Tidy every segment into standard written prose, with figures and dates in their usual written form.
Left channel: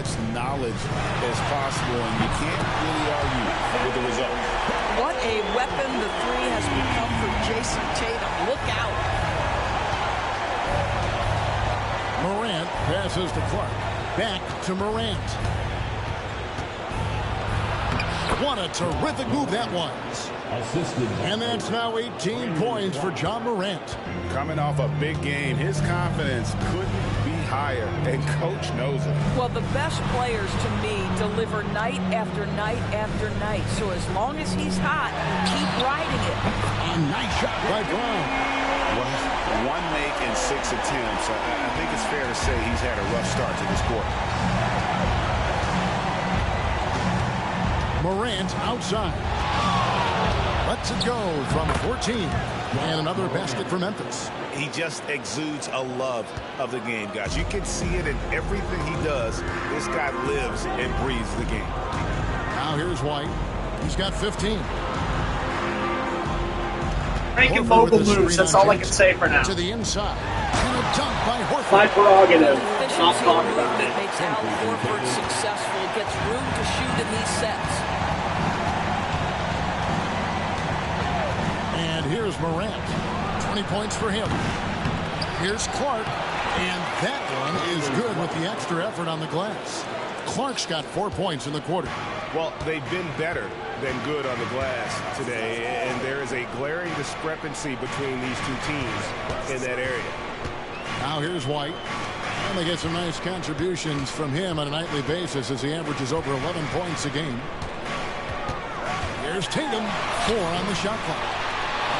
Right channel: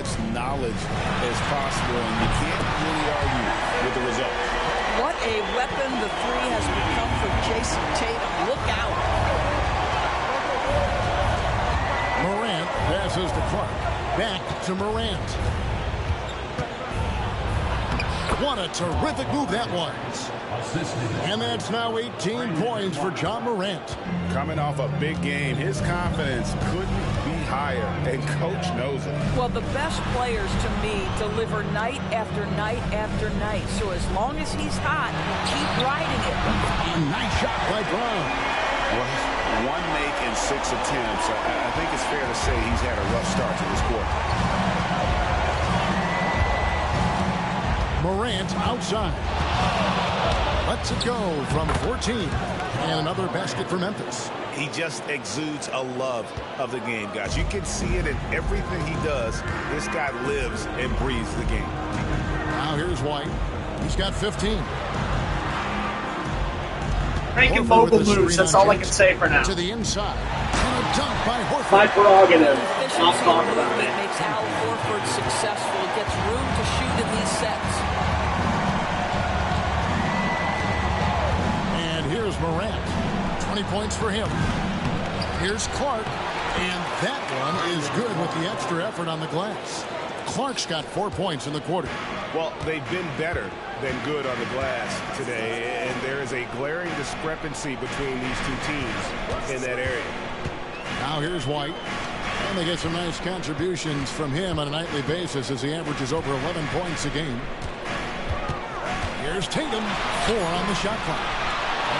much knowledge as possible, and you can't really argue with the results. What a weapon the three has become for Jason Tatum. Look out. Morant passes to Clark. Back to Morant. What a terrific move that was. And that's now 18 points for Ja Morant. Coming off a big game, his confidence couldn't be higher, and Coach knows it. Well, the best players, to me, deliver night after night after night. So as long as he's hot, keep riding it. A nice shot by Brown. Well, 1 make in 6 attempts. I think it's fair to say he's had a rough start to this quarter. Morant outside. Lets it go from 14. And another basket for Memphis. He just exudes a love of the game, guys. You can see it in everything he does. This guy lives and breathes the game. Now here's White. He's got 15. Making mobile moves, that's all I can say for now. To the inside. And a dunk by Horford. My prerogative. Efficiency Not talk about movement it. makes Al Horford successful. Gets room to shoot in these sets. And here's Morant. 20 points for him. Here's Clark. And that one is good with the extra effort on the glass. Clark's got 4 points in the quarter. Well, they've been better than good on the glass today, and there is a glaring discrepancy between these two teams in that area. Now here's White. And they get some nice contributions from him on a nightly basis as he averages over 11 points a game. Here's Tatum. 4 on the shot clock.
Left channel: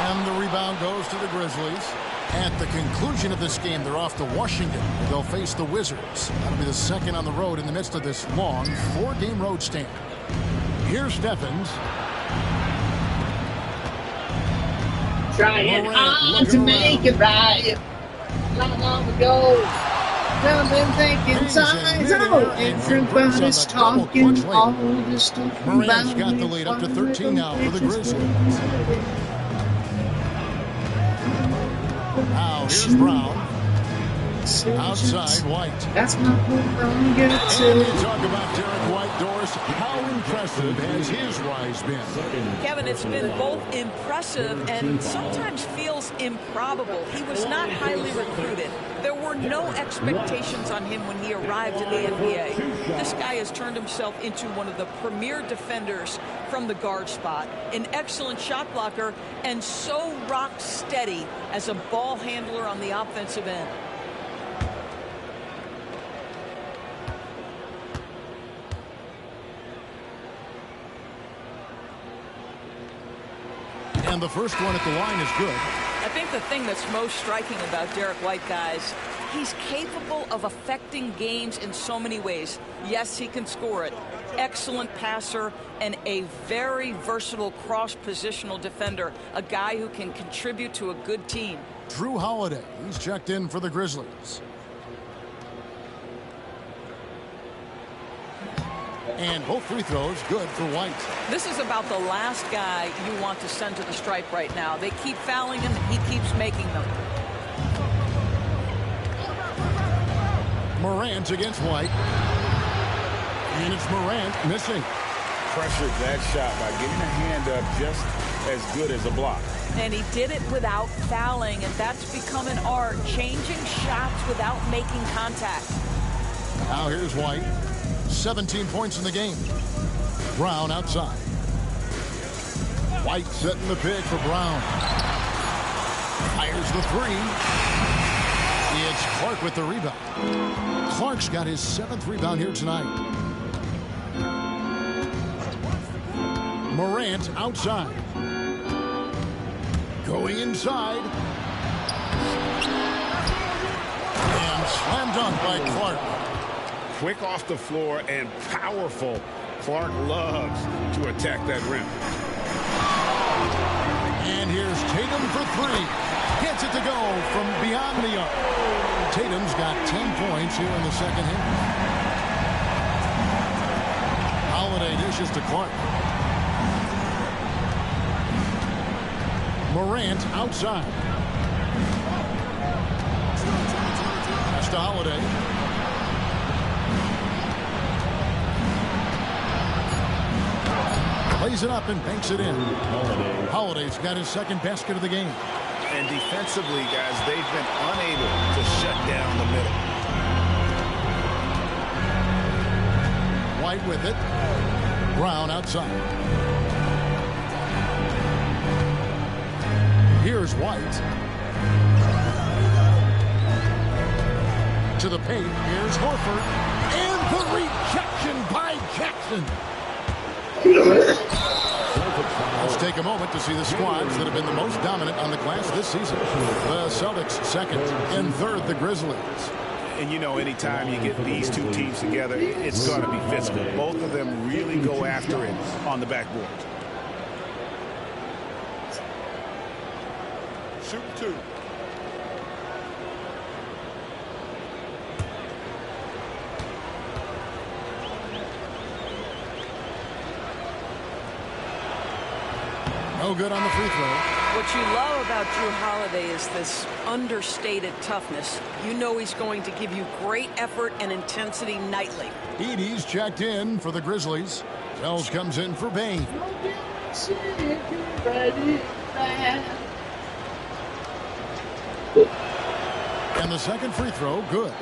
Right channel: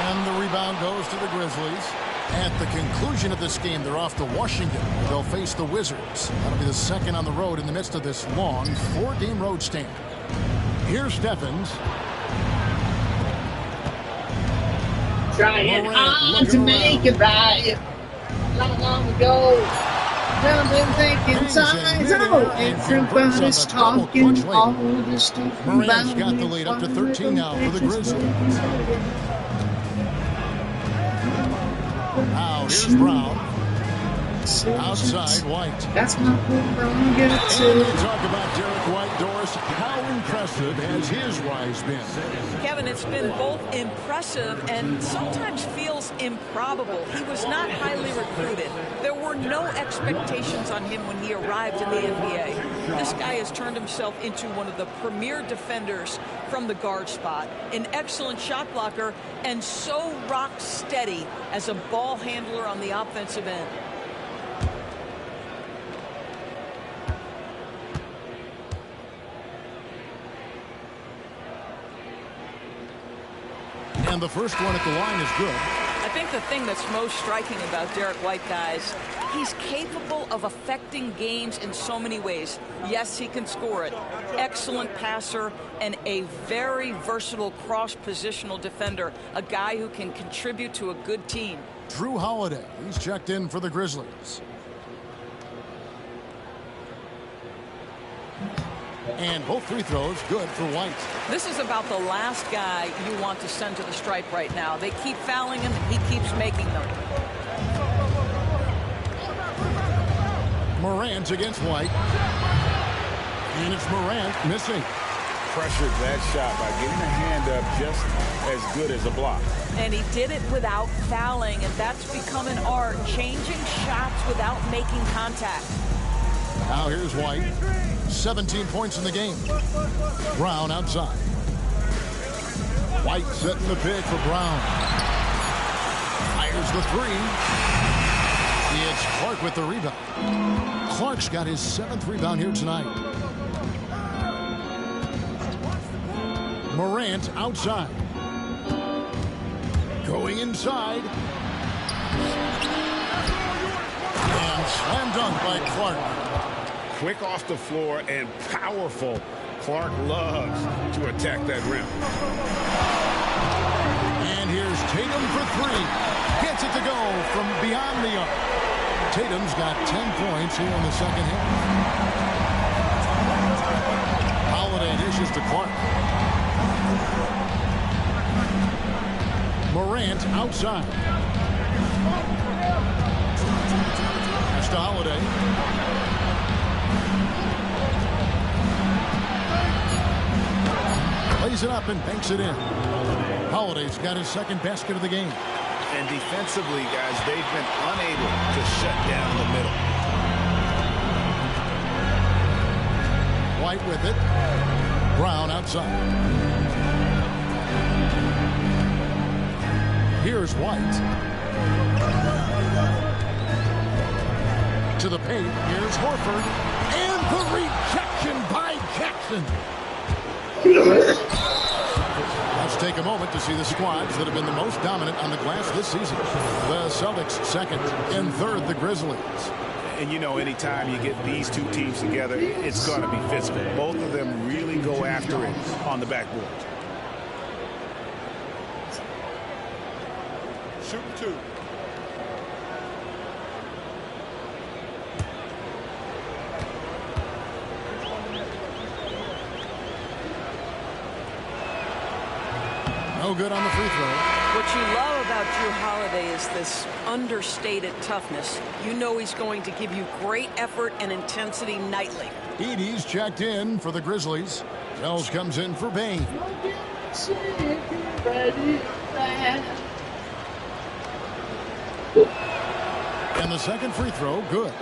And the rebound goes to the Grizzlies. At the conclusion of this game, they're off to Washington. They'll face the Wizards. That'll be the second on the road in the midst of this long 4-game road stand. Here's Stephens. Trying hard to make it right. Long ago. I've been thinking size out. Everybody's talking all this stuff. Morant's got the lead up to 13 now for the Grizzlies. Now here's Brown. Outside White. That's my prerogative. And we talk about Derek White, Doris. How impressive has his rise been? Kevin, it's been both impressive and sometimes feels improbable. He was not highly recruited. There were no expectations on him when he arrived in the NBA. This guy has turned himself into one of the premier defenders from the guard spot, an excellent shot blocker, and so rock steady as a ball handler on the offensive end. And the first one at the line is good. I think the thing that's most striking about Derek White, guys, he's capable of affecting games in so many ways. Yes, he can score it. Excellent passer and a very versatile cross-positional defender, a guy who can contribute to a good team. Drew Holiday, he's checked in for the Grizzlies. And both free throws good for White. This is about the last guy you want to send to the stripe right now. They keep fouling him, and he keeps making them. Morant against White. And it's Morant missing. Pressured that shot by getting a hand up just as good as a block. And he did it without fouling, and that's become an art, changing shots without making contact. Now here's White. 17 points in the game. Brown outside. White setting the pick for Brown. Fires the three. It's Clark with the rebound. Clark's got his 7th rebound here tonight. Morant outside. Going inside. And slam dunk by Clark. Quick off the floor and powerful. Clark loves to attack that rim. And here's Tatum for 3. Gets it to go from beyond the arc. Tatum's got 10 points here in the second half. Holiday dishes to Clark. Morant outside. Pass to Holiday. Lays it up and banks it in. Holiday's got his second basket of the game. And defensively, guys, they've been unable to shut down the middle. White with it. Brown outside. Here's White. To the paint. Here's Horford. And the rejection by Jackson. Let's take a moment to see the squads that have been the most dominant on the glass this season. The Celtics second. In third, the Grizzlies. And you know, anytime you get these two teams together, it's going to be physical. Both of them really go after it on the backboard. Shoot two. No good on the free throw. What you love about Jrue Holiday is this understated toughness. You know he's going to give you great effort and intensity nightly. Edey's checked in for the Grizzlies. Wells comes in for Bane. And the second free throw, good.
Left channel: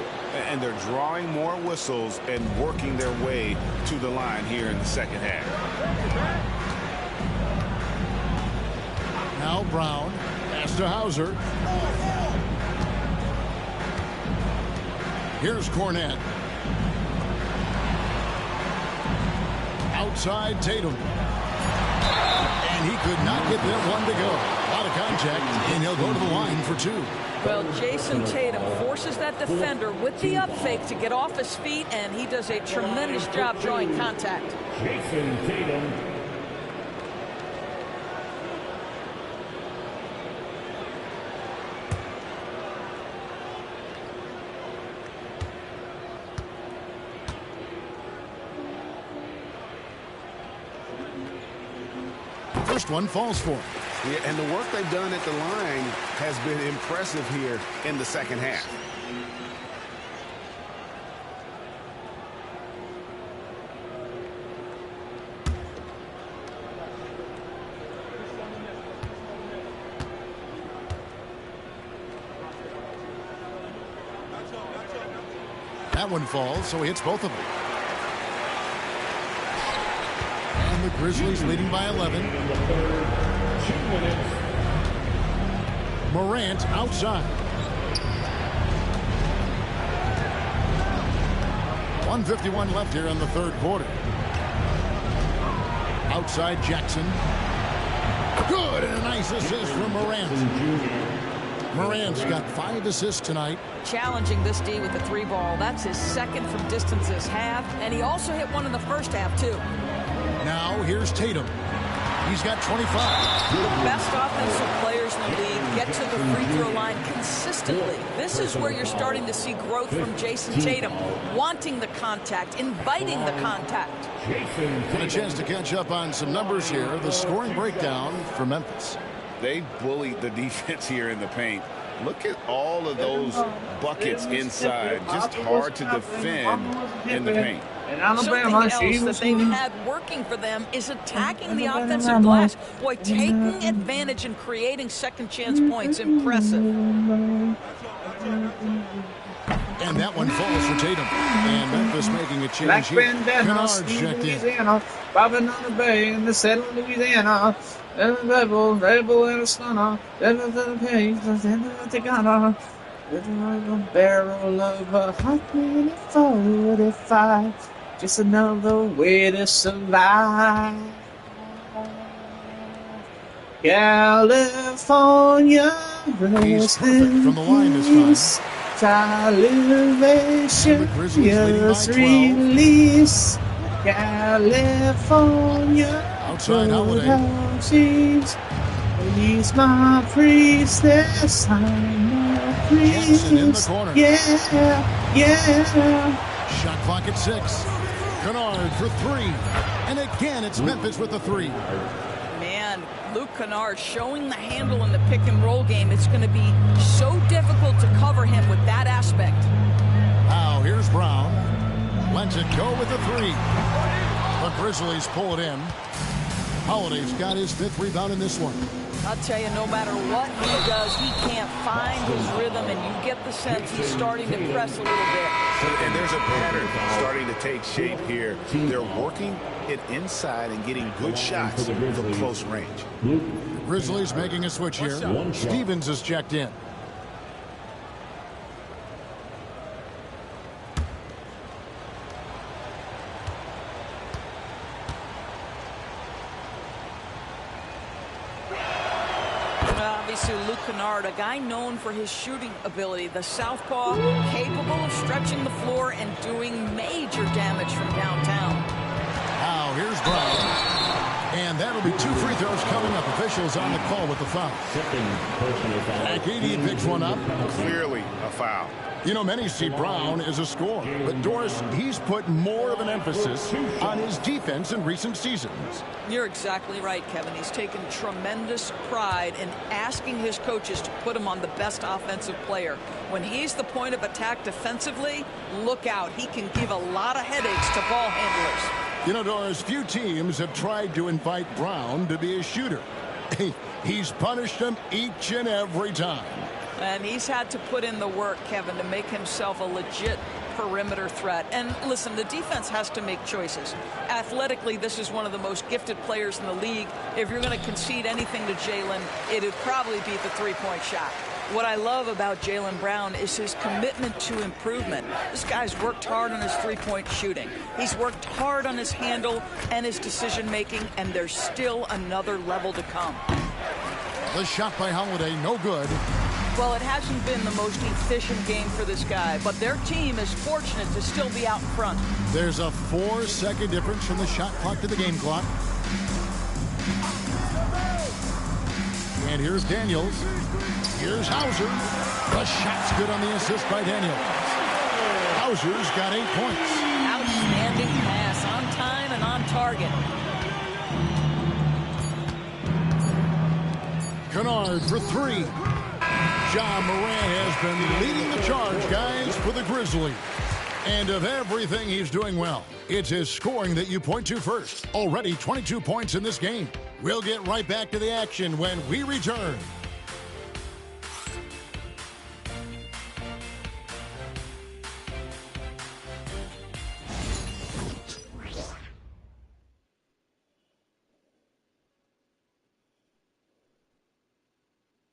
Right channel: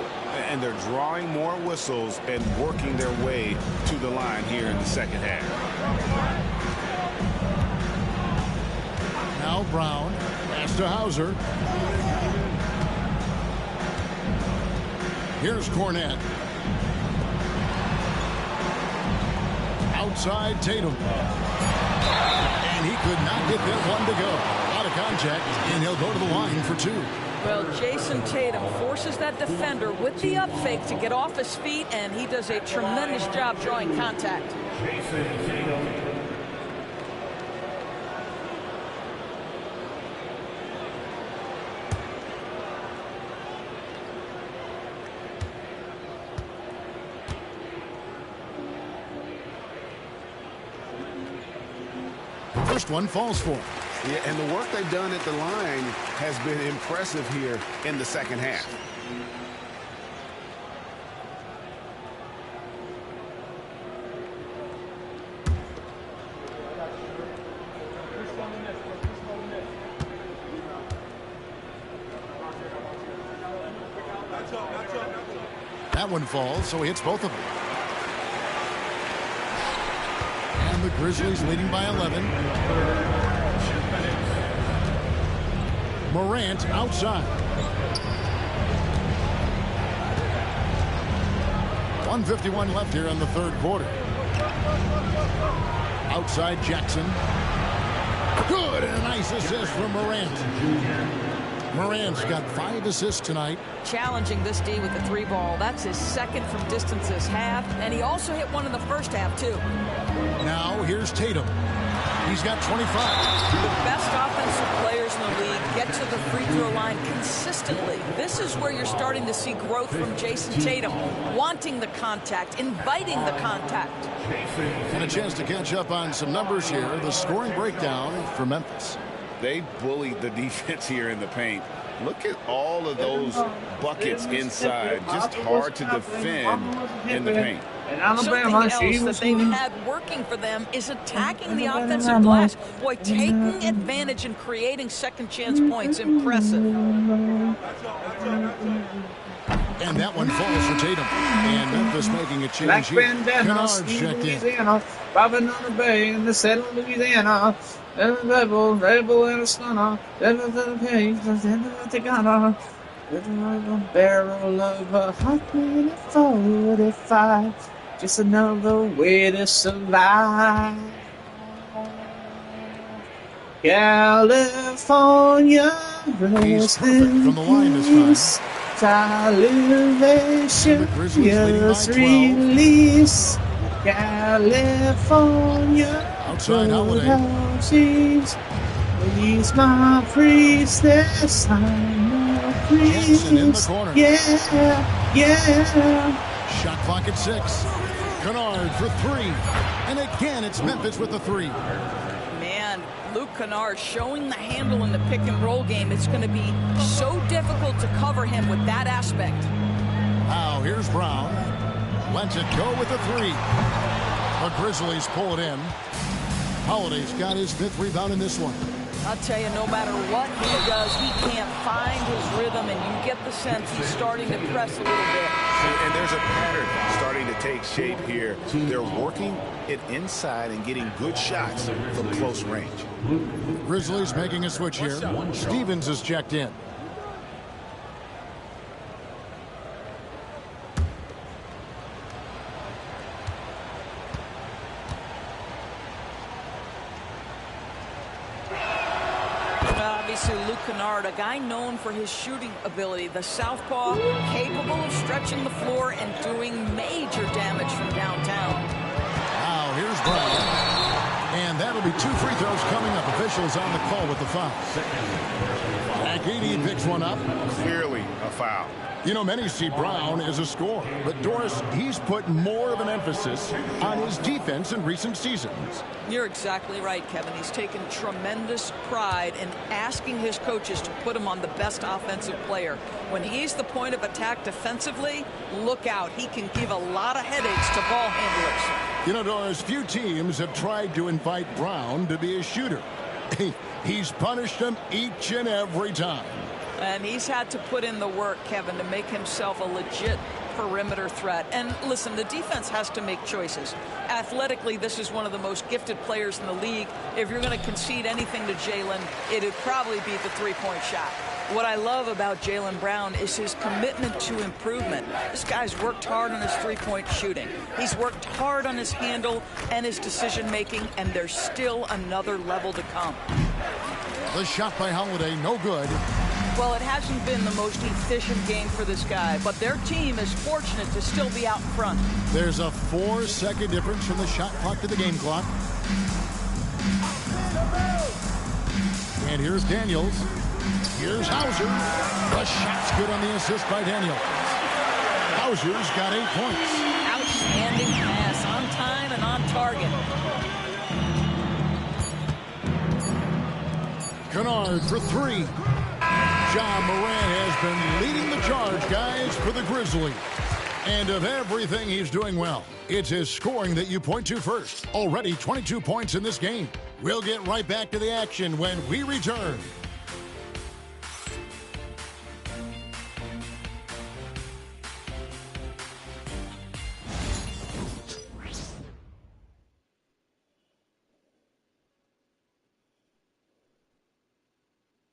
And they're drawing more whistles and working their way to the line here in the second half. Now Brown. Pass to Hauser. Here's Cornette. Outside Tatum. And he could not get that one to go. A lot of contact, and he'll go to the line for two. Well, Jason Tatum forces that defender with the up fake to get off his feet, and he does a tremendous job drawing contact. Jason Tatum. First one falls for him. Yeah, and the work they've done at the line has been impressive here in the second half. That one falls, so he hits both of them. And the Grizzlies leading by 11. Morant outside. 1:51 left here in the third quarter. Outside Jackson. Good, and a nice assist from Morant. Morant's got 5 assists tonight. Challenging this D with the 3 ball. That's his second from distance this half, and he also hit one in the first half, too. Now here's Tatum. He's got 25. The best offensive players in the league get to the free throw line consistently. This is where you're starting to see growth from Jason Tatum, wanting the contact, inviting the contact. And a chance to catch up on some numbers here. The scoring breakdown for Memphis. They bullied the defense here in the paint. Look at all of those buckets inside. Just hard to defend in the paint. Something else that they've had working for them is attacking the offensive glass. Boy, taking advantage and creating second chance points. Impressive. And that one falls for Tatum. And Memphis making a change here. Kennard's checked in. Bobbing on the bay in the settle Louisiana. Rebel and a stunner. Rebel to the page. The gunner. With a barrel of a hot minute 45. Just another way to survive. California. He's perfect from the line this time. Salivation, yes, release, California, outside Holiday. He's my priestess, I'm a priest. Jackson in the corner. Yeah. Shot clock at 6. Kennard for 3. And again, it's Memphis with the 3. Man, Luke Kennard showing the handle in the pick and roll game. It's going to be so difficult to cover him with that aspect. Now here's Brown. Lets it go with the 3. The Grizzlies pull it in. Holiday's got his 5th rebound in this one. I'll tell you, no matter what he does, he can't find his rhythm, and you get the sense he's starting to press a little bit. And there's a pattern starting to take shape here. They're working it inside and getting good shots from close range. Grizzlies making a switch here. Stevens is checked in. Obviously, Luke Kennard, a guy known for his shooting ability. The southpaw, capable of stretching the floor and doing major damage from downtown. Now, here's Brown. And that'll be 2 free throws coming up. Officials on the call with the foul. Zach Edey picks one up. Clearly a foul. You know, many see Brown as a scorer, but Doris, he's put more of an emphasis on his defense in recent seasons. You're exactly right, Kevin. He's taken tremendous pride in asking his coaches to put him on the best offensive player. When he's the point of attack defensively, look out. He can give a lot of headaches to ball handlers. You know, Doris, few teams have tried to invite Brown to be a shooter. He's punished them each and every time. And he's had to put in the work, Kevin, to make himself a legit perimeter threat. And listen, the defense has to make choices. Athletically, this is one of the most gifted players in the league. If you're going to concede anything to Jaylen, it'd probably be the three-point shot. What I love about Jaylen Brown is his commitment to improvement. This guy's worked hard on his three-point shooting. He's worked hard on his handle and his decision-making, and there's still another level to come. The shot by Holiday, no good. Well, it hasn't been the most efficient game for this guy, but their team is fortunate to still be out in front. There's a 4-second difference from the shot clock to the game clock. And here's Daniels. Here's Hauser. The shot's good on the assist by Daniels. Hauser's got 8 points. Outstanding pass, on time and on target. Kennard for 3. Ja Morant has been leading the charge, guys, for the Grizzlies. And of everything he's doing well, it's his scoring that you point to first. Already 22 points in this game. We'll get right back to the action when we return.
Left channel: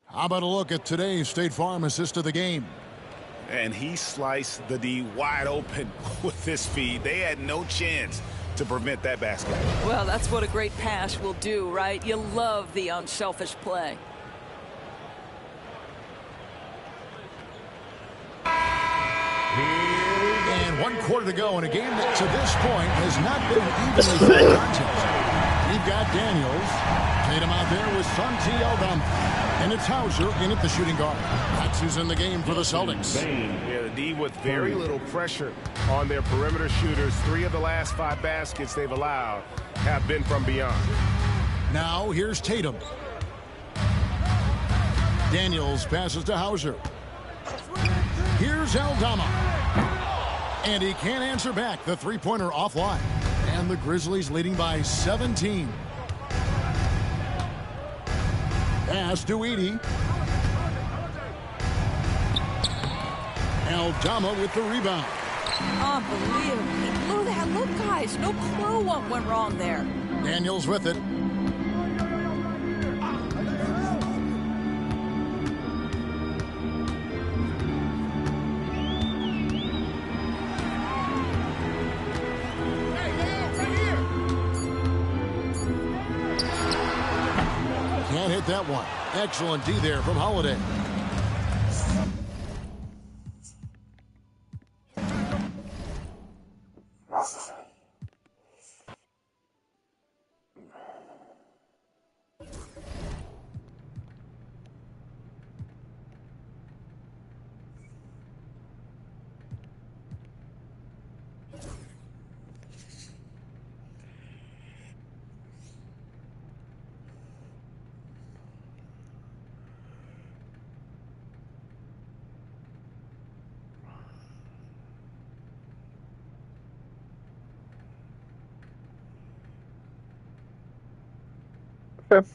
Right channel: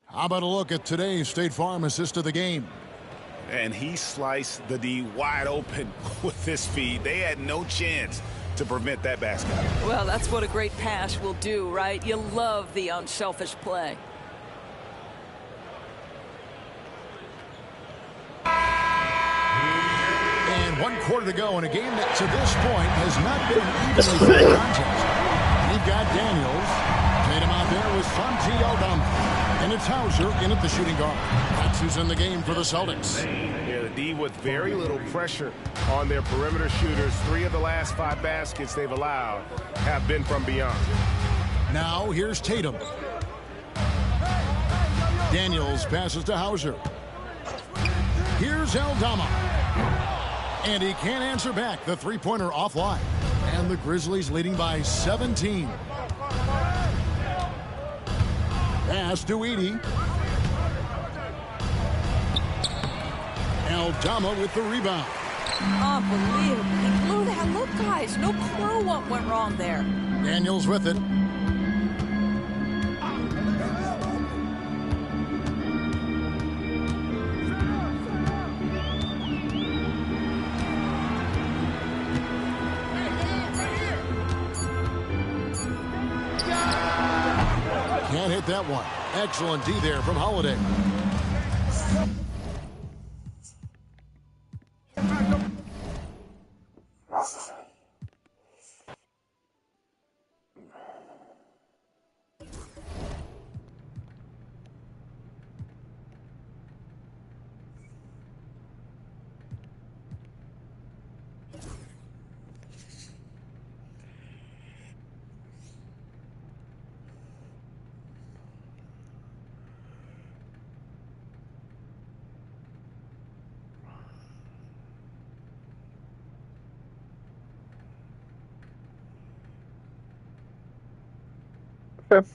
How about a look at today's State Farm assist of the game? And he sliced the D wide open with his feet. They had no chance to prevent that basket. Well, that's what a great pass will do, right? You love the unselfish play. And 1 quarter to go in a game that to this point has not been an evenly fought contest. We've got Daniels. Tatum out there with Santi Aldama. And it's Hauser in at the shooting guard. That's who's in the game for the Celtics. Yeah, the D with very little pressure on their perimeter shooters. 3 of the last 5 baskets they've allowed have been from beyond. Now here's Tatum. Daniels passes to Hauser. Here's Aldama. And he can't answer back. The three-pointer offline. And the Grizzlies leading by 17. Pass to Edey. Aldama with the rebound. Unbelievable. He blew that. Look, guys, no clue what went wrong there. Daniels with it. Can't hit that one. Excellent D there from Holiday. Okay.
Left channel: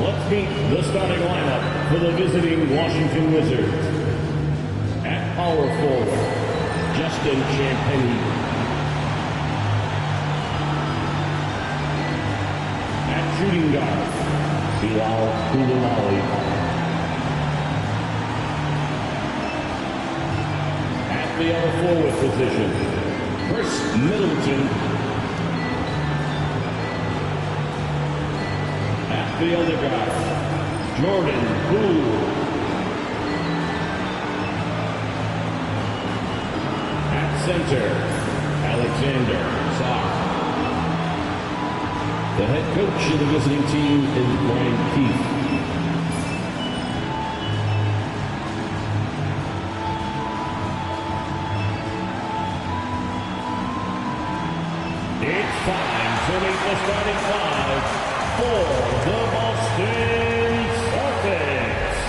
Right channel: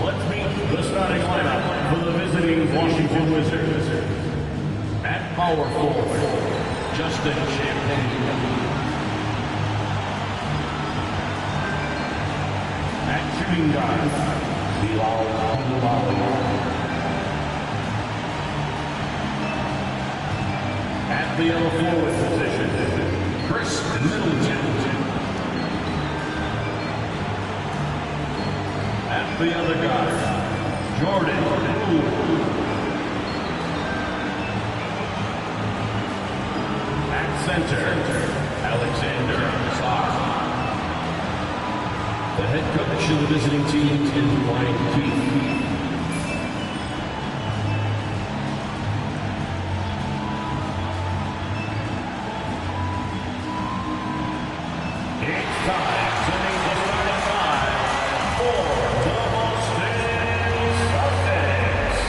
Let's meet the starting lineup for the visiting Washington Wizards. At power forward, Justin Champagnie. At shooting guard, Bilal Coulibaly. At the forward position, Chris Middleton. At the other guard, Jordan Poole. At center, Alexander Sarr. The head coach of the visiting team is Brian Keith. It's time to meet the starting five for the Boston Celtics.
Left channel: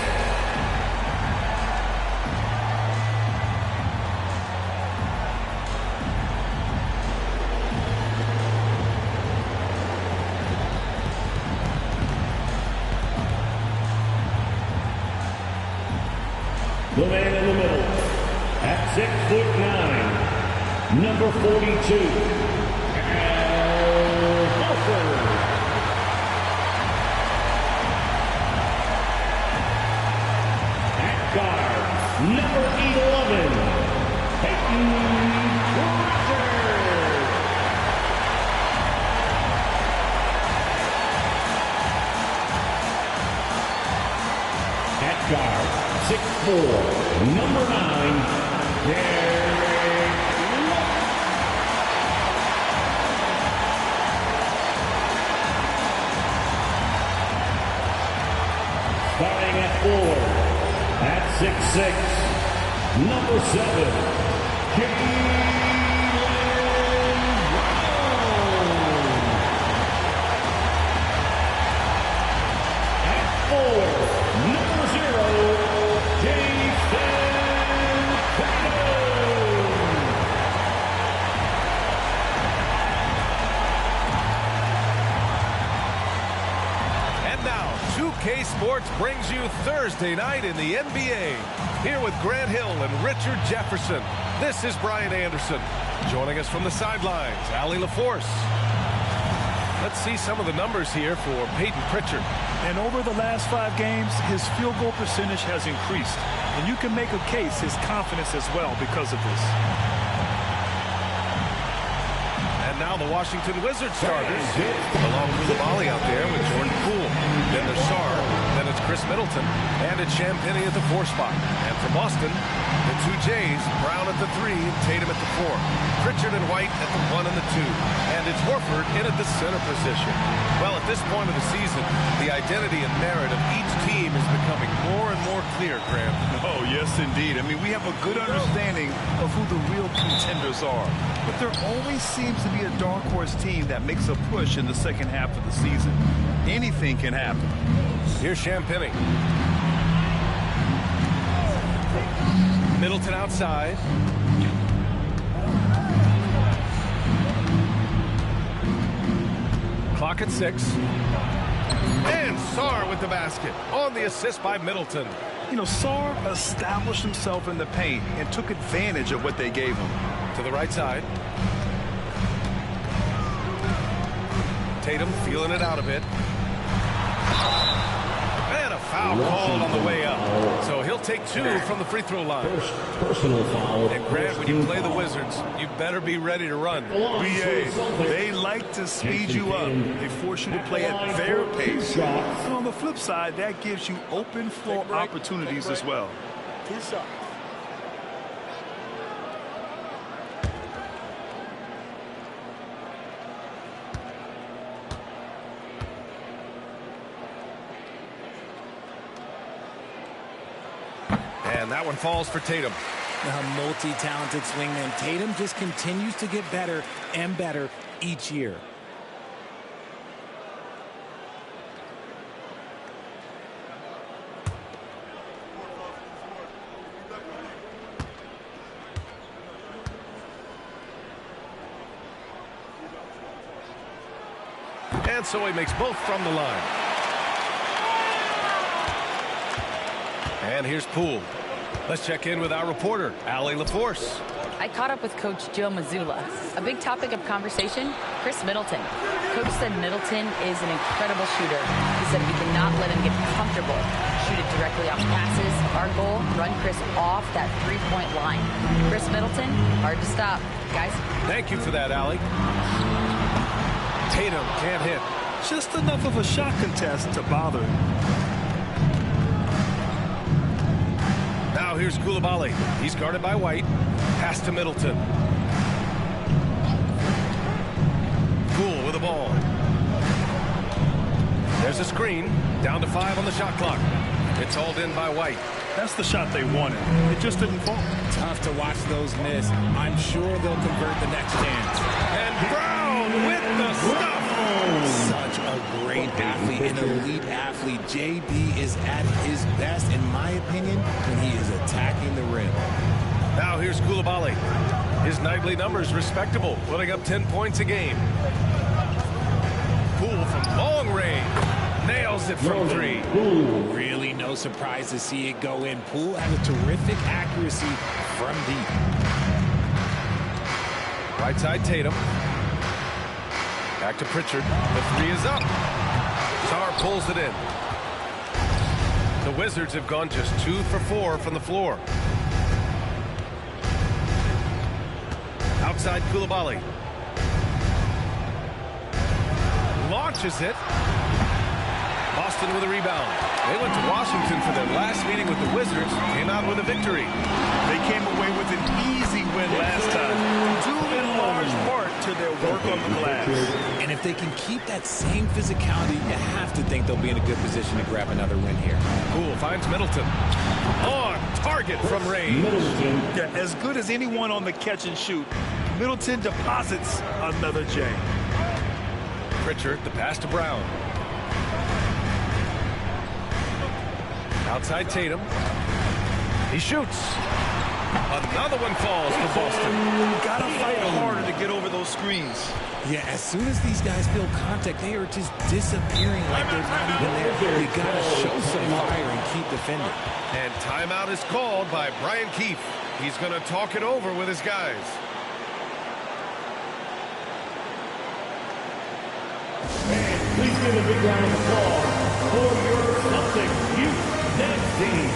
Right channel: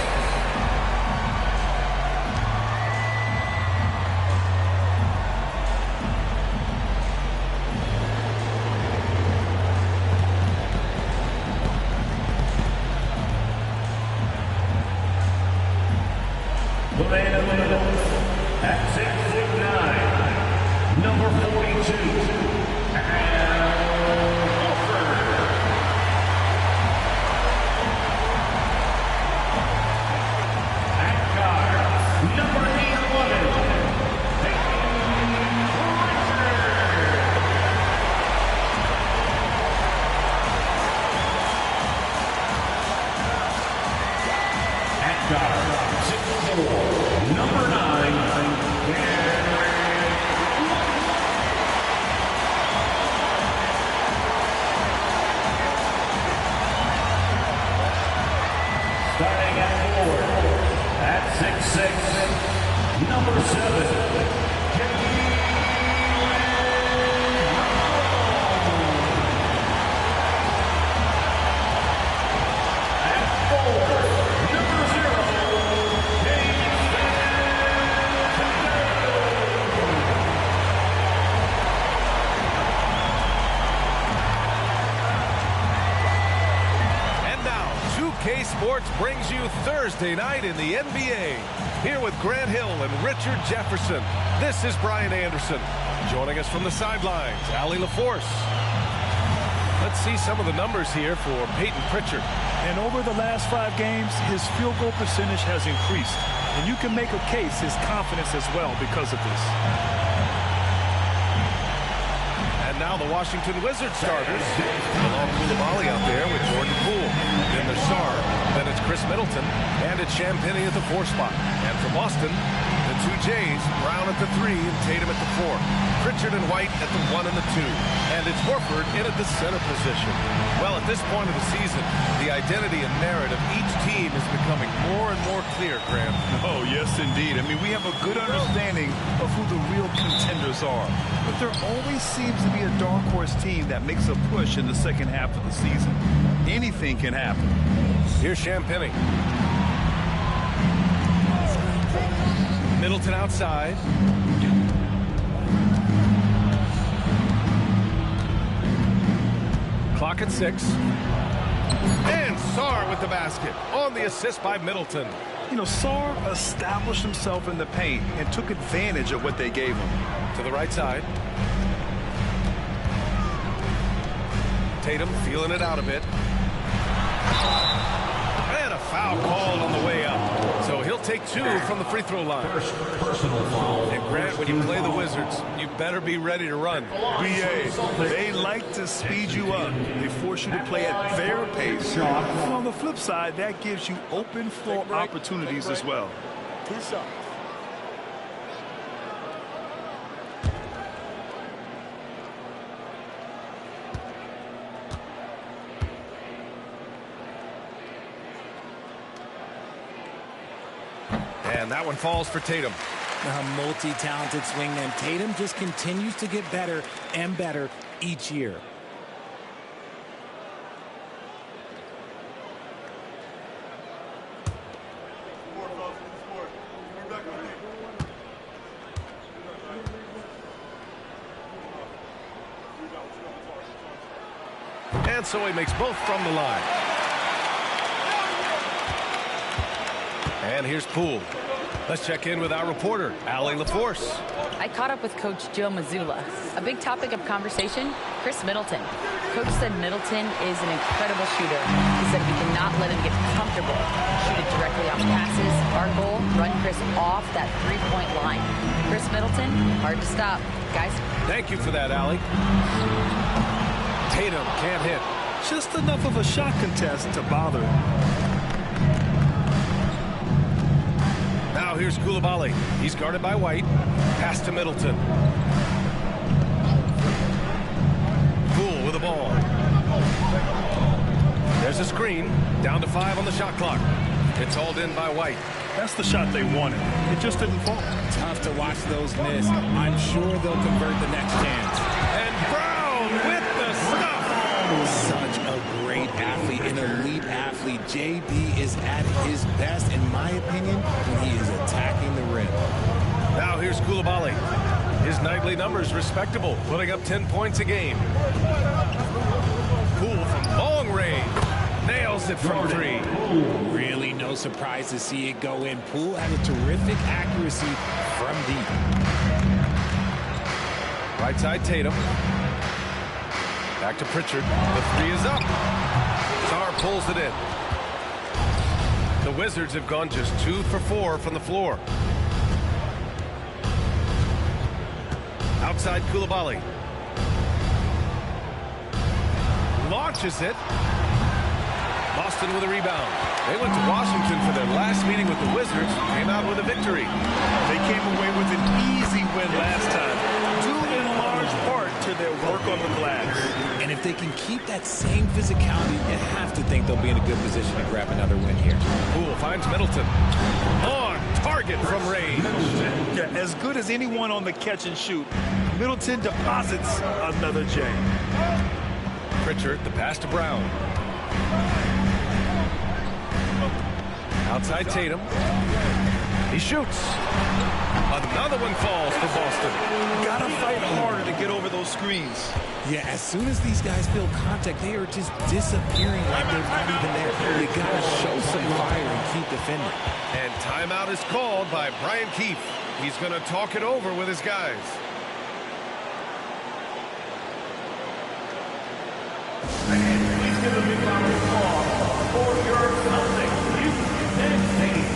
The man in the middle, at 6'9", number 42, Al Horford. Guard, number 11, Peyton Pritchard. At guard, 6'4", number 9, Derek White. Starting at forward. At 6'6", number 7, Jaylen Brown. At forward, number 0, Jason Tatum. And now, 2K Sports brings you Thursday night in the NBA. Here with Grant Hill and Richard Jefferson, this is Brian Anderson. Joining us from the sidelines, Allie LaForce. Let's see some of the numbers here for Peyton Pritchard. And over the last 5 games, his field goal percentage has increased. And you can make a case his confidence as well because of this. And now the Washington Wizards starters. Bilal Coulibaly out there with Jordan Poole. Then there's Sarr. Then it's Chris Middleton. And it's Champagnie at the 4 spot. And for Boston, the 2 Jays, Brown at the 3 and Tatum at the 4. Pritchard and White at the 1 and the 2. And it's Horford in at the center position. Well, at this point of the season, the identity and merit of each team is becoming more and more clear, Graham. Oh, yes, indeed. I mean, we have a good understanding of who the real contenders are. But there always seems to be a dark horse team that makes a push in the second half of the season. Anything can happen. Here's Champagnie. Middleton outside. Clock at 6. And Sarr with the basket on the assist by Middleton. You know, Sarr established himself in the paint and took advantage of what they gave him. To the right side. Tatum feeling it out a bit. And a foul called on the way up. So he'll take 2 from the free throw line. First personal foul. And Grant, when you play the Wizards, you better be ready to run. BA, they like to speed you up. They force you to play at their pace. And on the flip side, that gives you open floor opportunities as well. 2 shots. And that one falls for Tatum. A multi-talented swingman. Tatum just continues to get better and better each year. And so he makes both from the line. And here's Poole. Let's check in with our reporter, Allie LaForce. I caught up with Coach Joe Mazzulla. A big topic of conversation, Chris Middleton. Coach said Middleton is an incredible shooter. He said we cannot let him get comfortable. Shoot it directly off passes. Our goal, run Chris off that three-point line. Chris Middleton, hard to stop. Guys. Thank you for that, Allie. Tatum can't hit. Just enough of a shot contest to bother. Now here's Coulibaly. He's guarded by White. Pass to Middleton. Poole with the ball. There's a screen. Down to 5 on the shot clock. It's hauled in by White. That's the shot they wanted. It just didn't fall. Tough to watch those miss. I'm sure they'll convert the next chance. And Brown with the stuff. Such a great athlete, an elite athlete. JB is at his best, in my opinion, when he is attacking the rim. Now here's Coulibaly. His nightly numbers respectable, putting up 10 points a game. Poole from long range. Nails it from 3. Really no surprise to see it go in. Poole has a terrific accuracy from deep. Right side Tatum. Back to Pritchard. The 3 is up. Sarr pulls it in. The Wizards have gone just 2 for 4 from the floor. Outside Coulibaly. Launches it. Boston with a rebound. They went to Washington for their last meeting with the Wizards. Came out with a victory. They came away with an easy win last time, due in large part to their work on the glass. And if they can keep that same physicality, you have to think they'll be in a good position to grab another win here. Poole finds Middleton. On target from range. Yeah, as good as anyone on the catch and shoot, Middleton deposits another J. Pritchard, the pass to Brown. Outside Tatum. He shoots. Another one falls for Boston. Gotta fight harder to get over those screens. Yeah, as soon as these guys feel contact, they are just disappearing like they're not even there. You gotta show some fire and keep defending. And timeout is called by Brian Keefe. He's gonna talk it over with his guys. And please give a big round of applause for your Celtics youth and team.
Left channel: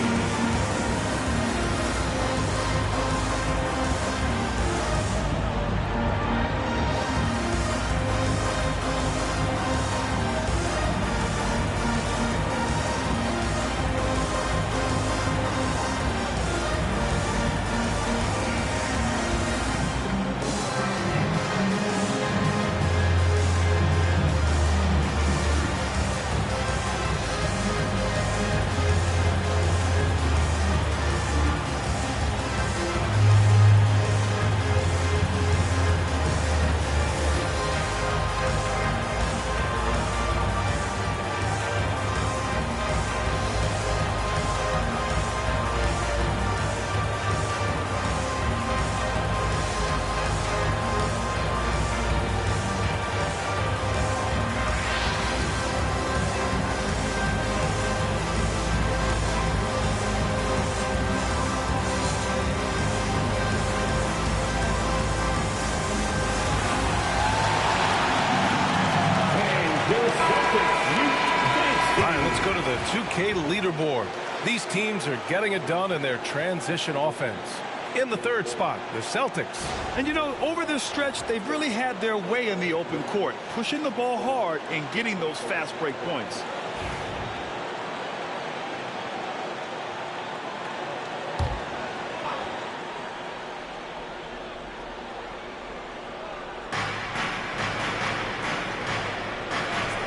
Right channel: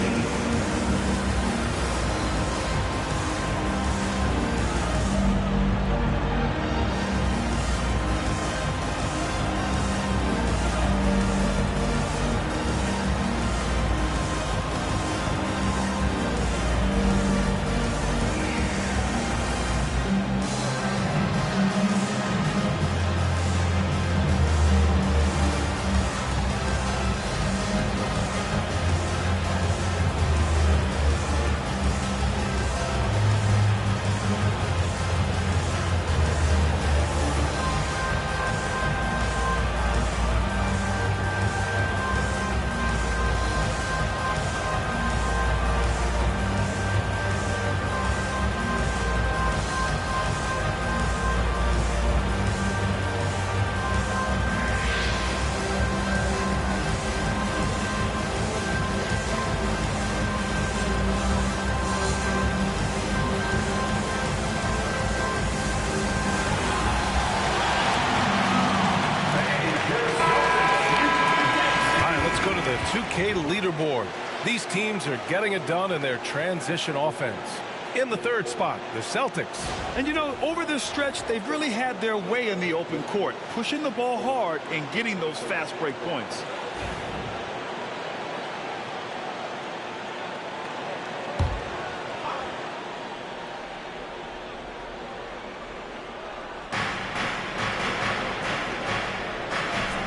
Go to the 2K leaderboard. These teams are getting it done in their transition offense. In the third spot, the Celtics. And you know, over this stretch, they've really had their way in the open court, pushing the ball hard and getting those fast break points.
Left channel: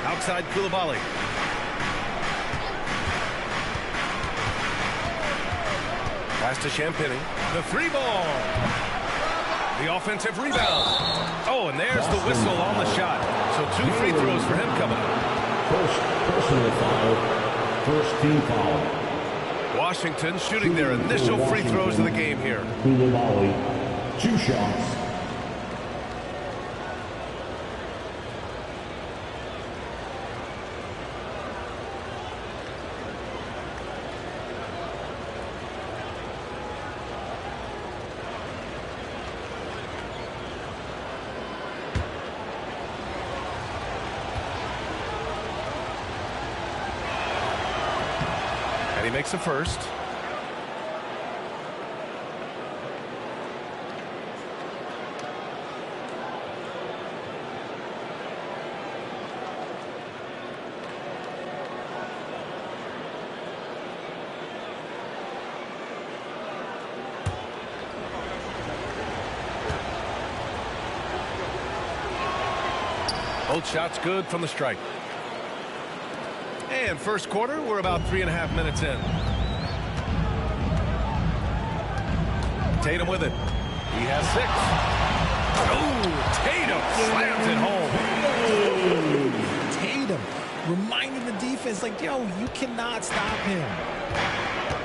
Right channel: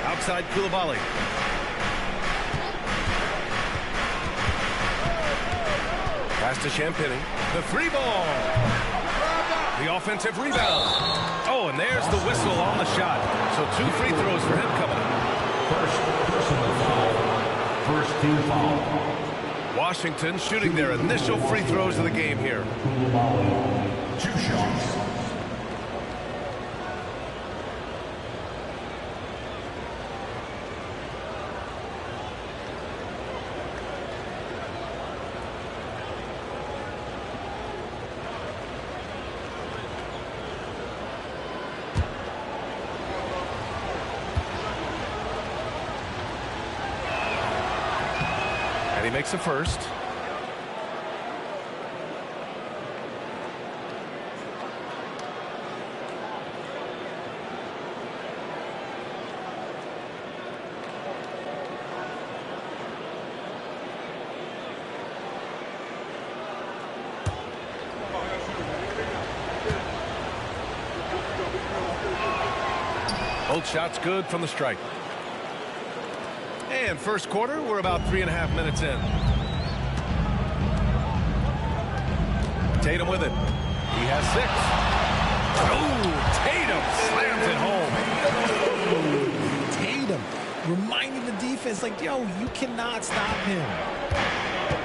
Outside Coulibaly. Pass to Champagnie. The 3-ball. The offensive rebound. Oh, and there's the whistle on the shot. So 2 free throws for him coming up. First personal foul. First team foul. Washington shooting their initial free throws of the game here. Coulibaly, 2 shots. And he makes a first. Both shots good from the stripe. And first quarter, we're about 3.5 minutes in. Tatum with it. He has 6. Oh, Tatum slams it home. Tatum reminding the defense, like, yo, you cannot stop him.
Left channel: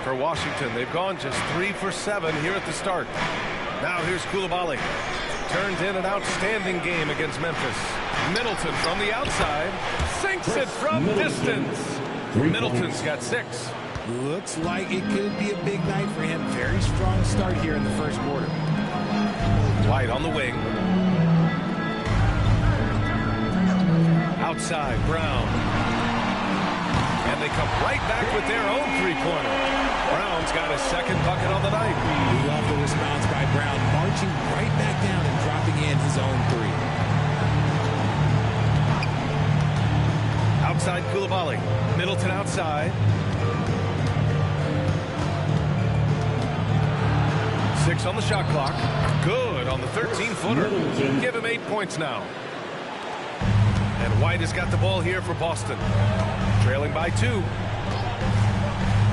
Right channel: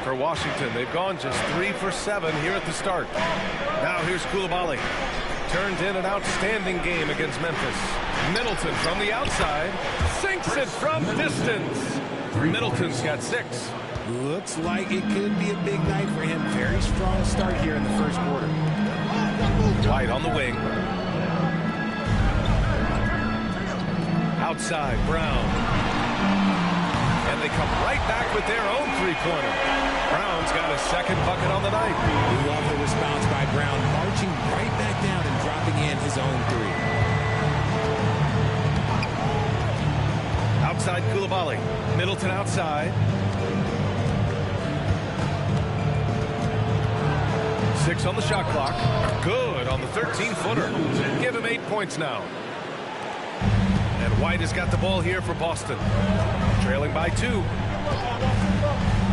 For Washington, they've gone just 3 for 7 here at the start. Now here's Coulibaly. Turned in an outstanding game against Memphis. Middleton from the outside sinks it from distance. Middleton's got 6. Looks like it could be a big night for him. Very strong start here in the first quarter. White on the wing. Outside, Brown. And they come right back with their own 3-pointer. Brown's got his 2nd bucket on the night. We love the response by Brown, marching right back down and dropping in his own 3. Outside Coulibaly. Middleton outside. 6 on the shot clock. Good on the 13-footer. Give him 8 points now. And White has got the ball here for Boston. Trailing by 2.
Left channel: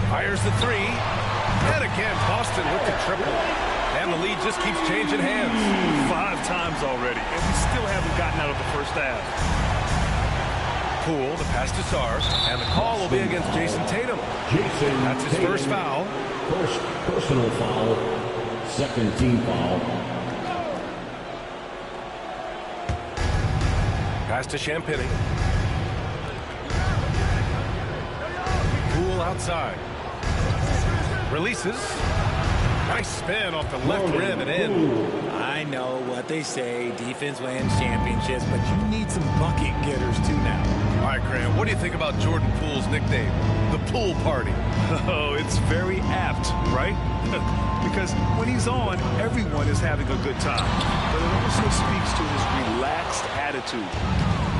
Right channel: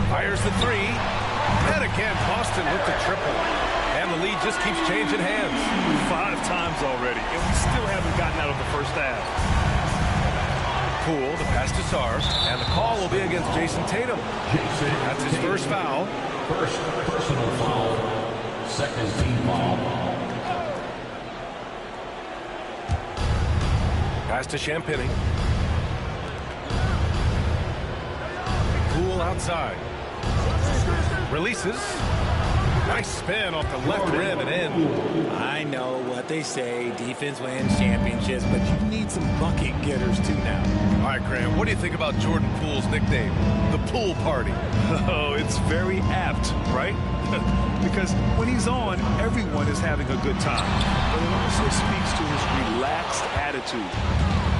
Fires the 3. And again, Boston with the triple. And the lead just keeps changing hands. 5 times already, and we still haven't gotten out of the first half. Poole, the pass to Sarr, and the call will be against Jason Tatum. That's his first foul. First personal foul, 2nd team foul. Pass to Champagnie. Poole outside. Releases. Nice spin off the left rim and in. I know what they say, defense wins championships, but you need some bucket getters too now. All right, Graham, what do you think about Jordan Poole's nickname, the Poole Party? Oh, it's very apt, right? Because when he's on, everyone is having a good time. But it also speaks to his relaxed attitude.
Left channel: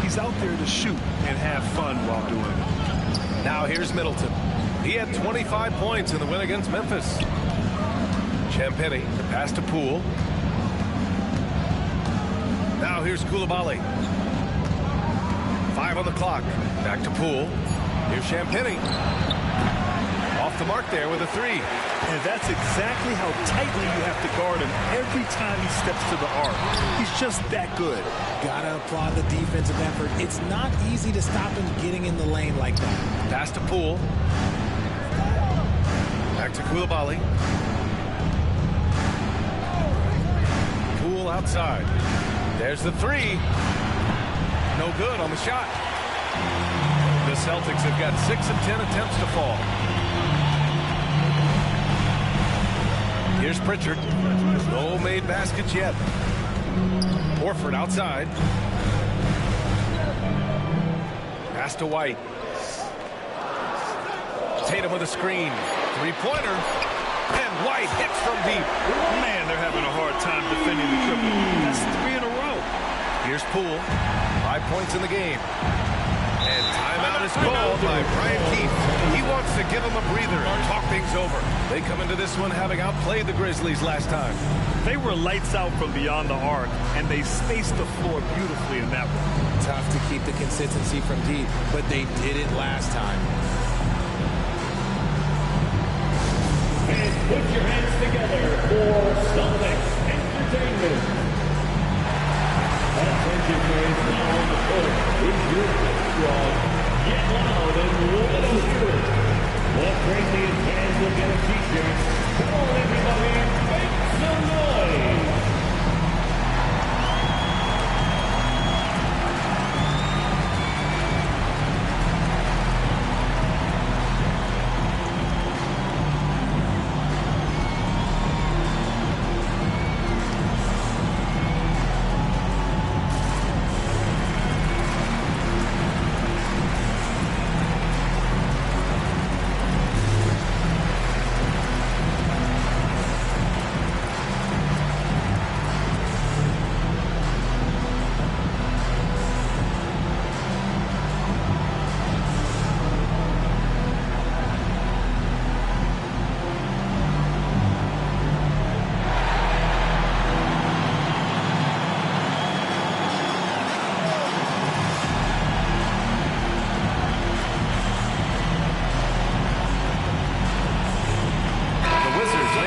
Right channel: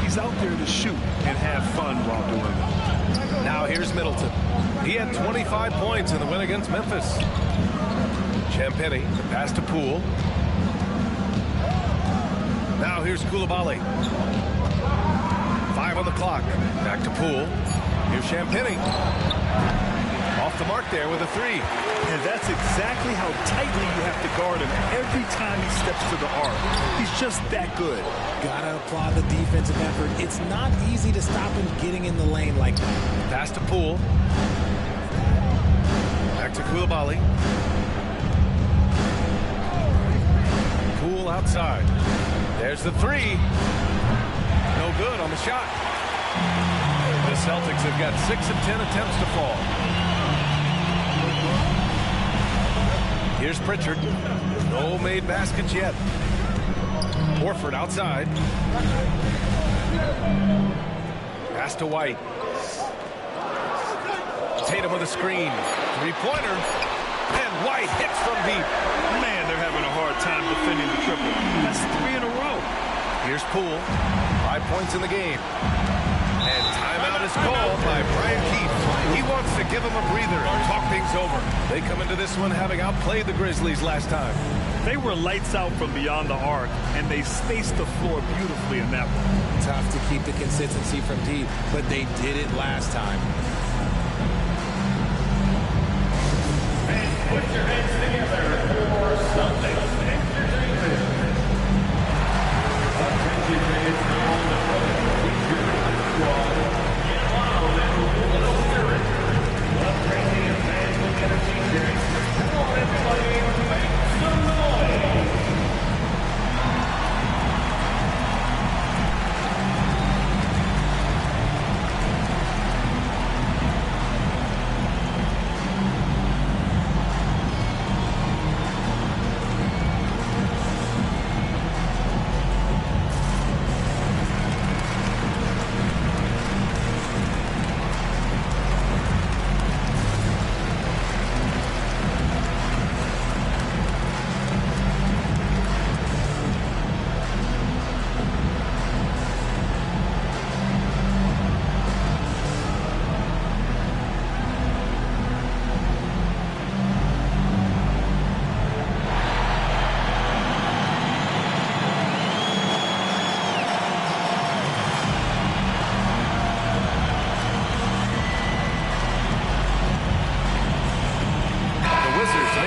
He's out there to shoot and have fun while doing it. Now here's Middleton. He had 25 points in the win against Memphis. Champagnie, the pass to Poole. Now here's Coulibaly. 5 on the clock. Back to Poole. Here's Champagnie. Off the mark there with a 3. And that's exactly how tightly you have to guard him every time he steps to the arc. He's just that good. Gotta applaud the defensive effort. It's not easy to stop him getting in the lane like that. Pass to Poole. Back to Coulibaly. Poole outside. There's the 3. No good on the shot. The Celtics have got 6 of 10 attempts to fall. Here's Pritchard. No made baskets yet. Horford outside. Pass to White. Tatum with a screen. 3-pointer. And White hits from deep. Man, they're having a hard time defending the triple. That's 3 in a row. Here's Poole. 5 points in the game. And timeout is called by Brian Keefe. He wants to give him a breather and talk things over. They come into this one having outplayed the Grizzlies last time. They were lights out from beyond the arc, and they spaced the floor beautifully in that one. Tough to keep the consistency from deep, but they did it last time. Put your hands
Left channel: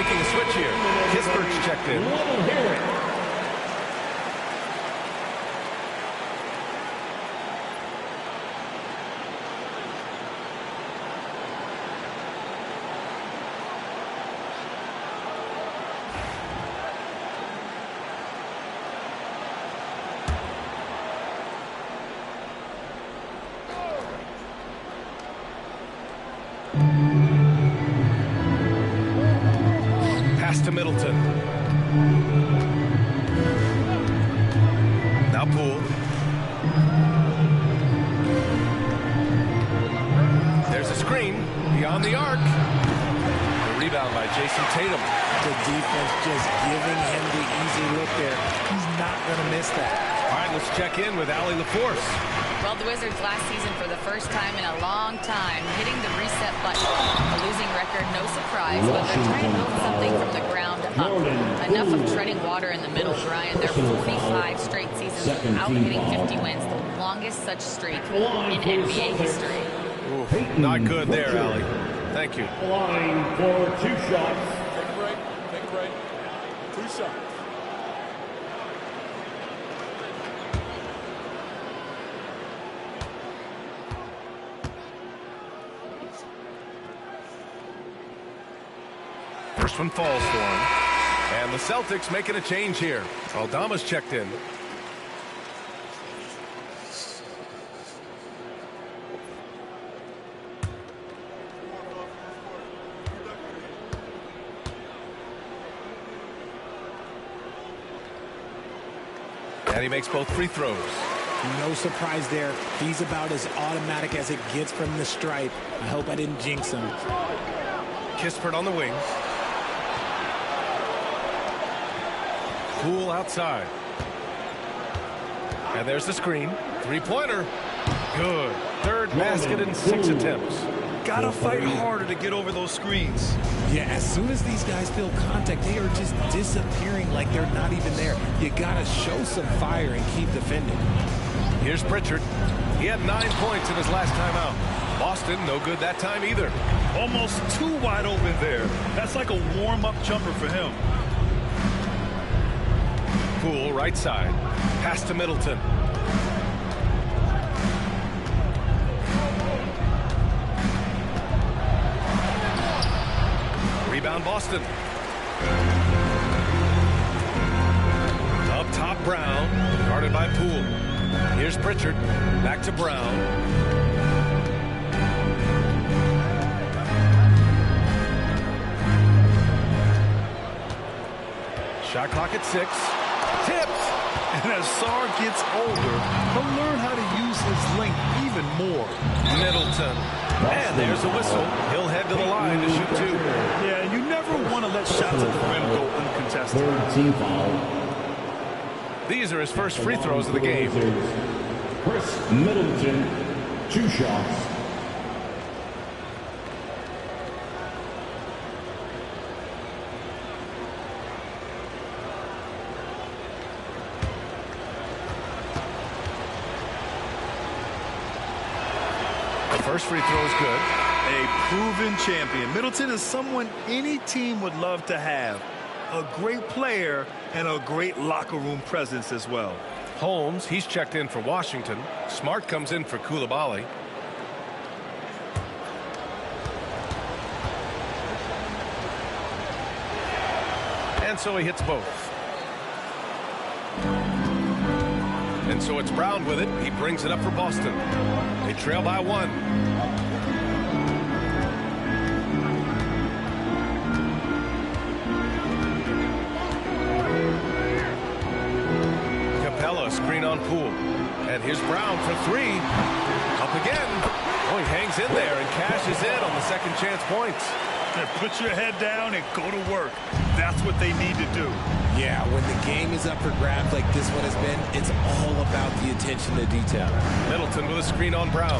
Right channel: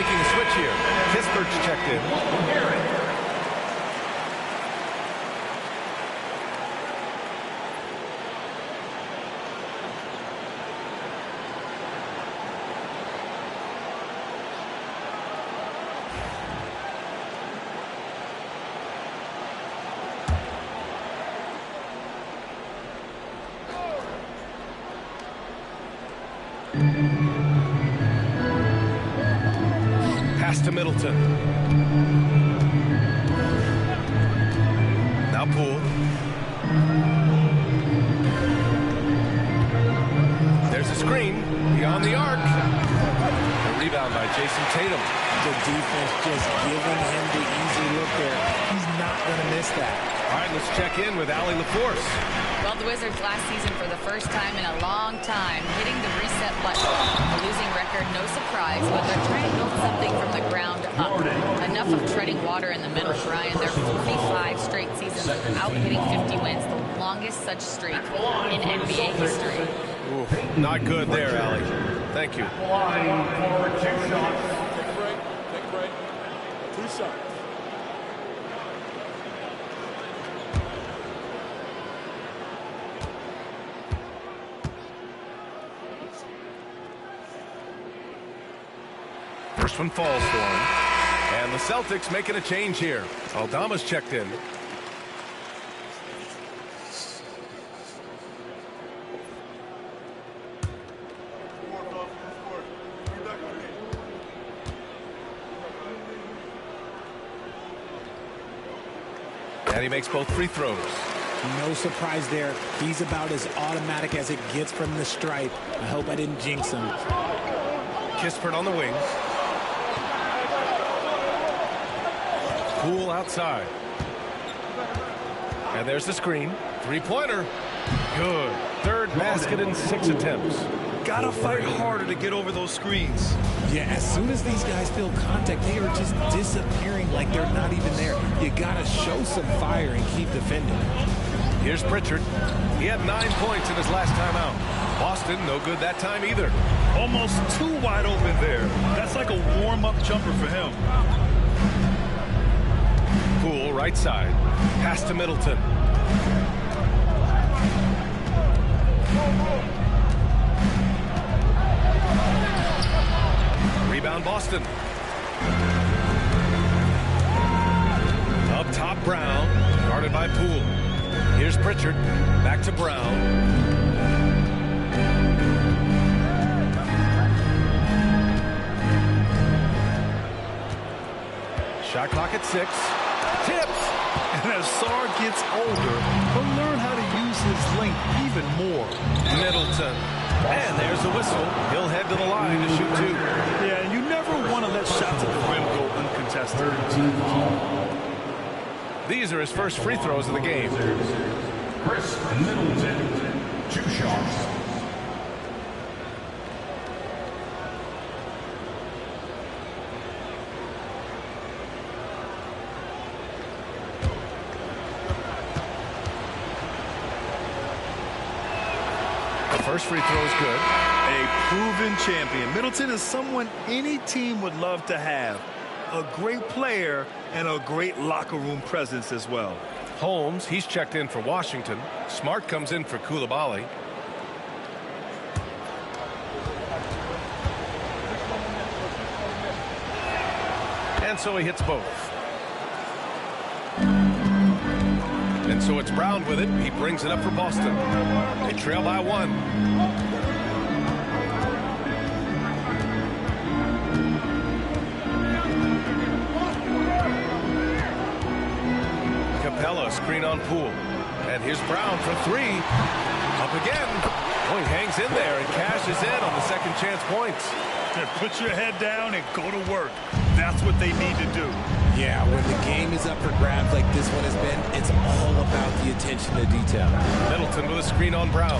making a switch here. Kispert's checked in. Pass to Middleton. Now Poole. There's a screen beyond the arc. The rebound by Jason Tatum. The defense just giving him the easy look there. He's not going to miss that. All right, let's check in with Allie LaForce. Well, the Wizards last season, for the first time in a long time, hitting the reset button. A losing record, no surprise, but they're trying to build something from the ground up. Enough of treading water in the middle, Brian. They're 45 straight seasons without hitting 50 wins, the longest such streak in NBA history. Ooh, not good there, Allie. Thank you. Line for 2 shots. Take a break. Take a break. 2 shots. First one falls for him. And the Celtics making a change here. Aldama's checked in. And he makes both free throws. No surprise there. He's about as automatic as it gets from the stripe. I hope I didn't jinx him. Kispert on the wing. Poole outside. And there's the screen. Three-pointer. Good. Third basket in 6 attempts. Gotta fight harder to get over those screens. Yeah, as soon as these guys feel contact, they are just disappearing like they're not even there. You gotta show some fire and keep defending. Here's Pritchard. He had 9 points in his last time out. Boston, no good that time either. Almost too wide open there. That's like a warm-up jumper for him. Poole, right side. Pass to Middleton. Rebound Boston. Up top Brown. Guarded by Poole. Here's Pritchard. Back to Brown. Shot clock at 6. Tipped. And as Sarr gets older, he'll learn how to use his length even more. Middleton. And there's a whistle. He'll head to the line to shoot 2. Yeah, you never want to let shots at the rim go uncontested. 13 foul. These are his first free throws of the game. Chris Middleton, 2 shots. The first free throw is good. A proven champion. Middleton is someone any team would love to have. A great player and a great locker room presence as well. Holmes, he's checked in for Washington. Smart comes in for Coulibaly. And so he hits both. And so it's Brown with it. He brings it up for Boston. They trail by 1. Capella, screen on Poole. And here's Brown for 3. Up again. Oh, he hangs in there and cashes in on the second chance points. Put your head down and go to work. That's what they need to do. Yeah, when the game is up for grabs like this one has been, it's all about the attention to detail. Middleton with a screen on Brown.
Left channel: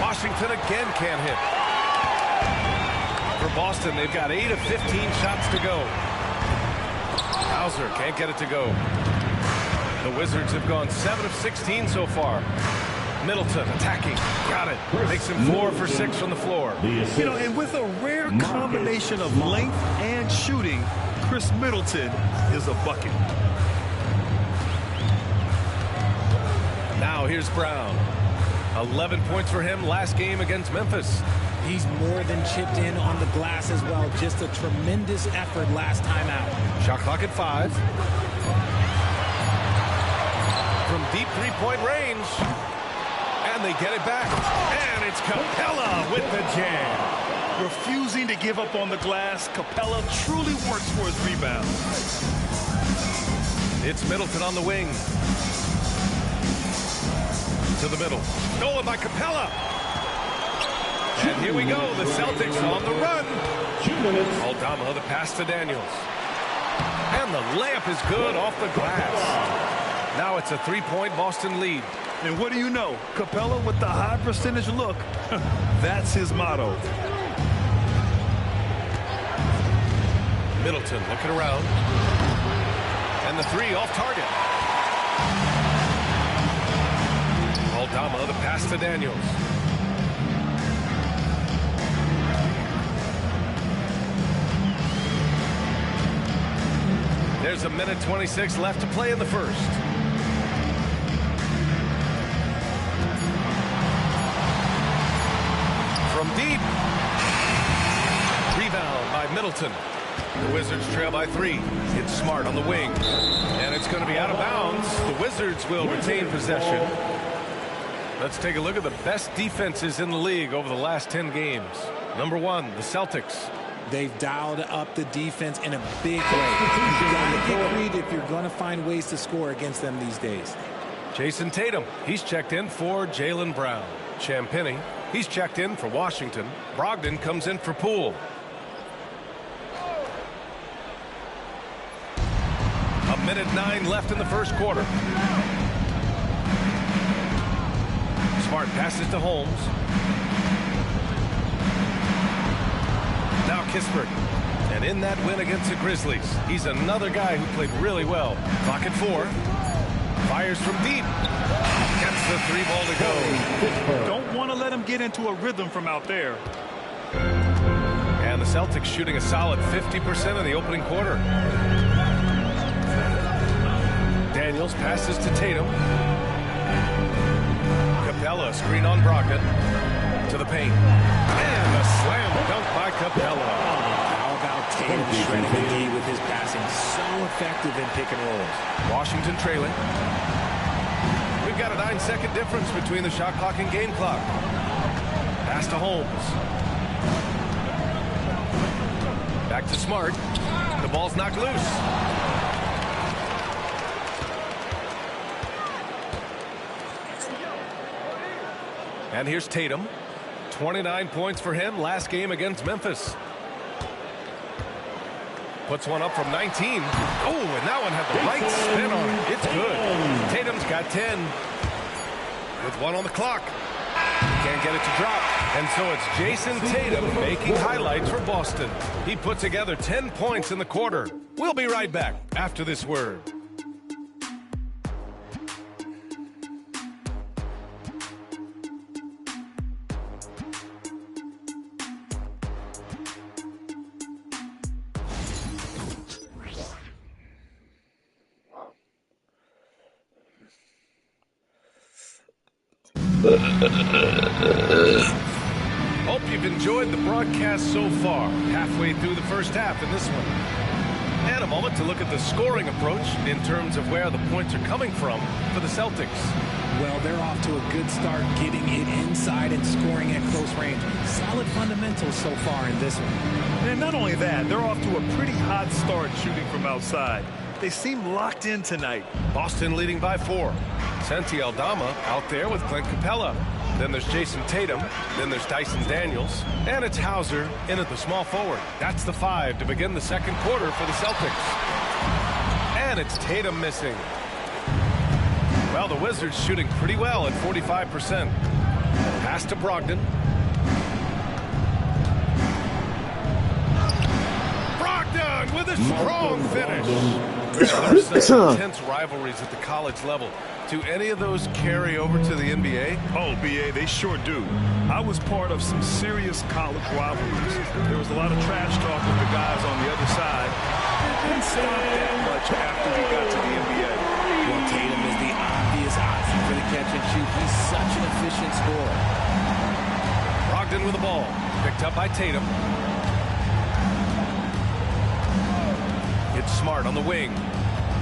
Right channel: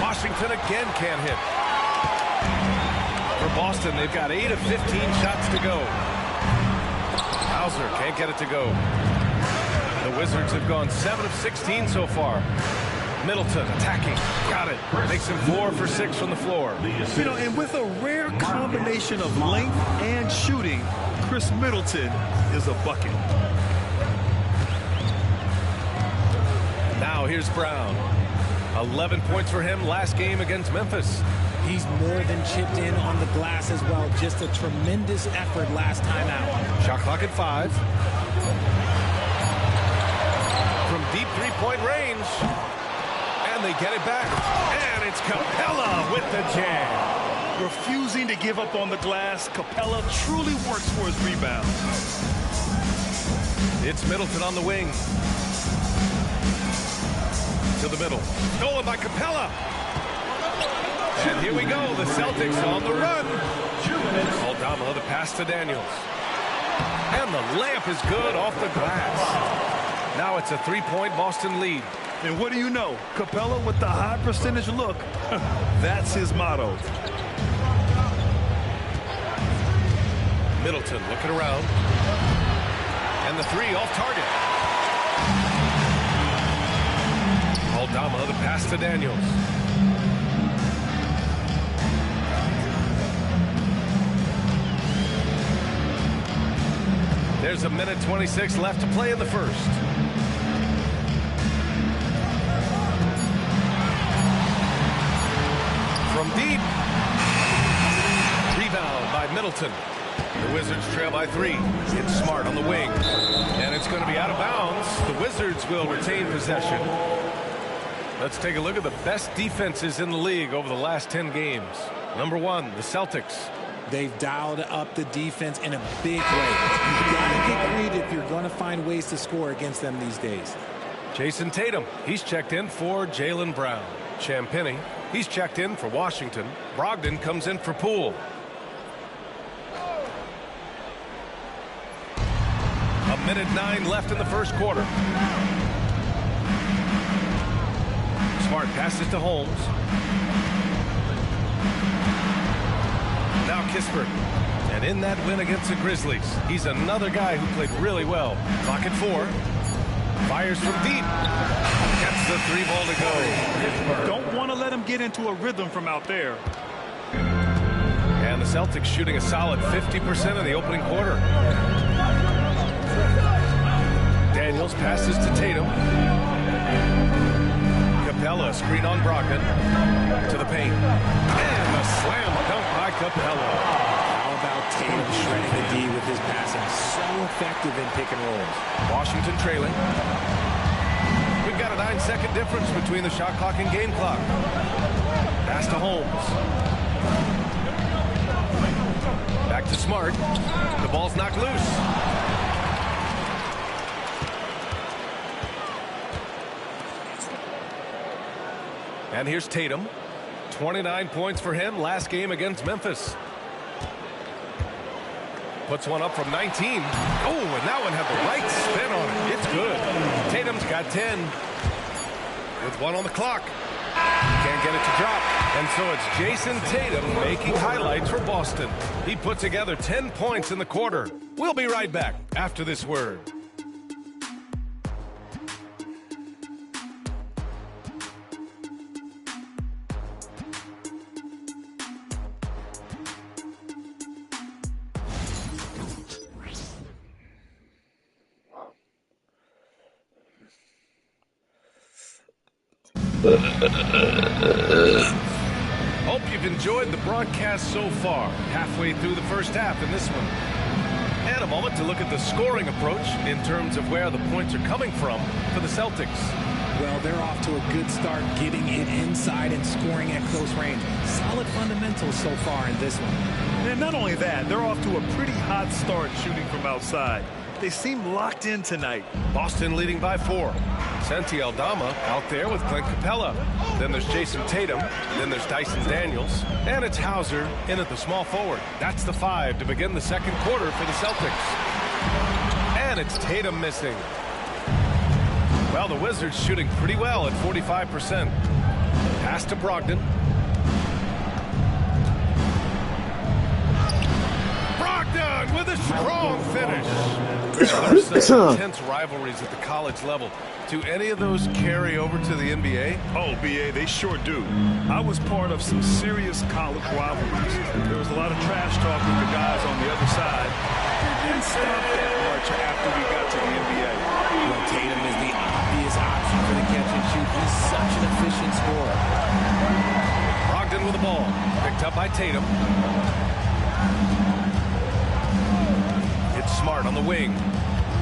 Washington again can't hit. For Boston, they've got 8 of 15 shots to go. Hauser can't get it to go. The Wizards have gone 7 of 16 so far. Middleton attacking. Got it. Makes him 4 for 6 from the floor. You know, and with a rare combination of length and shooting, Chris Middleton is a bucket. Now here's Brown. 11 points for him last game against Memphis. He's more than chipped in on the glass as well. Just a tremendous effort last time out. Shot clock at 5. From deep three-point range. And they get it back. And it's Capella with the jam. Refusing to give up on the glass, Capella truly works for his rebounds. It's Middleton on the wing. To the middle. Stolen by Capella. And here we go. The Celtics on the run. Aldama, the pass to Daniels. And the layup is good off the glass. Now it's a 3-point Boston lead. And what do you know? Capella with the high percentage look. That's his motto. Middleton looking around. And the 3 off target. Aldama, the pass to Daniels. There's a minute 26 left to play in the first. From deep. Rebound by Middleton. The Wizards trail by 3. It's Smart on the wing. And it's going to be out of bounds. The Wizards will retain possession. Let's take a look at the best defenses in the league over the last 10 games. Number 1, the Celtics. They've dialed up the defense in a big way. You've got to get creative if you're going to find ways to score against them these days. Jason Tatum, he's checked in for Jaylen Brown. Champagnie, he's checked in for Washington. Brogdon comes in for Poole. A minute 9 left in the first quarter. Smart passes to Holmes. Now Kispert. And in that win against the Grizzlies, he's another guy who played really well. Clock at 4. Fires from deep. Gets the 3 ball to go. Don't want to let him get into a rhythm from out there. And the Celtics shooting a solid 50% in the opening quarter. Daniels passes to Tatum. Capella, screen on Brogdon. To the paint. And a slam dunk by Capella. How about Tatum shredding the D with his passing? So effective in pick and rolls. Washington trailing. We've got a 9-second difference between the shot clock and game clock. Pass to Holmes. Back to Smart. The ball's knocked loose. And here's Tatum. 29 points for him last game against Memphis. Puts one up from 19. Oh, and that one had the right spin on it. It's good. Tatum's got 10. With 1 on the clock. Can't get it to drop. And so it's Jason Tatum making highlights for Boston. He put together 10 points in the quarter. We'll be right back after this word. Hope you've enjoyed the broadcast so far. Halfway through the first half in this one. And a moment to look at the scoring approach in terms of where the points are coming from for the Celtics. Well, they're off to a good start getting it inside and scoring at close range. Solid fundamentals so far in this one. And not only that, they're off to a pretty hot start shooting from outside. They seem locked in tonight. Boston leading by 4. Santi Aldama out there with Clint Capella. Then there's Jason Tatum. Then there's Dyson Daniels. And it's Hauser in at the small forward. That's the 5 to begin the second quarter for the Celtics. And it's Tatum missing. Well, the Wizards shooting pretty well at 45%. Pass to Brogdon. Brogdon with a strong finish. There's such intense rivalries at the college level. Do any of those carry over to the NBA? Oh, BA, they sure do. I was part of some serious college rivalries. There was a lot of trash talk with the guys on the other side. It didn't stop that much after we got to the NBA. Well, Tatum is the obvious option for the catch and shoot. He's such an efficient scorer. Brogdon with the ball. Picked up by Tatum. It's Smart on the wing.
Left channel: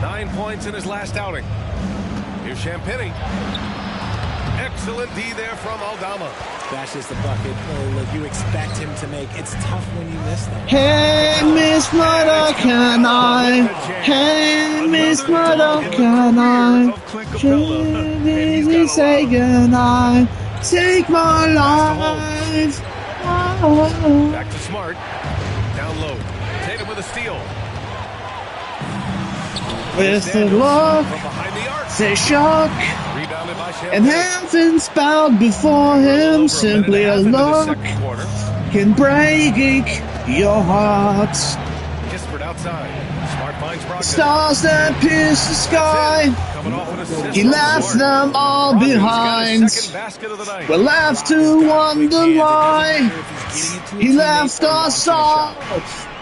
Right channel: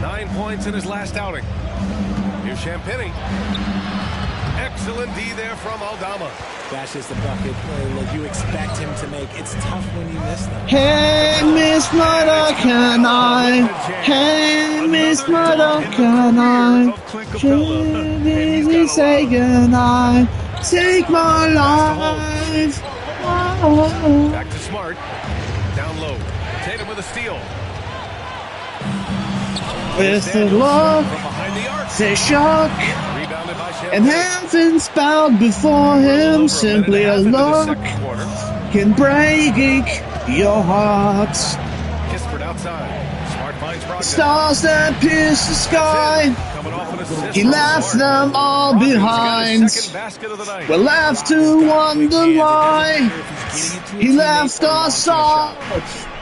9 points in his last outing. Here's Champagnie. Excellent D there from Aldama. That's just the bucket. Look, you expect him to make. It's tough when you miss them. Hey, Miss Mother, can I? Hey, Miss Mother, can I? Please say goodnight. Take my life. Back to Smart. Down low. Tatum with a steal. With the look, the shock, and heavens bowed before him. Simply a look can break your heart. Kispert outside. Smart finds Brogdon. Stars that pierce the sky. He left them all behind. We're left to wonder why he left us all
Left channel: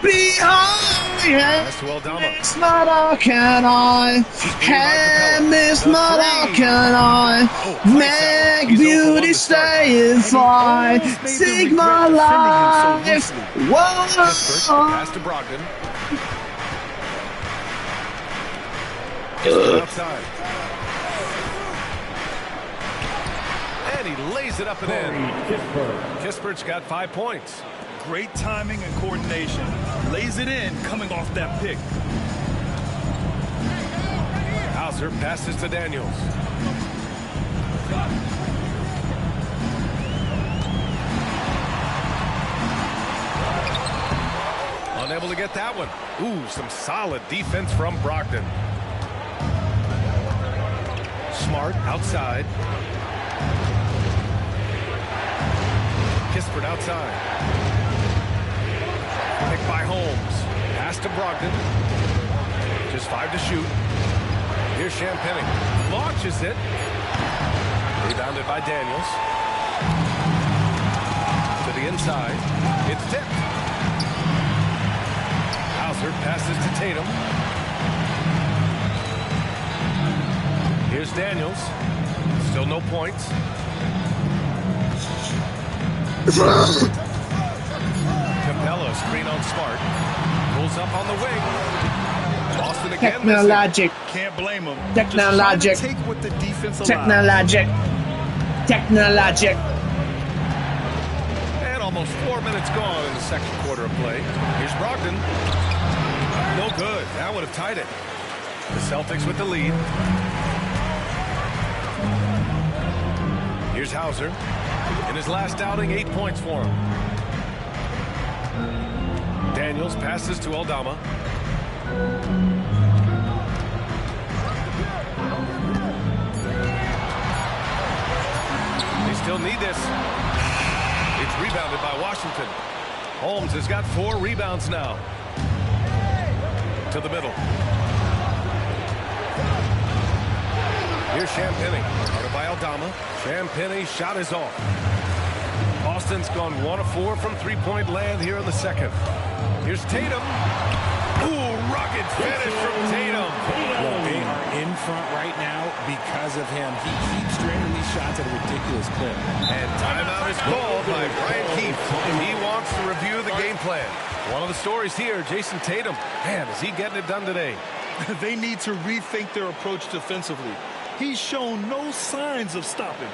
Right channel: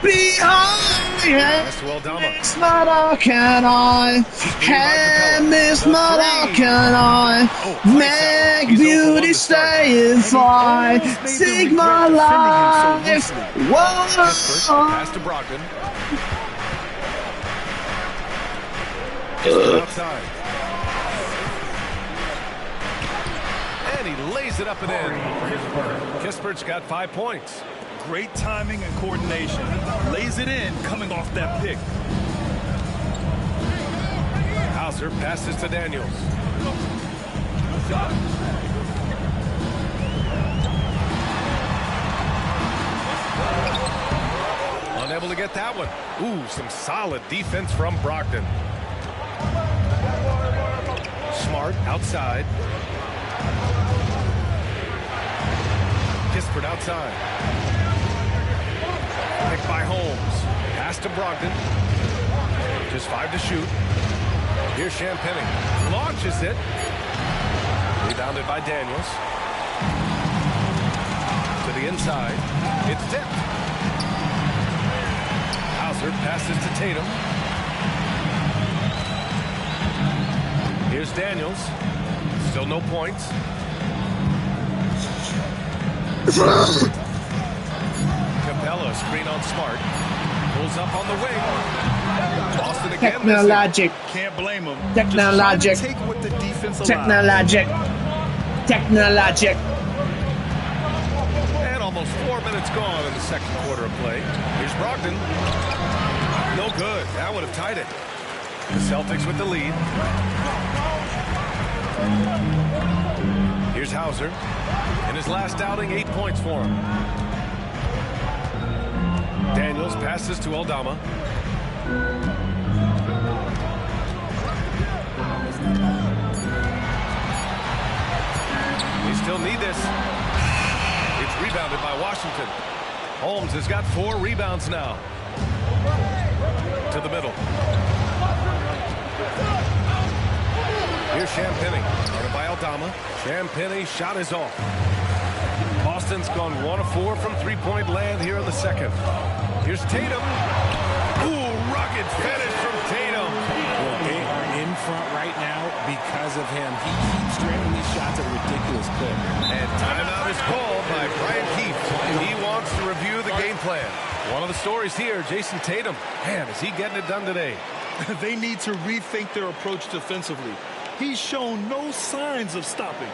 behind. Miss Mother, can I? Hey, Miss Mother, can I? Make beauty stay if I take my life? Whoa. Pass to Brogdon. Outside. And he lays it up and in. Kispert's got 5 points. Great timing and coordination. Lays it in coming off that pick. Hauser passes to Daniels. Unable to get that one. Ooh, some solid defense from Brogdon. Smart outside. Kispert outside. Picked by Holmes. Pass to Brogdon. Just 5 to shoot. Here's Champagnie. Launches it. Rebounded by Daniels. To the inside. It's tipped. Hauser passes to Tatum. Here's Daniels. Still no points. Capella, screen on Smart. Pulls up on the wing. Boston again. Technologic. Can't blame him. Technologic. Take what the defense allows. Technologic. Technologic. And almost 4 minutes gone in the second quarter of play. Here's Brogdon. No good. That would have tied it. The Celtics with the lead. Here's Hauser. In his last outing, 8 points for him. Daniels passes to Aldama. They still need this. It's rebounded by Washington. Holmes has got 4 rebounds now. To the middle. Here's Champagnie. Guarded by Aldama. Champagnie shot is off. Boston's gone 1 of 4 from three-point land here in the second. Here's Tatum. Ooh, rugged finish from Tatum. Well, they are in front right now because of him. He keeps draining these shots at a ridiculous clip. And timeout is called by Brian Keefe. He wants to review the game plan. One of the stories here, Jason Tatum. Man, is he getting it done today? They need to rethink their approach defensively. He's shown no signs of stopping.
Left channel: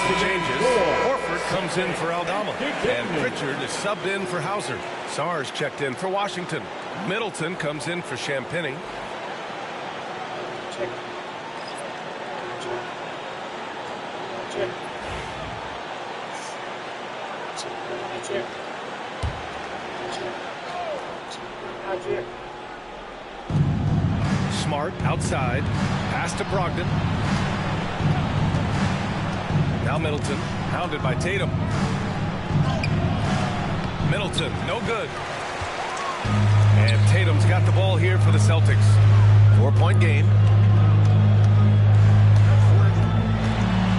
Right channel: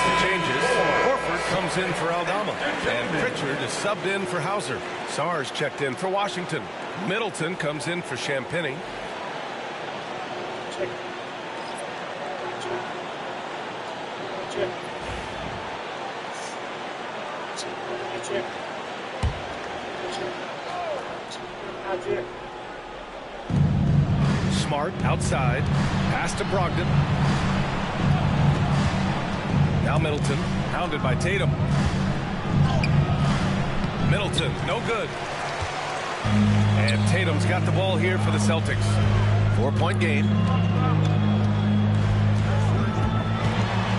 makes the changes. Horford comes in for Aldama. And Pritchard is subbed in for Hauser. Sarge checked in for Washington. Middleton comes in for Champagnie. Smart outside. Pass to Brogdon. Now Middleton, hounded by Tatum. Middleton, no good. And Tatum's got the ball here for the Celtics. 4-point game.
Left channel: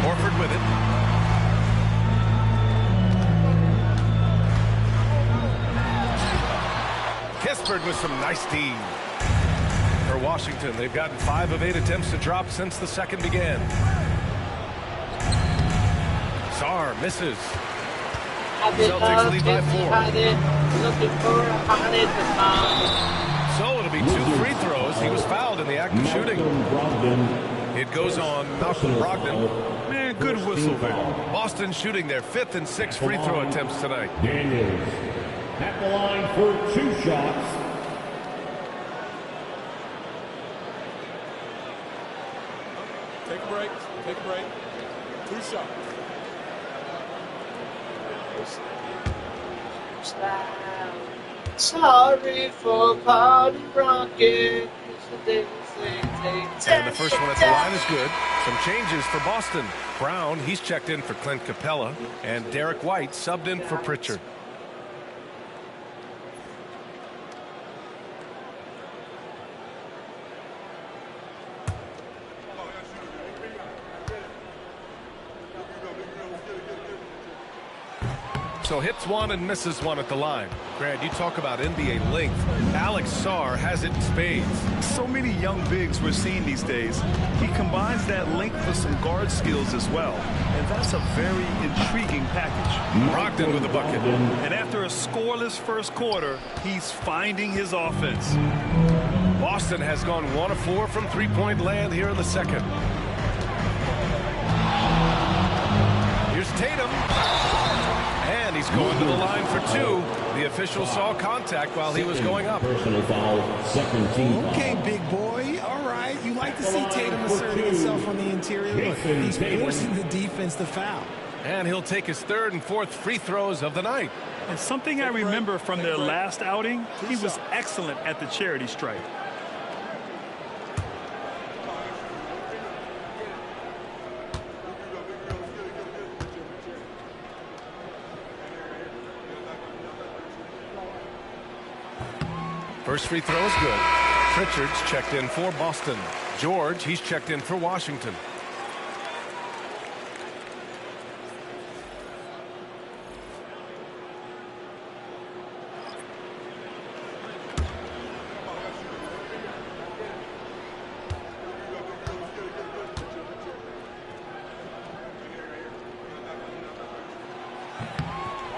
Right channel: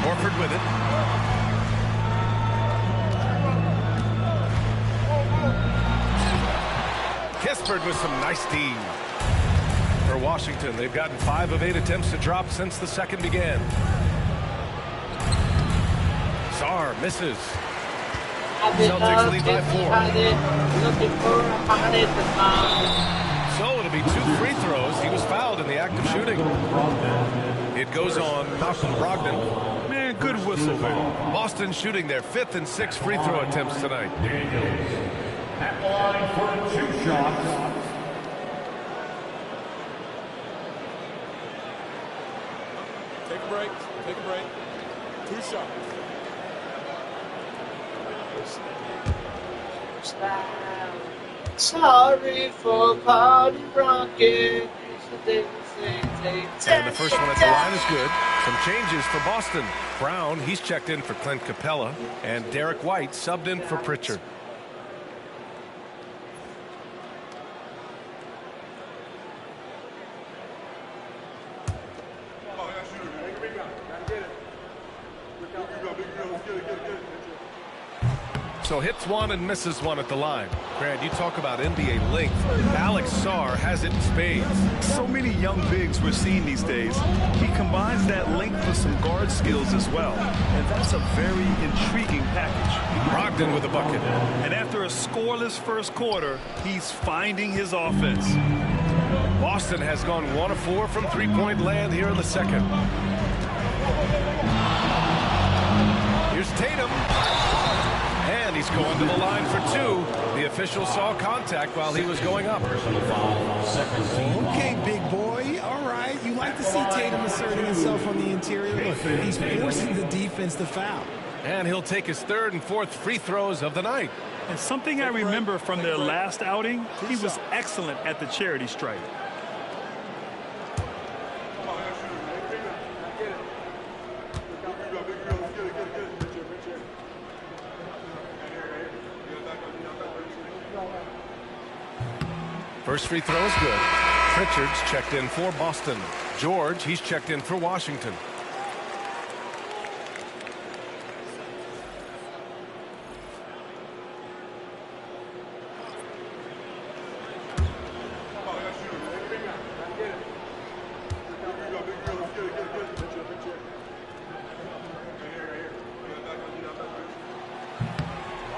Horford with it. Kispert with some nice D. For Washington, they've gotten 5 of 8 attempts to drop since the second began. Sarr misses. Celtics lead by 4. So it'll be 2 free throws. He was fouled in the act of shooting. It goes on Malcolm Brogdon. Man, good whistle there. Boston shooting their 5th and 6th free throw attempts tonight. Daniels at the line for 2 shots. Take a break. Take a break. 2 shots. Sorry for party rocking. And the first one at the line is good. Some changes for Boston. Brown, he's checked in for Clint Capella. And Derek White subbed in for Pritchard. So hits one and misses one at the line. Grant, you talk about NBA length. Alex Sarr has it in spades. So many young bigs we're seeing these days. He combines that length with some guard skills as well. And that's a very intriguing package. Brogdon with a bucket. And after a scoreless first quarter, he's finding his offense. Boston has gone 1 of 4 from three-point land here in the second. Here's Tatum. And he's going to the line for 2. The official saw contact while he was going up. Personal foul, second team. Okay, big boy. All right. You like to see Tatum asserting himself on the interior. Look, he's forcing the defense to foul. And he'll take his 3rd and 4th free throws of the night. And something I remember from their last outing, he was excellent at the charity stripe. First free throw is good. Pritchard's checked in for Boston. George, he's checked in for Washington.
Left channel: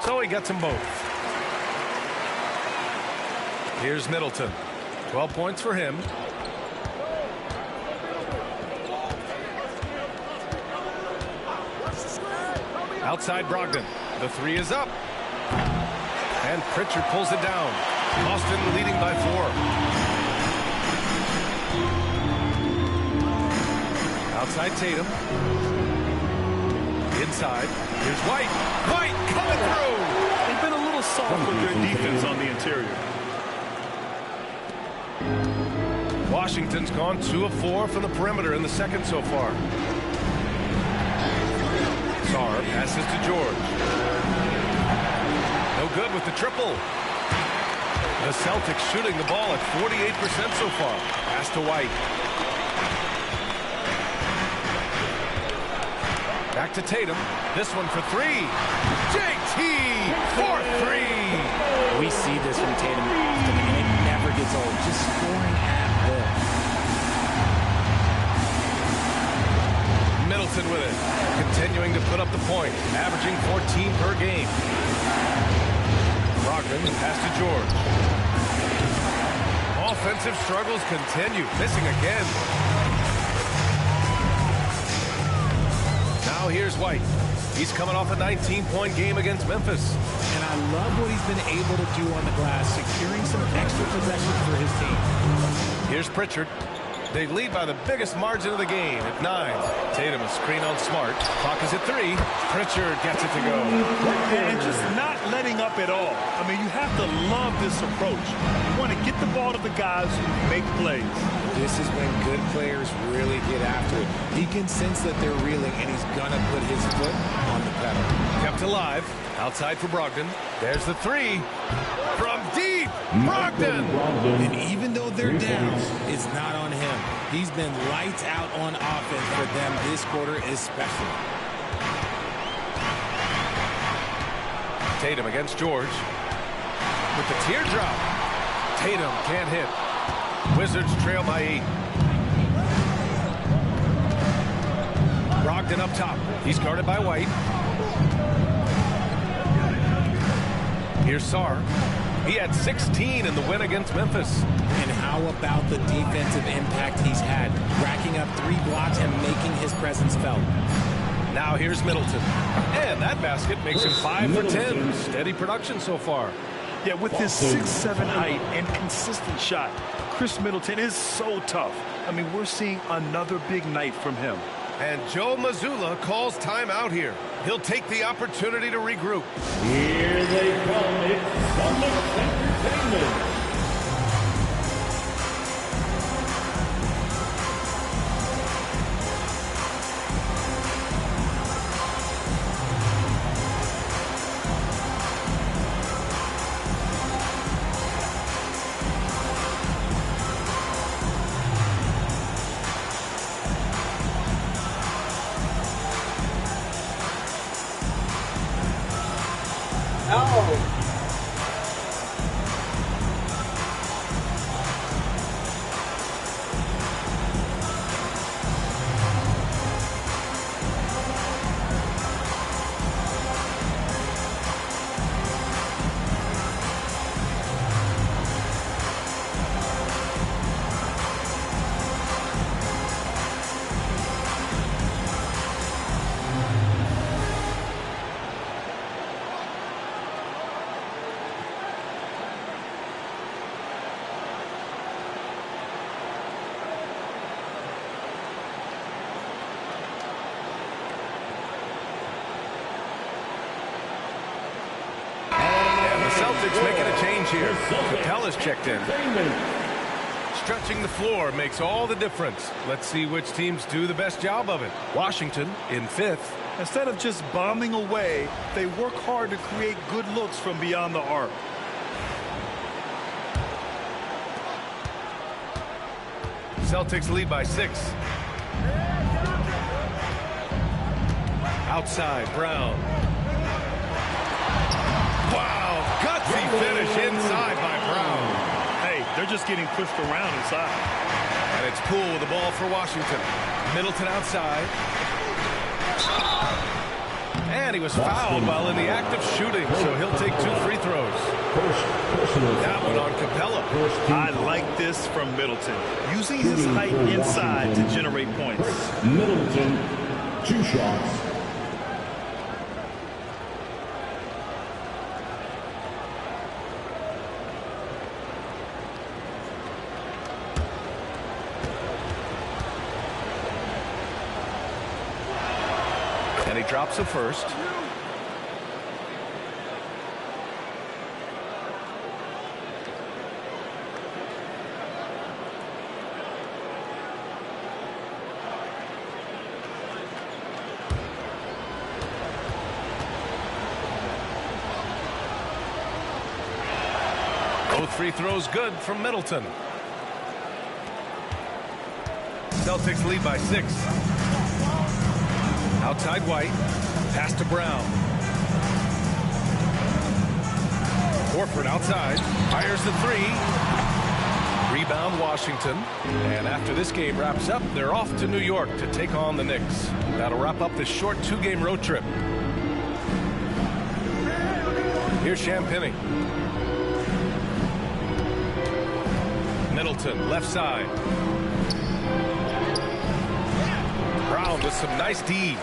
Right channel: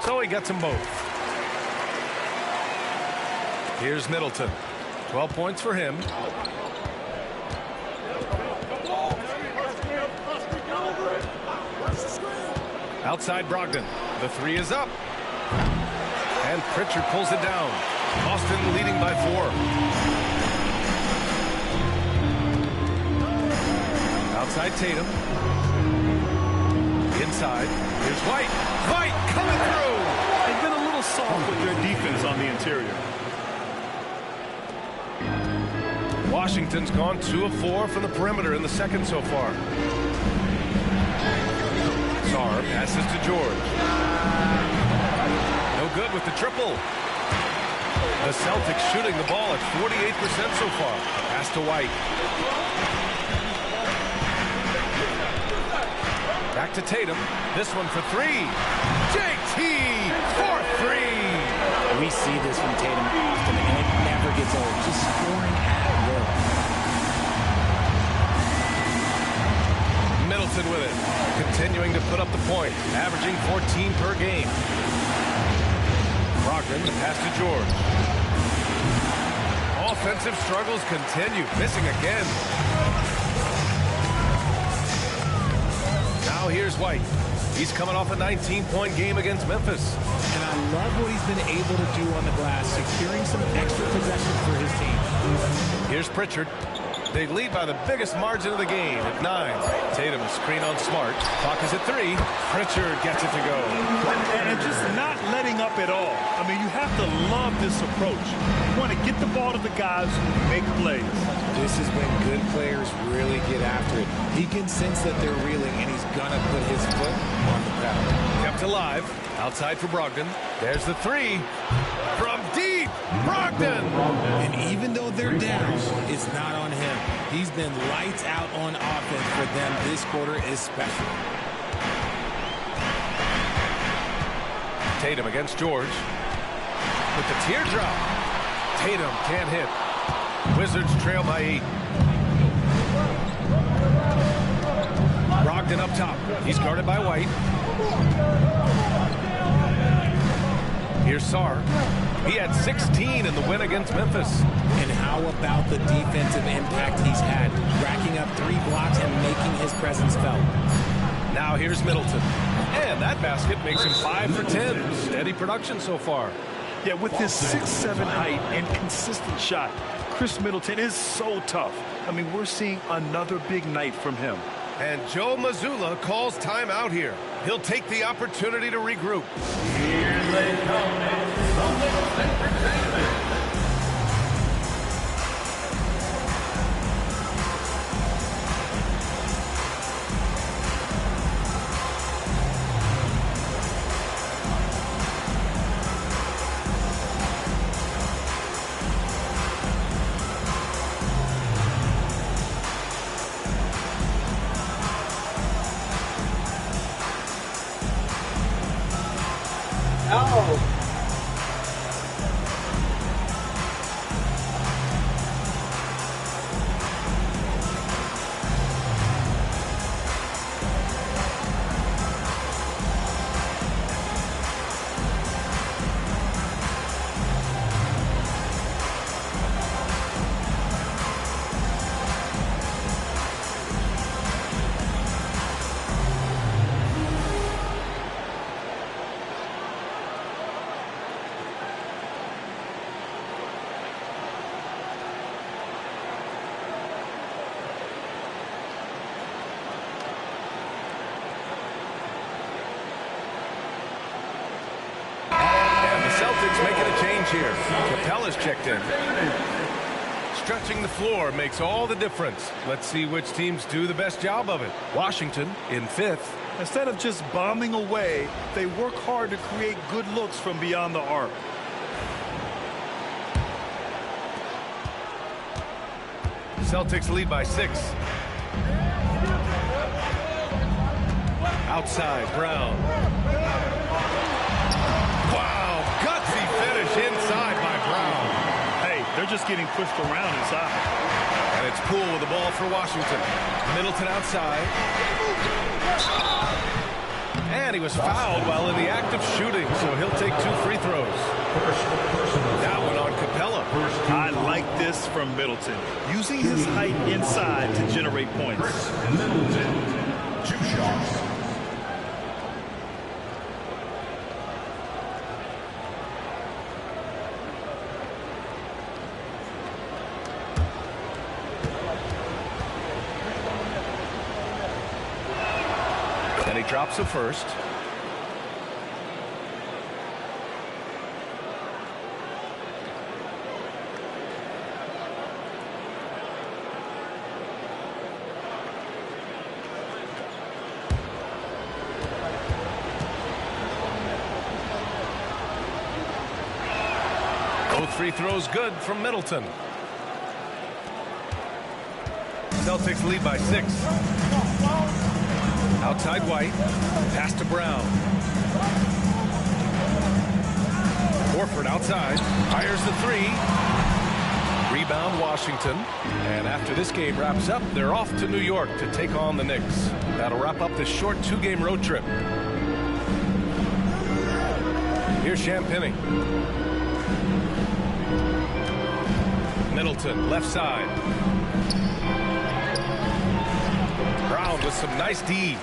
So he gets them both. Here's Middleton. 12 points for him. Outside Brogdon. The 3 is up. And Pritchard pulls it down. Boston leading by 4. Outside Tatum. Inside. Here's White. White coming through. They've been a little soft with their defense on the interior. Washington's gone 2 of 4 from the perimeter in the second so far. Sarr passes to George. No good with the triple. The Celtics shooting the ball at 48% so far. Pass to White. Back to Tatum. This one for 3. JT for 3. We see this from Tatum often, and it never gets old. Just scoring at will. Middleton with it. Continuing to put up the points. Averaging 14 per game. Brogdon, the pass to George. Offensive struggles continue. Missing again. Now here's White. He's coming off a 19-point game against Memphis. And I love what he's been able to do on the glass, securing some extra possessions for his team. Here's Pritchard. They lead by the biggest margin of the game at 9. Tatum a screen on Smart. Clock is at 3. Pritchard gets it to go. And just not letting up at all. I mean, you have to love this approach. You want to get the ball to the guys who make plays. This is when good players really get after it. He can sense that they're reeling, and he's going to put his foot on the pedal. Kept alive. Outside for Brogdon. There's the 3. From deep. Brogdon. And even though they're down, it's not on him. He's been lights out on offense for them this quarter especially. Tatum against George. With the teardrop. Tatum can't hit. Wizards trail by 8. Brogdon up top. He's guarded by White. Here's Sarr. He had 16 in the win against Memphis. And how about the defensive impact he's had, racking up 3 blocks and making his presence felt. Now here's Middleton. And that basket makes him 5 for 10. Steady production so far. Yeah, with his 6'7" height and consistent shot, Chris Middleton is so tough. I mean, we're seeing another big night from him. And Joe Mazzulla calls timeout here. He'll take the opportunity to regroup. Here they come. It's the Knicks Entertainment. Celtics making a change here. Capella's checked in. Stretching the floor makes all the difference. Let's see which teams do the best job of it. Washington in 5th. Instead of just bombing away, they work hard to create good looks from beyond the arc. Celtics lead by 6. Outside, Brown. Wow, gutsy finish inside by Brown. Hey, they're just getting pushed around inside. And it's Poole with the ball for Washington. Middleton outside. And he was fouled while in the act of shooting, so he'll take 2 free throws. That one on Capella. I like this from Middleton, using his height inside to generate points. Middleton, 2 shots. And he drops a first. Both free throws good from Middleton. Celtics lead by 6. Outside White. Pass to Brown. Horford outside. Fires the 3. Rebound Washington. And after this game wraps up, they're off to New York to take on the Knicks. That'll wrap up this short 2-game road trip. Here's Champagnie. Middleton, left side. Brown with some nice D.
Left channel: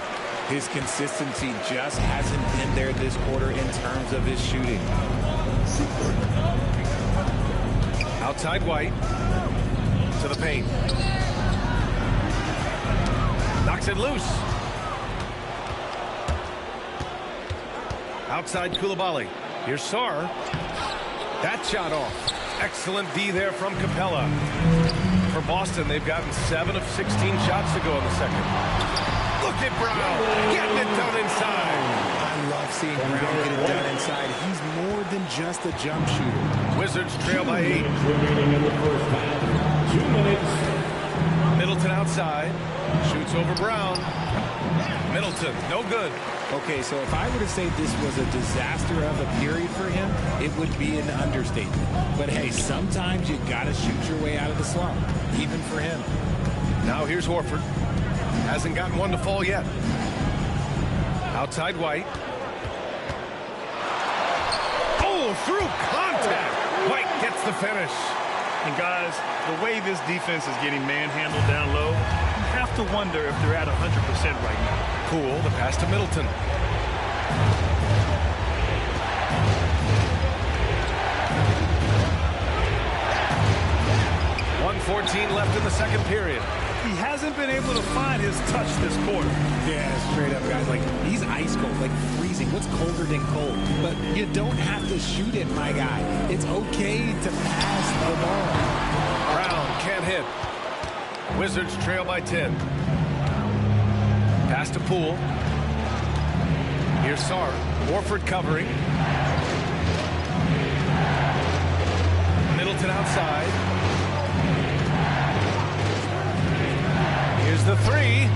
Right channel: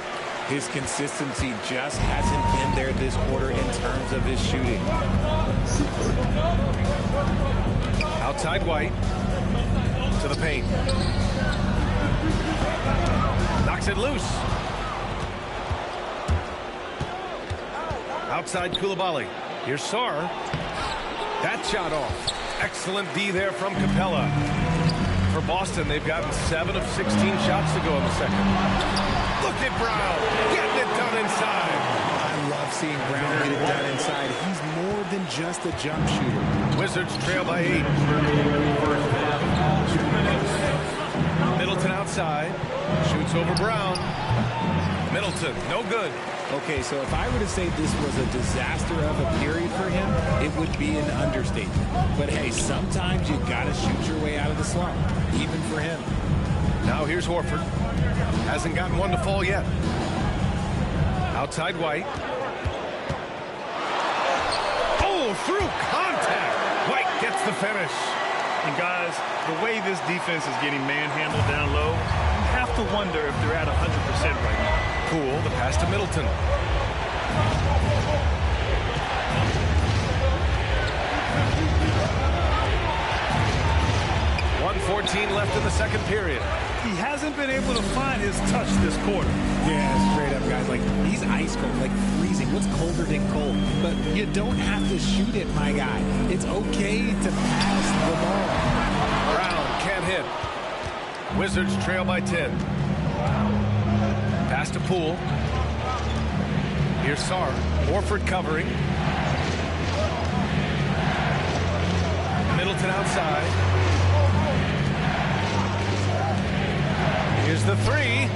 His consistency just hasn't been there this quarter in terms of his shooting. Outside White to the paint. Knocks it loose. Outside Coulibaly. Here's Sarr. That shot off. Excellent D there from Capella. For Boston, they've gotten 7 of 16 shots to go in the second. Look at Brown getting it done inside. I love seeing Brown get it done inside. He's more than just a jump shooter. Wizards trail by 8. Remaining in the first half. 2 minutes. Middleton outside. Shoots over Brown. Middleton, no good. Okay, so if I were to say this was a disaster of a period for him, it would be an understatement. But hey, sometimes you gotta shoot your way out of the slump, even for him. Now here's Horford. Hasn't gotten one to fall yet. Outside White. Oh, through contact. White gets the finish. And guys, the way this defense is getting manhandled down low, you have to wonder if they're at 100% right now. Poole, the pass to Middleton. .114 left in the second period. He hasn't been able to find his touch this quarter. Yeah, straight up, guys. Like, he's ice cold, like freezing. What's colder than cold? But you don't have to shoot it, my guy. It's okay to pass the ball. Brown can't hit. Wizards trail by 10. Pass to Poole. Here's Sarr. Horford covering. Middleton outside. Here's the 3.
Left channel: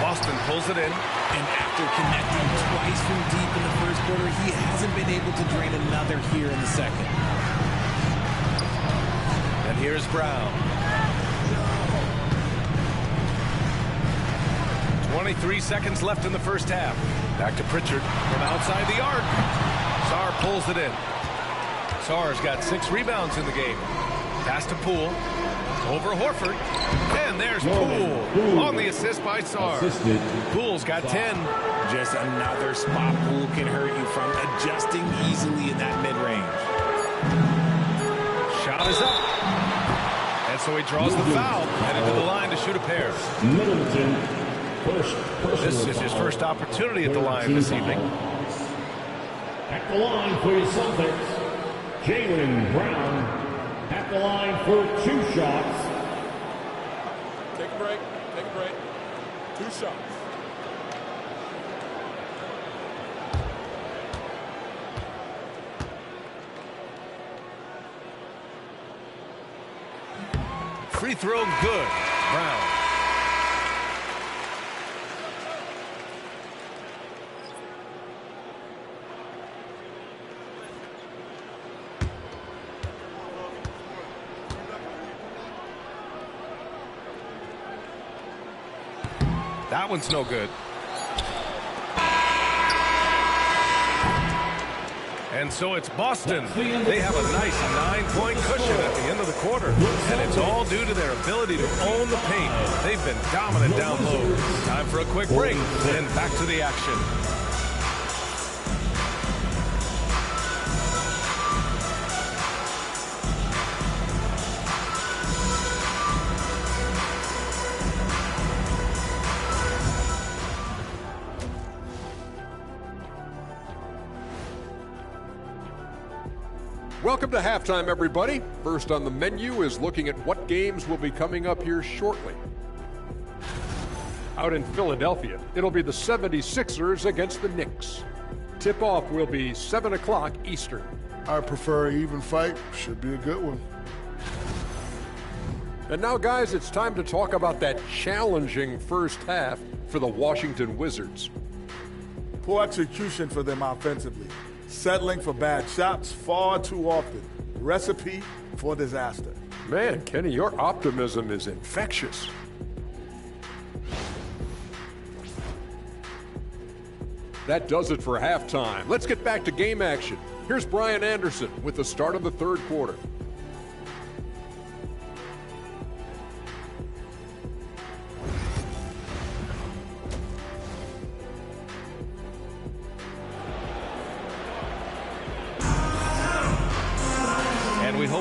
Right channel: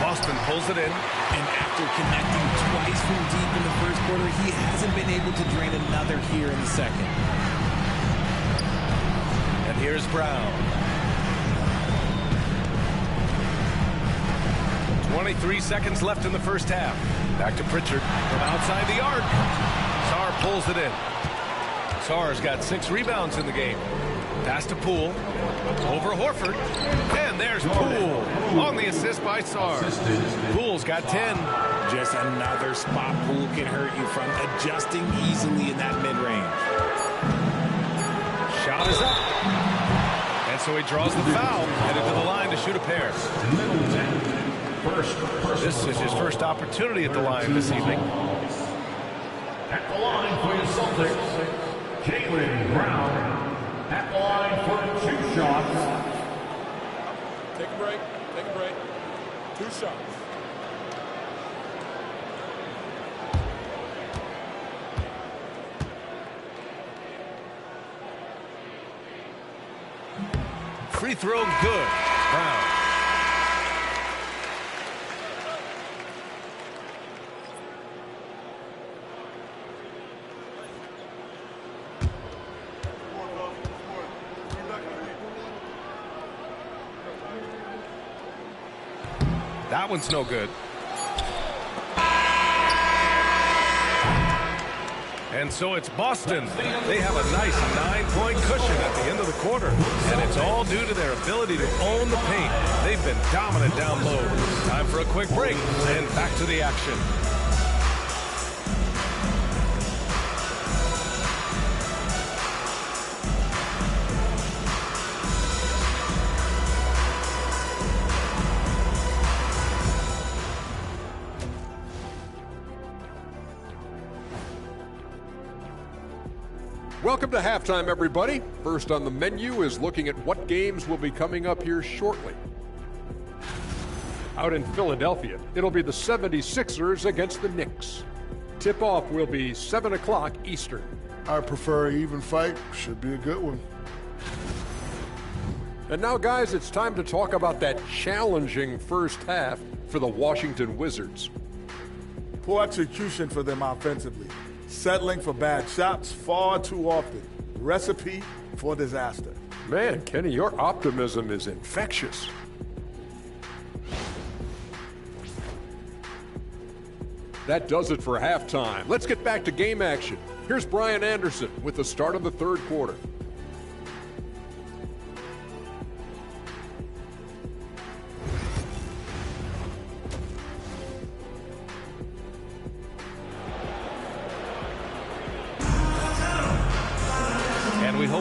Boston pulls it in. And after connecting twice from deep in the first quarter, he hasn't been able to drain another here in the second. And here's Brown. 23 seconds left in the first half. Back to Pritchard from outside the arc. Sarr pulls it in. Sarr's got 6 rebounds in the game. Pass to Poole. Over Horford. And there's Poole on the assist by Sarr. Poole's got 10. Just another spot Poole can hurt you from, adjusting easily in that mid-range. Shot is up. And so he draws the foul, headed to the line to shoot a pair. Middleton, This is his first opportunity at the line this evening. At the line for your Celtics, Jaylen Brown. At the line for 2 shots. Take a break. Take a break. 2 shots. Free throw good. Brown. That one's no good. And so it's Boston. They have a nice 9-point cushion at the end of the quarter. And it's all due to their ability to own the paint. They've been dominant down low. Time for a quick break, and back to the action. Welcome to halftime, everybody. First on the menu is looking at what games will be coming up here shortly. Out in Philadelphia, it'll be the 76ers against the Knicks. Tip-off will be 7 o'clock Eastern. I prefer an even fight. Should be a good one. And now, guys, it's time to talk about that challenging first half for the Washington Wizards. Poor execution for them offensively. Settling for bad shots far too often. Recipe for disaster. Man, Kenny, your optimism is infectious. That does it for halftime. Let's get back to game action. Here's Brian Anderson with the start of the third quarter.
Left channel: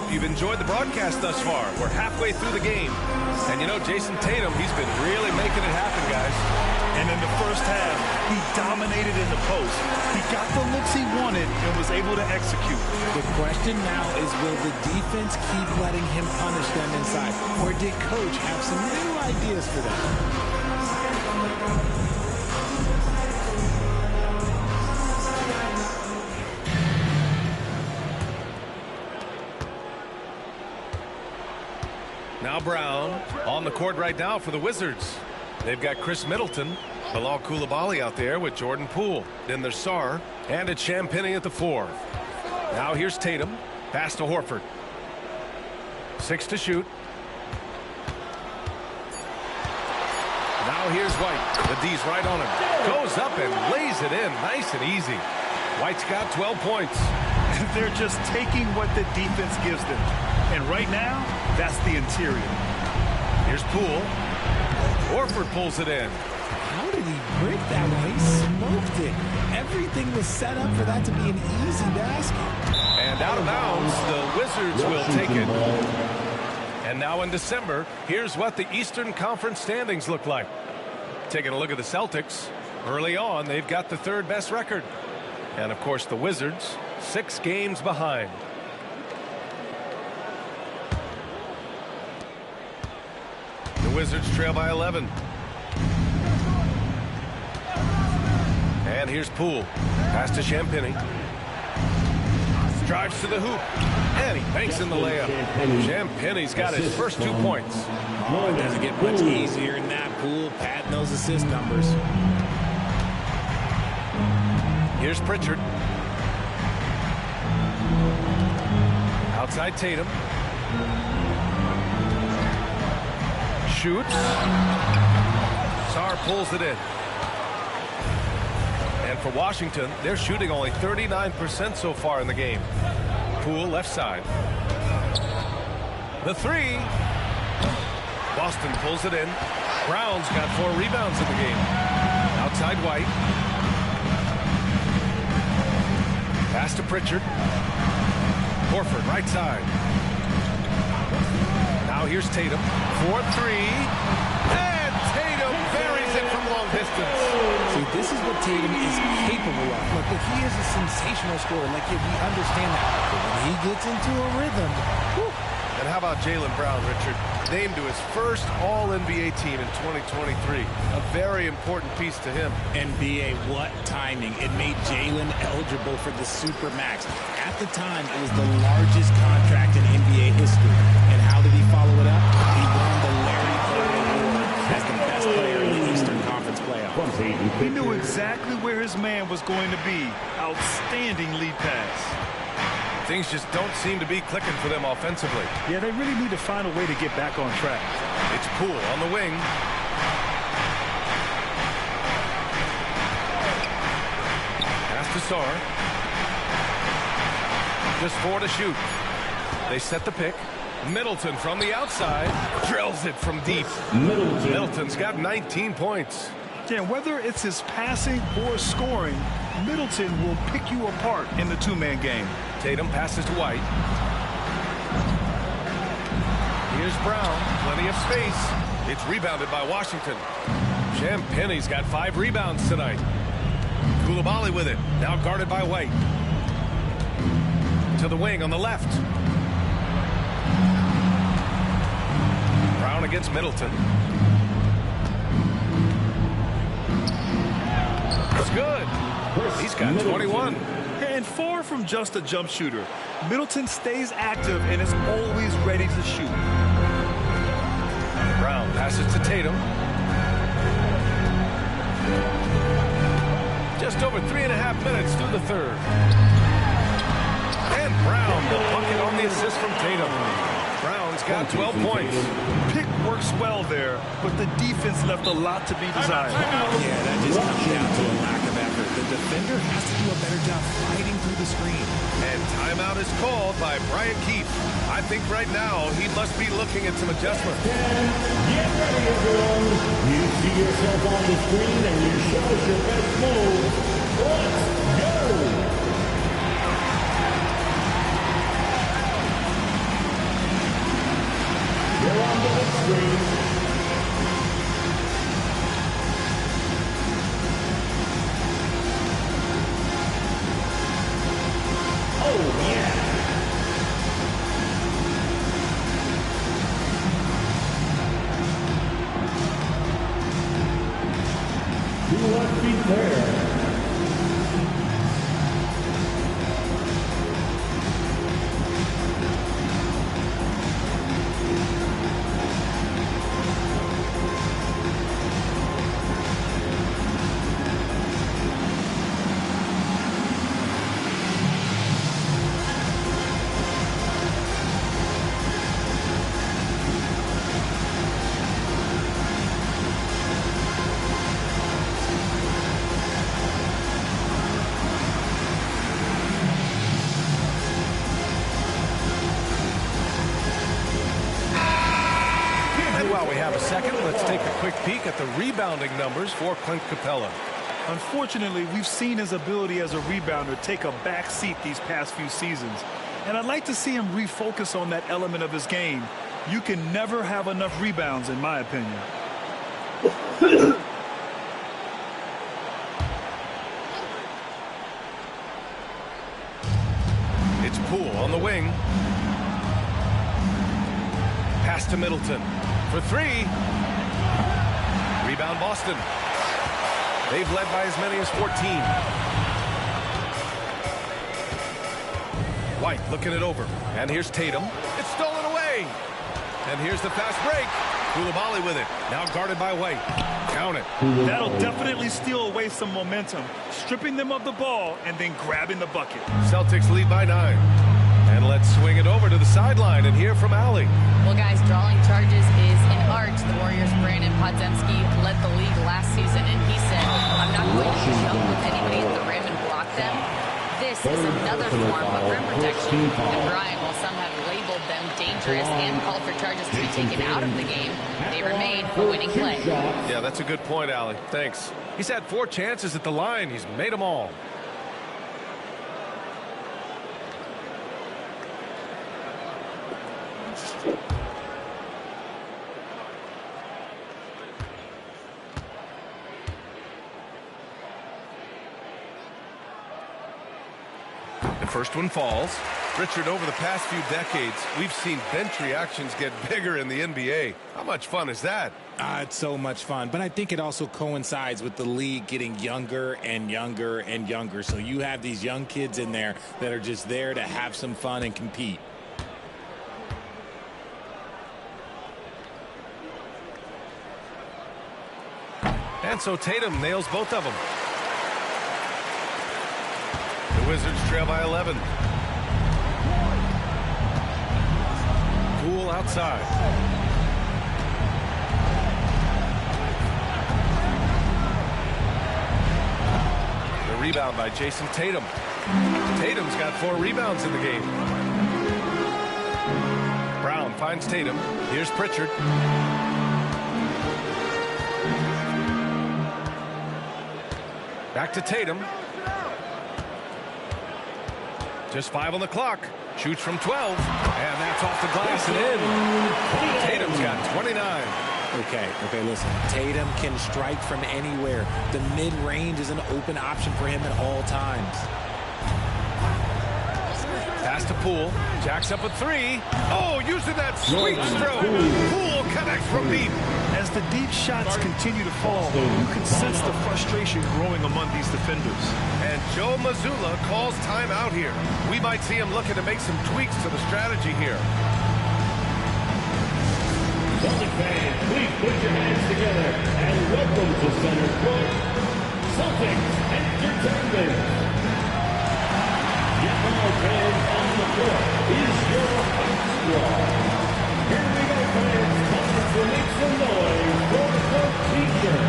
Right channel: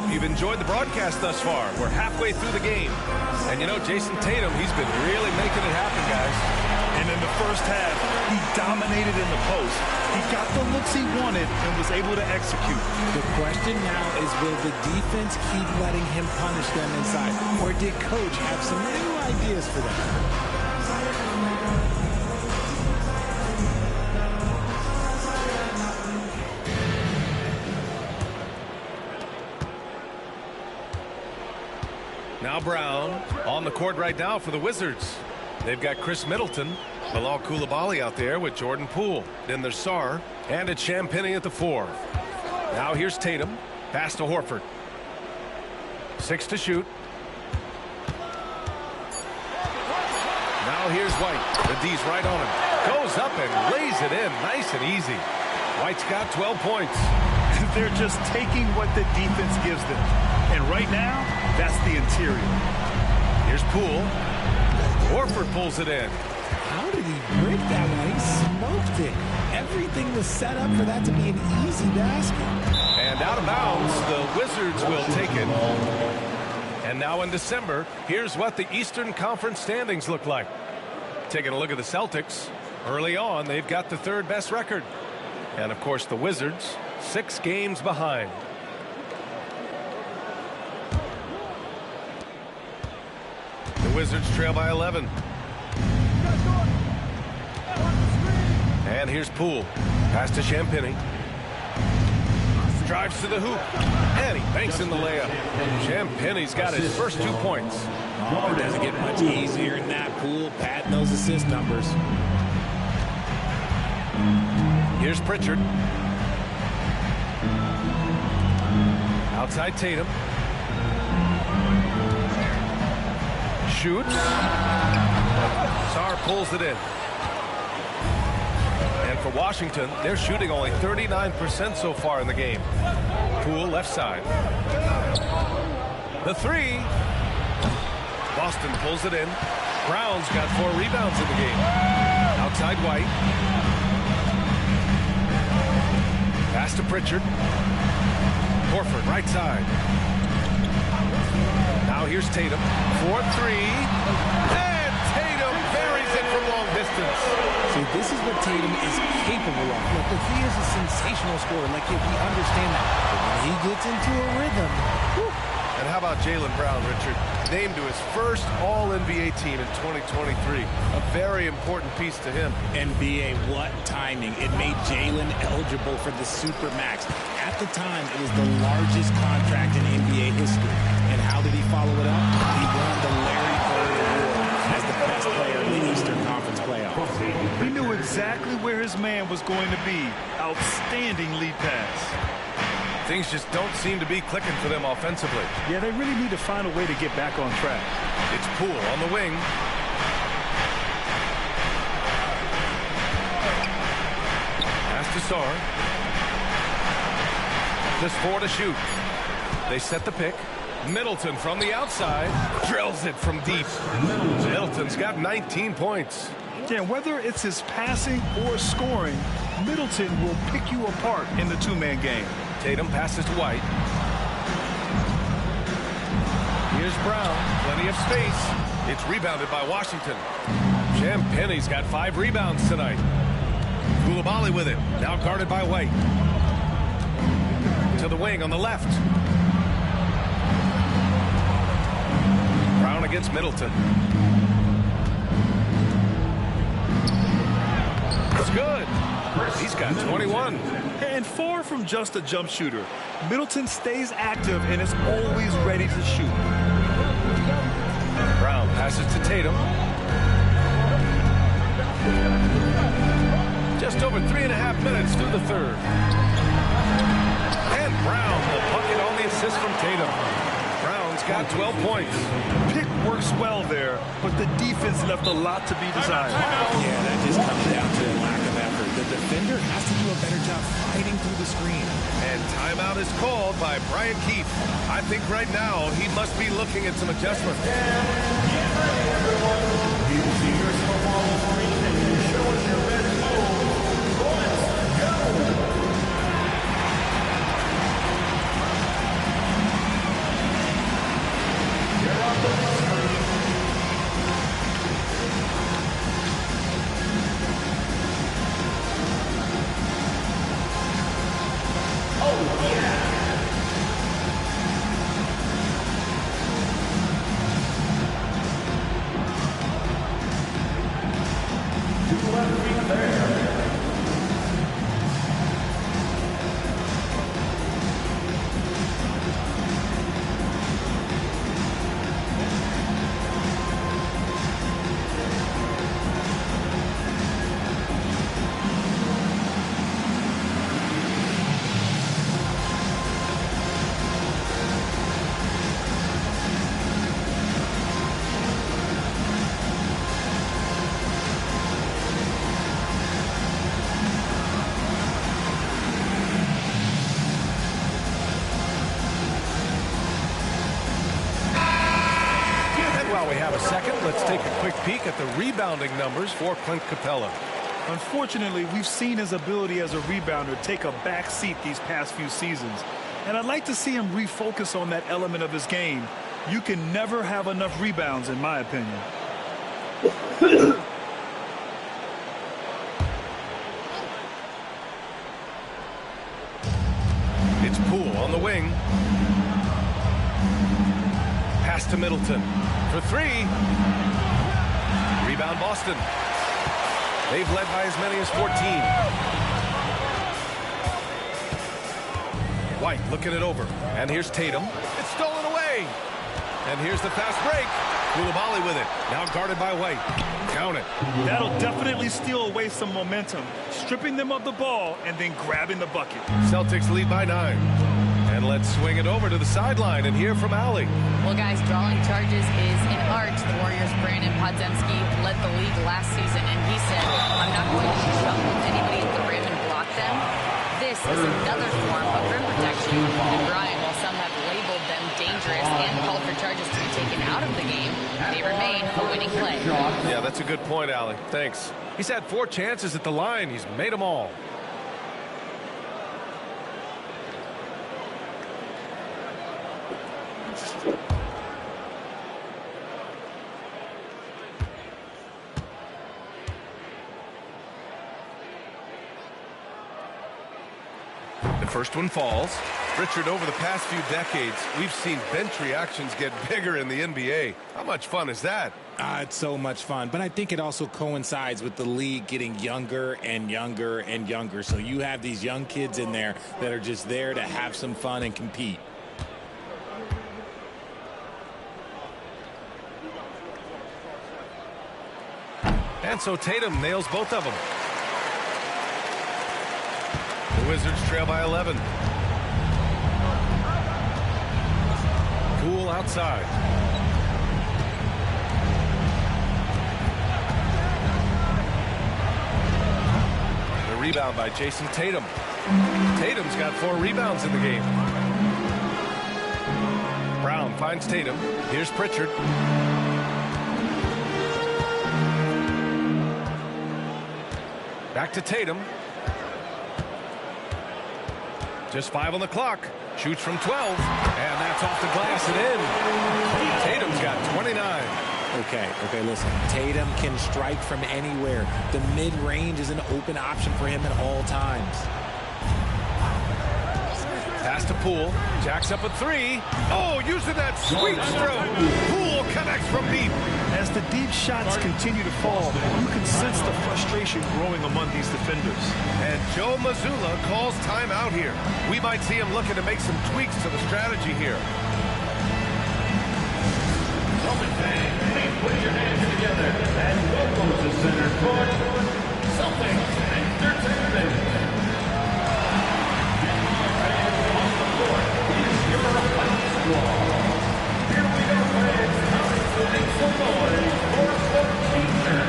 hope you've enjoyed the broadcast thus far. We're halfway through the game. And you know, Jason Tatum, he's been really making it happen, guys. And in the first half, he dominated in the post. He got the looks he wanted and was able to execute. The question now is, will the defense keep letting him punish them inside? Or did Coach have some new ideas for them? Now Brown on the court right now for the Wizards. They've got Chris Middleton, Bilal Coulibaly out there with Jordan Poole. Then there's Sarr, and it's Champagnie at the 4. Now here's Tatum. Pass to Horford. 6 to shoot. Now here's White. The D's right on him. Goes up and lays it in. Nice and easy. White's got 12 points. They're just taking what the defense gives them. And right now, that's the interior. Here's Poole. Horford pulls it in. How did he break that one? He smoked it. Everything was set up for that to be an easy basket. And out of bounds, the Wizards will take it. And now in December, here's what the Eastern Conference standings look like. Taking a look at the Celtics. Early on, they've got the 3rd best record. And of course, the Wizards, 6 games behind. The Wizards trail by 11. And here's Poole. Pass to Champagnie. Drives to the hoop. And he banks in the layup. Champagnie's got his first 2 points. Oh, it doesn't get much easier than that. Poole patting those assist numbers. Here's Pritchard. Outside Tatum. Shoots. Sarr pulls it in. And for Washington, they're shooting only 39% so far in the game. Poole left side. The 3. Boston pulls it in. Brown's got 4 rebounds in the game. Outside White. Pass to Pritchard. Horford right side. Now here's Tatum. 4-3. And Tatum buries it from long distance. See, this is what Tatum is capable of. Look, he is a sensational scorer. Like, we understand that. But when he gets into a rhythm, whew. And how about Jaylen Brown, Richard? Named to his first All-NBA team in 2023. A very important piece to him. NBA, what timing. It made Jaylen eligible for the Supermax. At the time, it was the largest contract in NBA history. And how did he follow it up? He won the Larry Bird Award as the best player in the Eastern Conference playoffs. He knew exactly where his man was going to be. Outstanding lead pass. Things just don't seem to be clicking for them offensively. Yeah, they really need to find a way to get back on track. It's Poole on the wing. Pass to Sarr. Just 4 to shoot. They set the pick. Middleton from the outside. Drills it from deep. Middleton's got 19 points. Yeah, whether it's his passing or scoring, Middleton will pick you apart in the 2-man game. Tatum passes to White. Here's Brown. Plenty of space. It's rebounded by Washington. Champagnie's got 5 rebounds tonight. Coulibaly with it. Now guarded by White. To the wing on the left. Brown against Middleton. It's good. He's got 21. And far from just a jump shooter, Middleton stays active and is always ready to shoot. Brown passes to Tatum. Just over 3.5 minutes through the 3rd. And Brown, the bucket on the assist from Tatum. Brown's got 12 points. Pick works well there, but the defense left a lot to be desired. Yeah, that just comes down to a lack of effort. The defender has to do a better job fighting through the screen. And timeout is called by Brian Keefe. I think right now he must be looking at some adjustments. Get ready, everyone. You see yourself on the screen and you show us your best move. Let's go. on the big screen. Oh, yeah. Two left feet there. While we have a second, let's take a quick peek at the rebounding numbers for Clint Capella. Unfortunately, we've seen his ability as a rebounder take a back seat these past few seasons. And I'd like to see him refocus on that element of his game. You can never have enough rebounds, in my opinion. It's Poole on the wing. Pass to Middleton. For three. Rebound Boston. They've led by as many as 14. White looking it over. And here's Tatum. It's stolen away. And here's the fast break. Coulibaly with it. Now guarded by White. Count it. That'll definitely steal away some momentum. Stripping them of the ball and then grabbing the bucket. Celtics lead by 9. And let's swing it over to the sideline and hear from Allie. Well, guys, drawing charges is an art. The Warriors' Brandon Podziemski led the league last season, and he said, I'm not going to jump with anybody at the rim and block them. This is another form of rim protection. And Brian, while some have labeled them dangerous and called for charges to be taken out of the game, they remain a winning play. Yeah, that's a good point, Allie. Thanks. He's had 4 chances at the line. He's made them all. The first one falls. Richard, over the past few decades, we've seen bench reactions get bigger in the NBA. How much fun is that? It's so much fun, but I think it also coincides with the league getting younger and younger and younger. So you have these young kids in there that are just there to have some fun and compete. And so Tatum nails both of them. The Wizards trail by 11. Poole outside. The rebound by Jason Tatum. Tatum's got 4 rebounds in the game. Brown finds Tatum. Here's Pritchard. Back to Tatum. Just 5 on the clock. Shoots from 12. And that's off the glass and in. Tatum's got 29. Okay, listen. Tatum can strike from anywhere. The mid-range is an open option for him at all times. Pass to Poole. Jacks up a 3. Oh, using that sweet stroke. Poole connects from deep. As the deep shots continue to fall, you can sense the frustration growing among these defenders. And Joe Mazzulla calls timeout here. We might see him looking to make some tweaks to the strategy here. Celtic fans, please put your hands together and welcome to center court, Celtics Entertainment. Get from our fans on the court is your basketball. Here we go, fans. To make some noise for the teacher.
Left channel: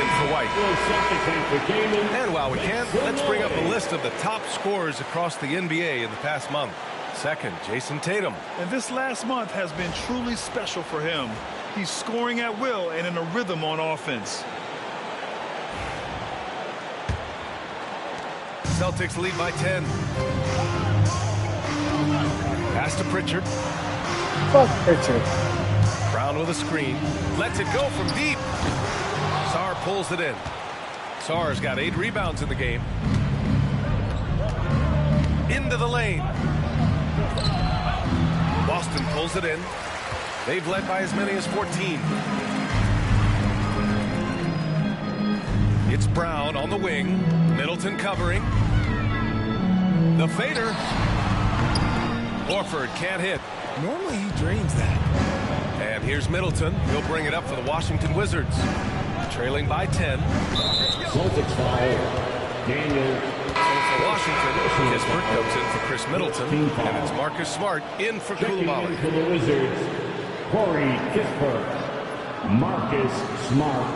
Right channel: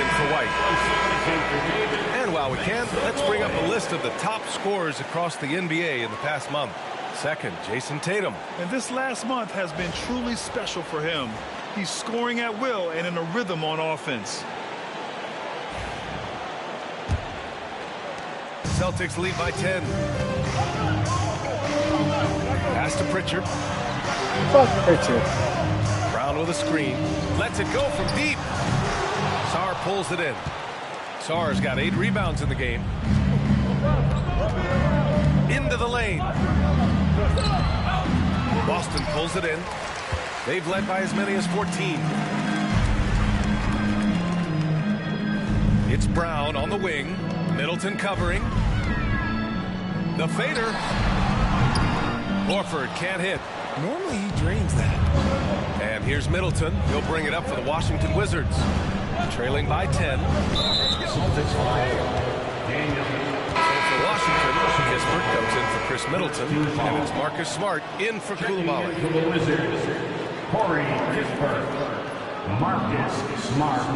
in for White. And while we can, let's bring up a list of the top scorers across the NBA in the past month. Second, Jason Tatum. And this last month has been truly special for him. He's scoring at will and in a rhythm on offense. Celtics lead by 10. Pass to Pritchard. Fuck Pritchard. Brown with a screen. Lets it go from deep. Sarr pulls it in. Sarr's got 8 rebounds in the game. Into the lane. Boston pulls it in. They've led by as many as 14. It's Brown on the wing. Middleton covering. The fader. Horford can't hit. Normally he drains that. And here's Middleton. He'll bring it up for the Washington Wizards. Trailing by 10. Celtics fire. Daniel. So for Washington, Kispert comes in for Chris Middleton. And it's Marcus Smart in for Coulibaly. For the Wizards, Corey Kispert. Marcus Smart.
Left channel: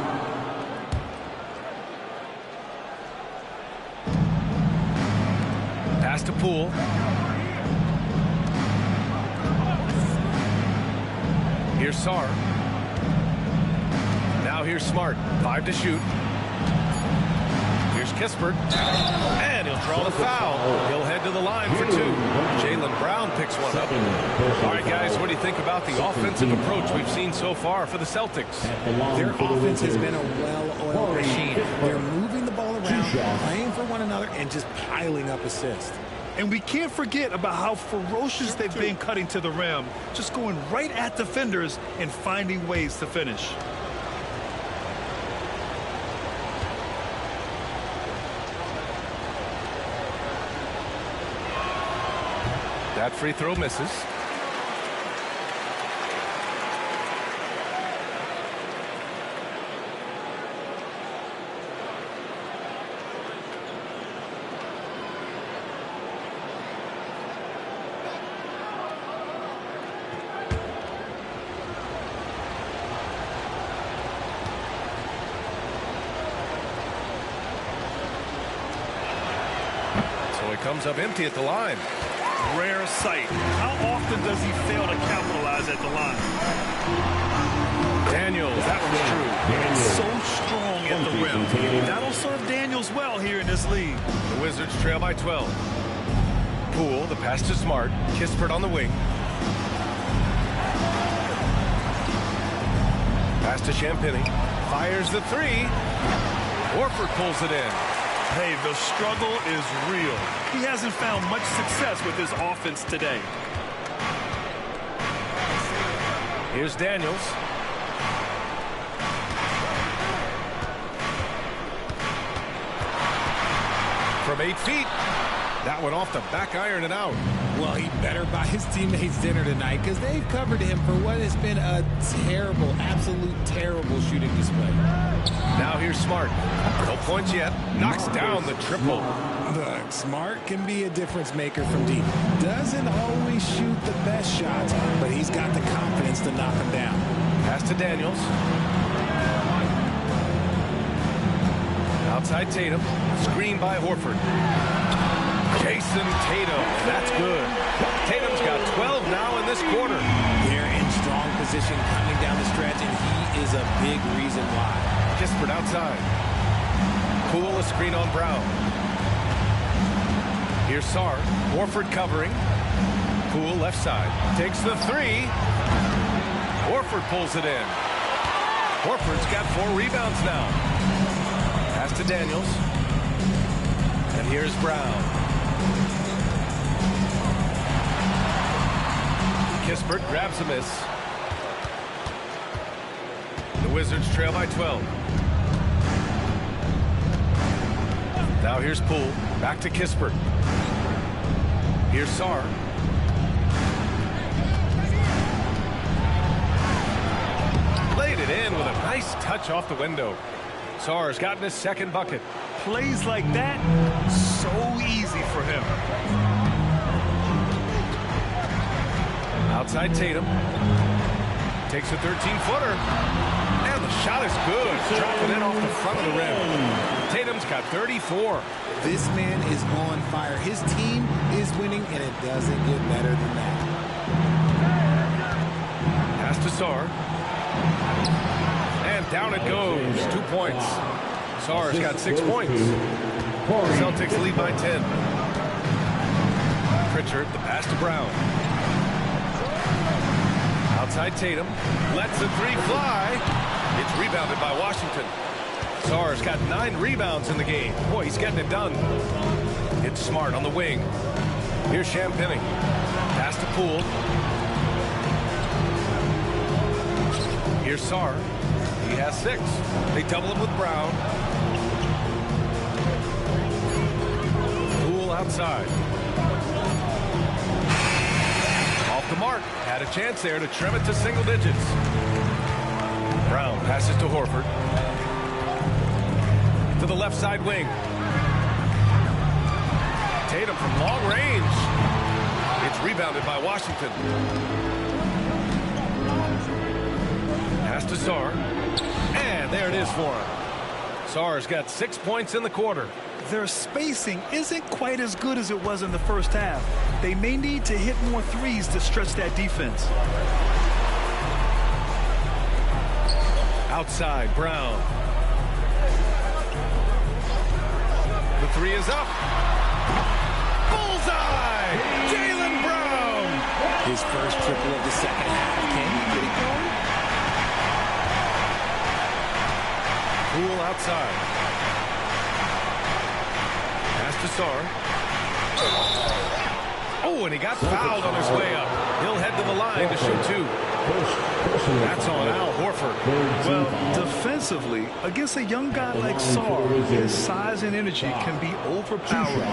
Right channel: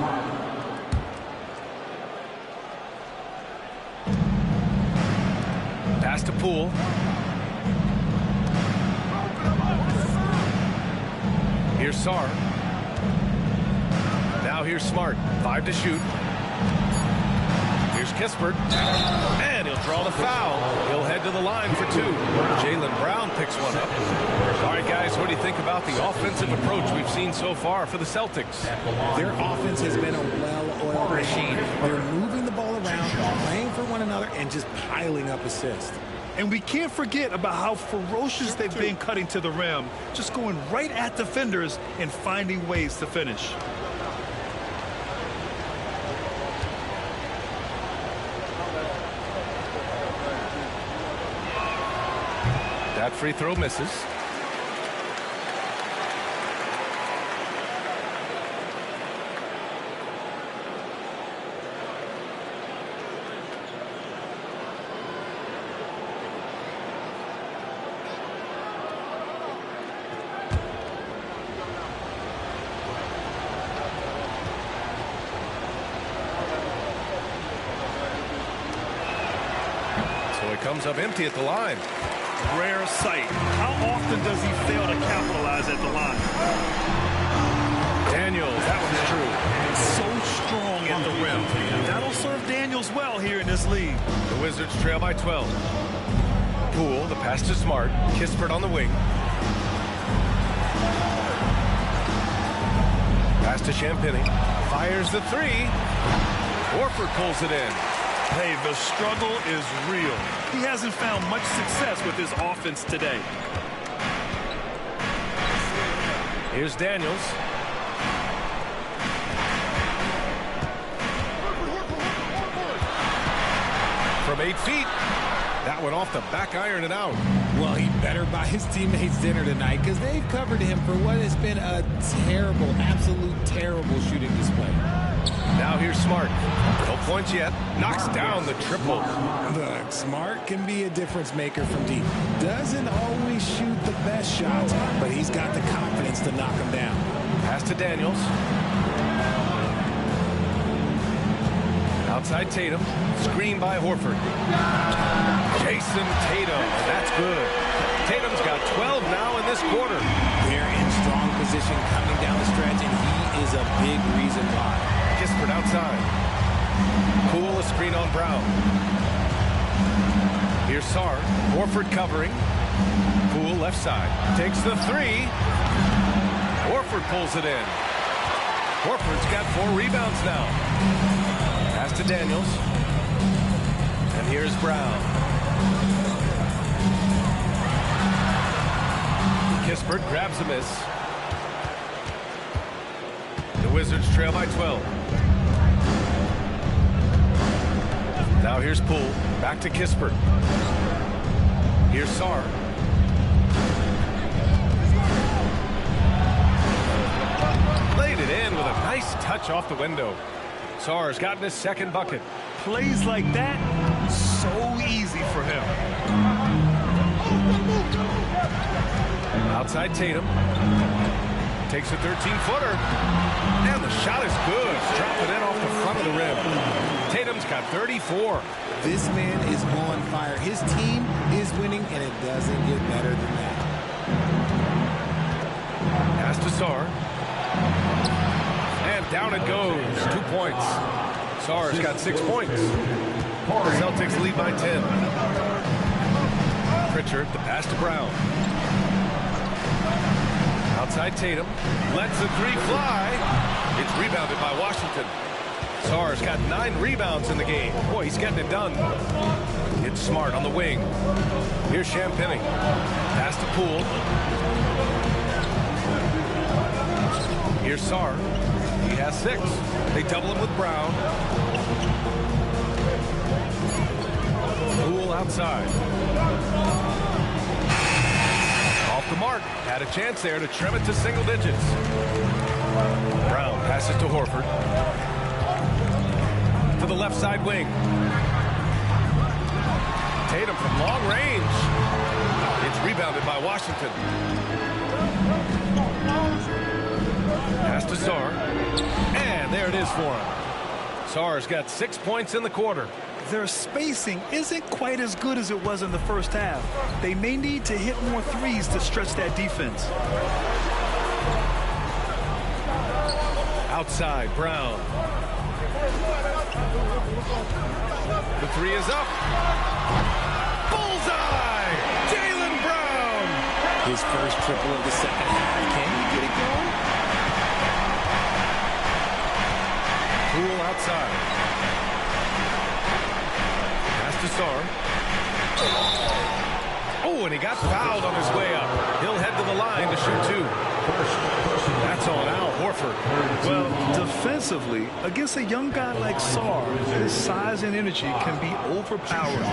Pass to Poole. Here's Sarr. Now here's Smart. 5 to shoot. Here's Kispert. And he'll draw the foul. He'll head to the line for 2. Jaylen Brown picks one up. All right, guys, what do you think about the offensive approach we've seen so far for the Celtics? Their offense has been a well-oiled machine. They're moving the ball around, playing for one another, and just piling up assists. And we can't forget about how ferocious they've been cutting to the rim, just going right at defenders and finding ways to finish. That free throw misses. So he comes up empty at the line. Rare sight. How often does he fail to capitalize at the line? Daniels, that one's true. So strong at the rim. That'll serve Daniels well here in this league. The Wizards trail by 12. Poole, the pass to Smart. Kispert on the wing. Pass to Champagnie. Fires the 3. Horford pulls it in. Hey, the struggle is real. He hasn't found much success with his offense today. Here's Daniels. From 8 feet. That one off the back iron and out. Well, he better buy his teammates dinner tonight because they've covered him for what has been a terrible, absolute terrible shooting display. Now here's Smart. No points yet. Knocks down the triple. Look, Smart can be a difference maker from deep. Doesn't always shoot the best shots, but he's got the confidence to knock them down. Pass to Daniels. Outside Tatum. Screen by Horford. Jason Tatum, and that's good. Tatum's got 12 now in this quarter. They're in strong position coming down the stretch, and he is a big reason why. Kispert outside. Poole, a screen on Brown. Here's Sarr. Horford covering. Poole left side. Takes the 3. Horford pulls it in. Horford's got 4 rebounds now. Pass to Daniels. And here's Brown. Kispert grabs a miss. The Wizards trail by 12. Now here's Poole. Back to Kispert. Here's Sarr. Laid it in with a nice touch off the window. Sarr's gotten his second bucket. Plays like that, so easy for him. Outside Tatum. Takes a 13-footer. And the shot is good. Drop it in off the front of the rim. Tatum's got 34. This man is on fire. His team is winning, and it doesn't get better than that. Pass to Sarr. And down it goes. 2 points. Sarr's got 6 points. The Celtics lead by 10. Pritchard, the pass to Brown. Outside Tatum. Lets the three fly. It's rebounded by Washington. Sarr's got 9 rebounds in the game. Boy, he's getting it done. It's Smart on the wing. Here's Champagnie. Pass to Poole. Here's Sarr. He has 6. They double him with Brown. Poole outside. Off the mark. Had a chance there to trim it to single digits. Brown passes to Horford. To the left side wing. Tatum from long range. It's rebounded by Washington. Pass to Sarr. And there it is for him. Sarr's got 6 points in the quarter. Their spacing isn't quite as good as it was in the first half. They may need to hit more threes to stretch that defense. Outside, Brown. The three is up. Bullseye! Jaylen Brown! His first triple of the second half. Can he get it going? Poole outside. Pass to Sarr. Oh, and he got fouled on his way up. He'll head to the line to shoot 2. That's on Al Horford. Well, defensively, against a young guy like Sarr, his size and energy can be overpowering.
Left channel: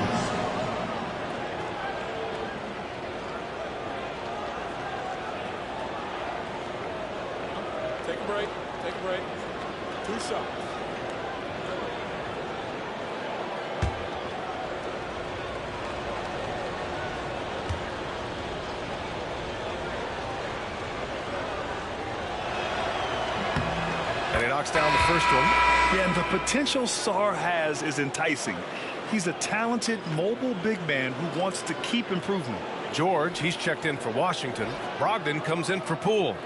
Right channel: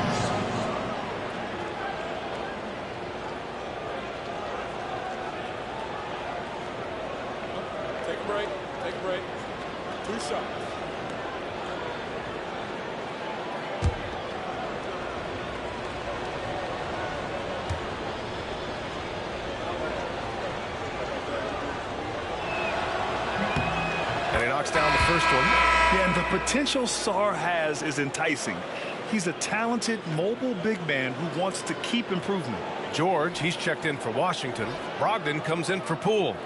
Take a break. Take a break. 2 shots. And he knocks down the first one. Yeah, and the potential Sarr has is enticing. He's a talented, mobile big man who wants to keep improving. George, he's checked in for Washington. Brogdon comes in for Poole.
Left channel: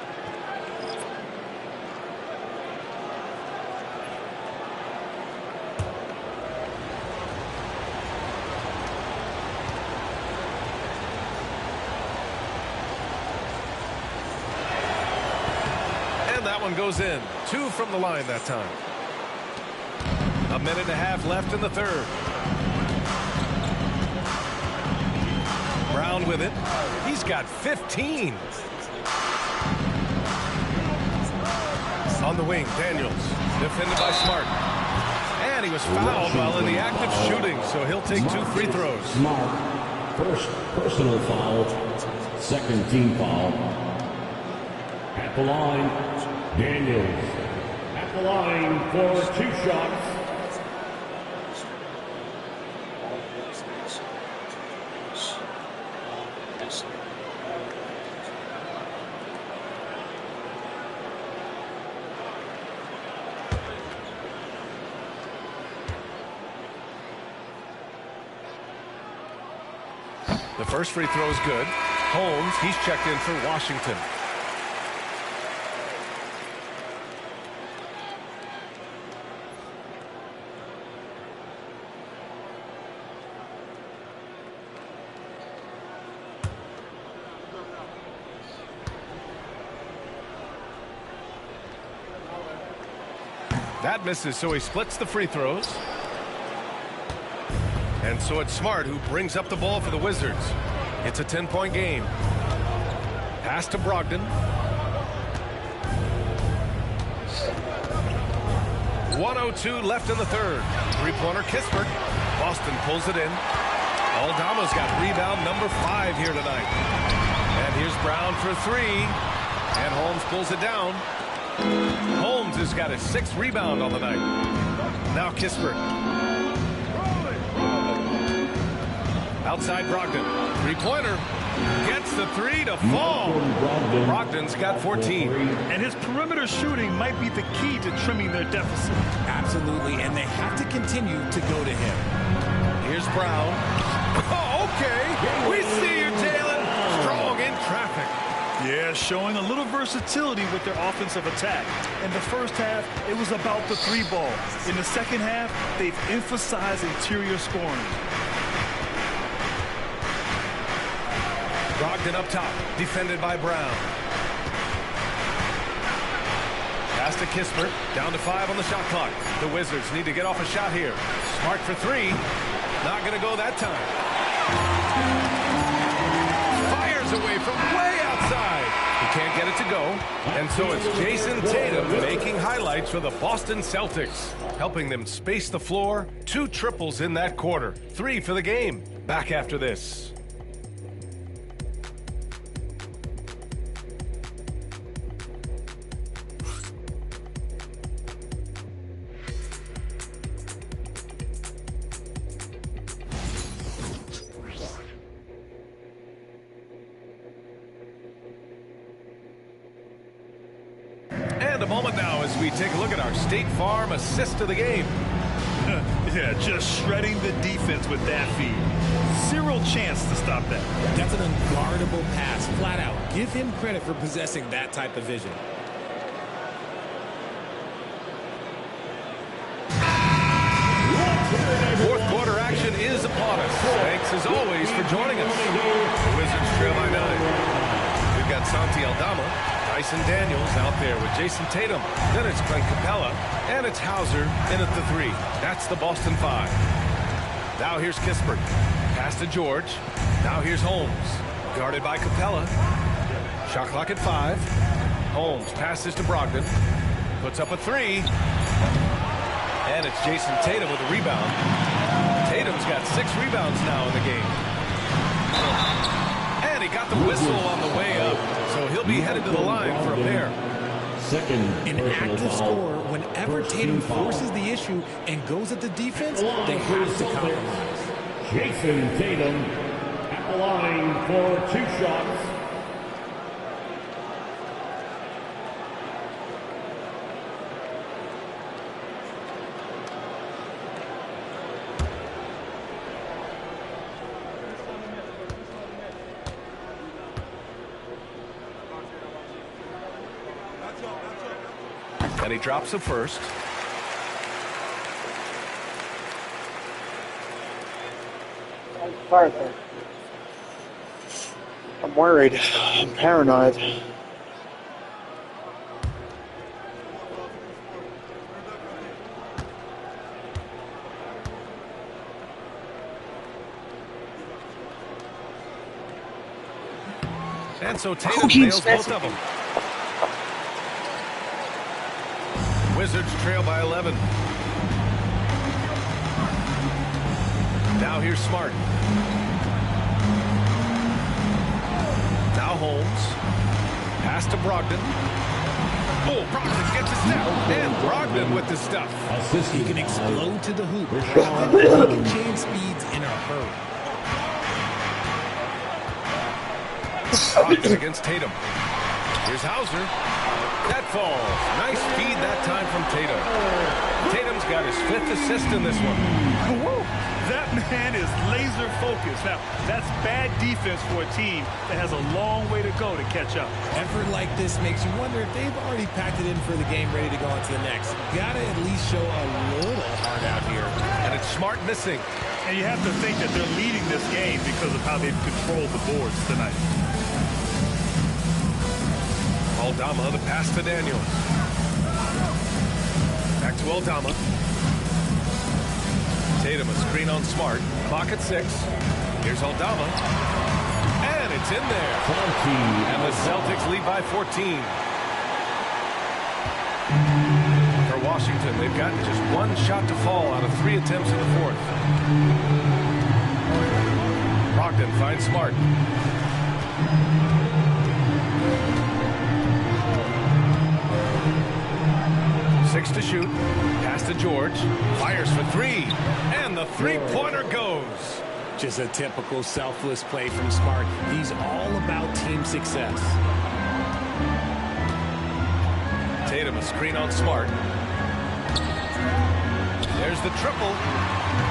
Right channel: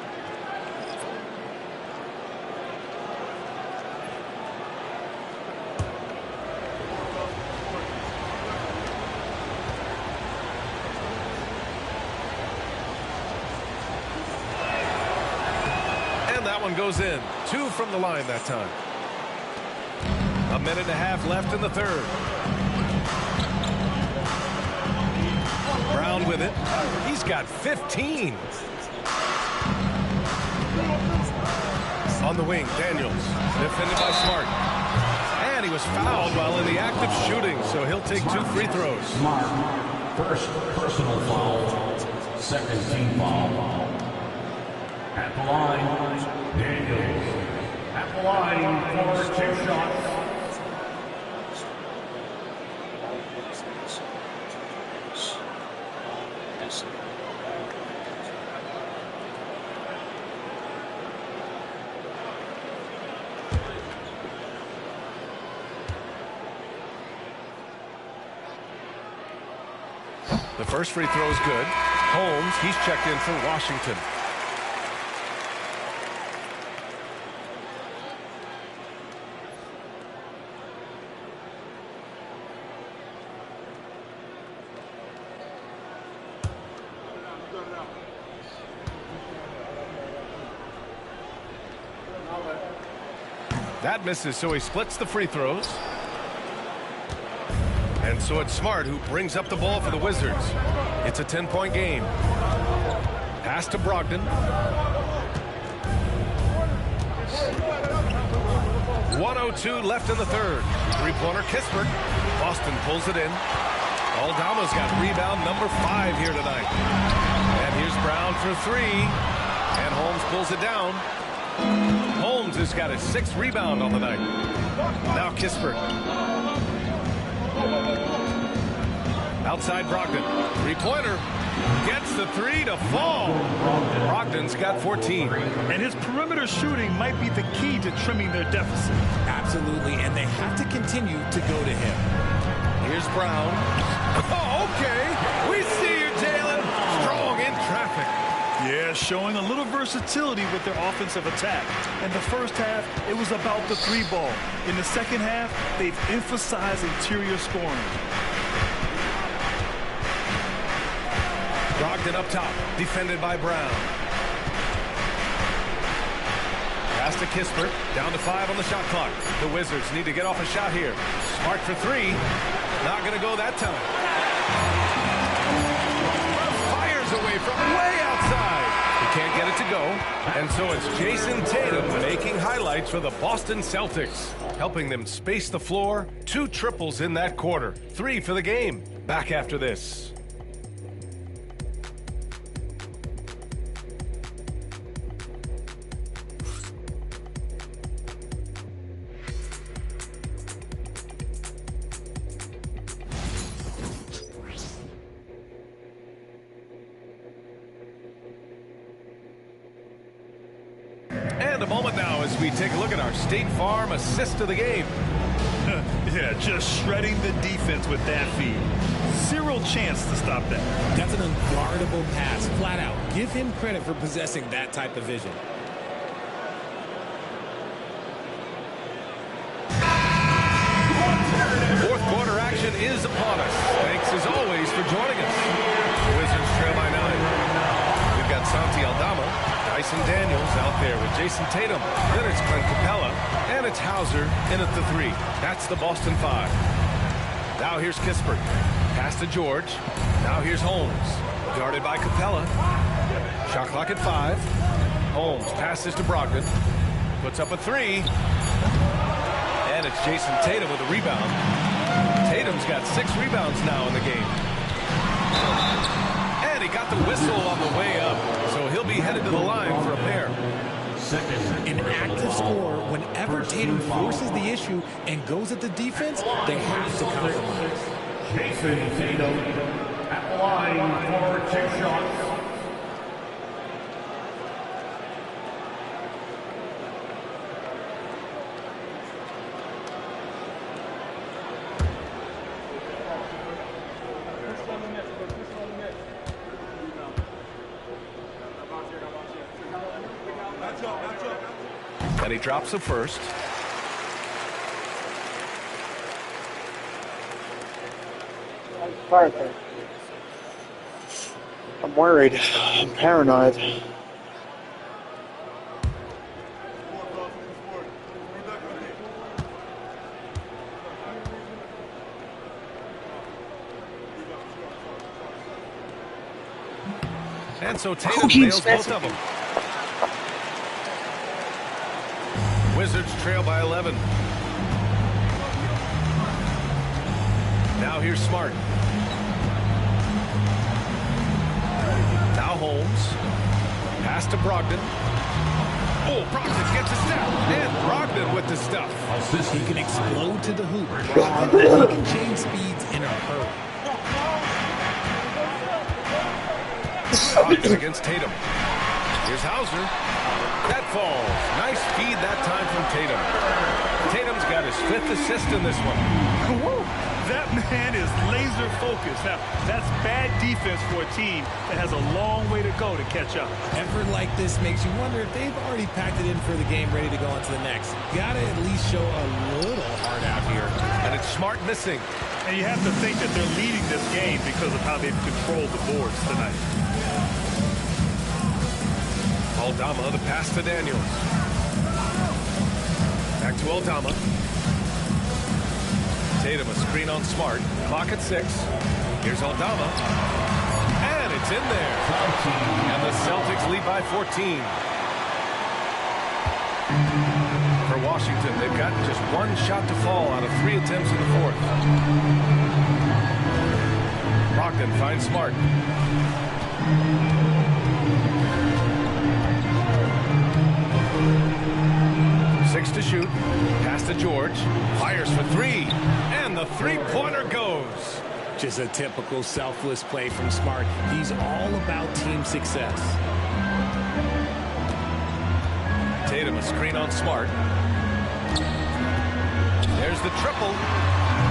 That one goes in. 2 from the line that time. 1.5 minutes left in the third. Brown with it. He's got 15. On the wing, Daniels. Defended by Smart. And he was fouled while in the act of shooting, so he'll take 2 free throws. Smart. First personal foul. Second team foul. At the line, Daniels. At the line for 2 shots. The first free throw is good. Holmes, he's checked in for Washington. That misses, so he splits the free throws. And so it's Smart who brings up the ball for the Wizards. It's a 10-point game. Pass to Brogdon. 1:02 left in the third. Three-pointer Kispert. Boston pulls it in. Aldama's got rebound number 5 here tonight. And here's Brown for 3. And Holmes pulls it down. Holmes has got his 6th rebound on the night. Now Kispert. Outside Brogdon. Three-pointer. Gets the three to fall. Brogdon's got 14. And his perimeter shooting might be the key to trimming their deficit. Absolutely, and they have to continue to go to him. Here's Brown. Oh, okay. We see you, Jalen. Strong in traffic. Yeah, showing a little versatility with their offensive attack. In the first half, it was about the three ball. In the second half, they've emphasized interior scoring. Brogdon up top, defended by Brown. Pass to Kispert, down to 5 on the shot clock. The Wizards need to get off a shot here. Smart for 3. Not going to go that time. Fires away from way outside. He can't get it to go. And so it's Jason Tatum making highlights for the Boston Celtics, helping them space the floor. 2 triples in that quarter. 3 for the game. Back after this. And a moment now as we take a look at our State Farm assist of the game. Yeah, just shredding the defense with that feed. Zero chance to stop that. That's an unguardable pass, flat out. Give him credit for possessing that type of vision. Fourth quarter action is upon us. Thanks as always for joining us. The Wizards trail by 9. We've got Santi Aldama, Dyson Daniels out there with Jason Tatum. Then it's Clint Capella, and it's Hauser in at the 3. That's the Boston 5. Now here's Kispert. Pass to George. Now here's Holmes. Guarded by Capella. Shot clock at 5. Holmes passes to Brogdon. Puts up a 3. And it's Jason Tatum with a rebound. Tatum's got 6 rebounds now in the game. And he got the whistle on the way up, so he'll be headed to the line for a pair. An active scorer, whenever Tatum forces the issue and goes at the defense, they have to compromise. Jason Tatum at the line for 2 shots. And he drops the first. Parker. I'm worried. I'm paranoid. And so Tatum nails both of them. Wizards trail by 11. Now here's Smart. Now Holmes. Pass to Brogdon. Oh, Brogdon gets a step. And Brogdon with the stuff. He can explode to the hoop. Brogdon, he can change speeds in a hurry. Brogdon against Tatum. Here's Hauser. That falls. Nice feed that time from Tatum. Tatum's got his 5th assist in this one. Whoa, that man is laser focused. Now, that's bad defense for a team that has a long way to go to catch up. Effort like this makes you wonder if they've already packed it in for the game, ready to go on to the next. Gotta at least show a little heart out here. And it's Smart missing. And you have to think that they're leading this game because of how they've controlled the boards tonight. Aldama, the pass to Daniels. Back to Aldama. Tatum, a screen on Smart. Clock at 6. Here's Aldama. And it's in there. 14. And the Celtics lead by 14. For Washington, they've got just 1 shot to fall out of 3 attempts in the 4th. Brogdon finds Smart. Six to shoot. Pass to George. Fires for 3. And the 3-pointer goes. Just a typical selfless play from Smart. He's all about team success. Tatum, a screen on Smart. There's the triple.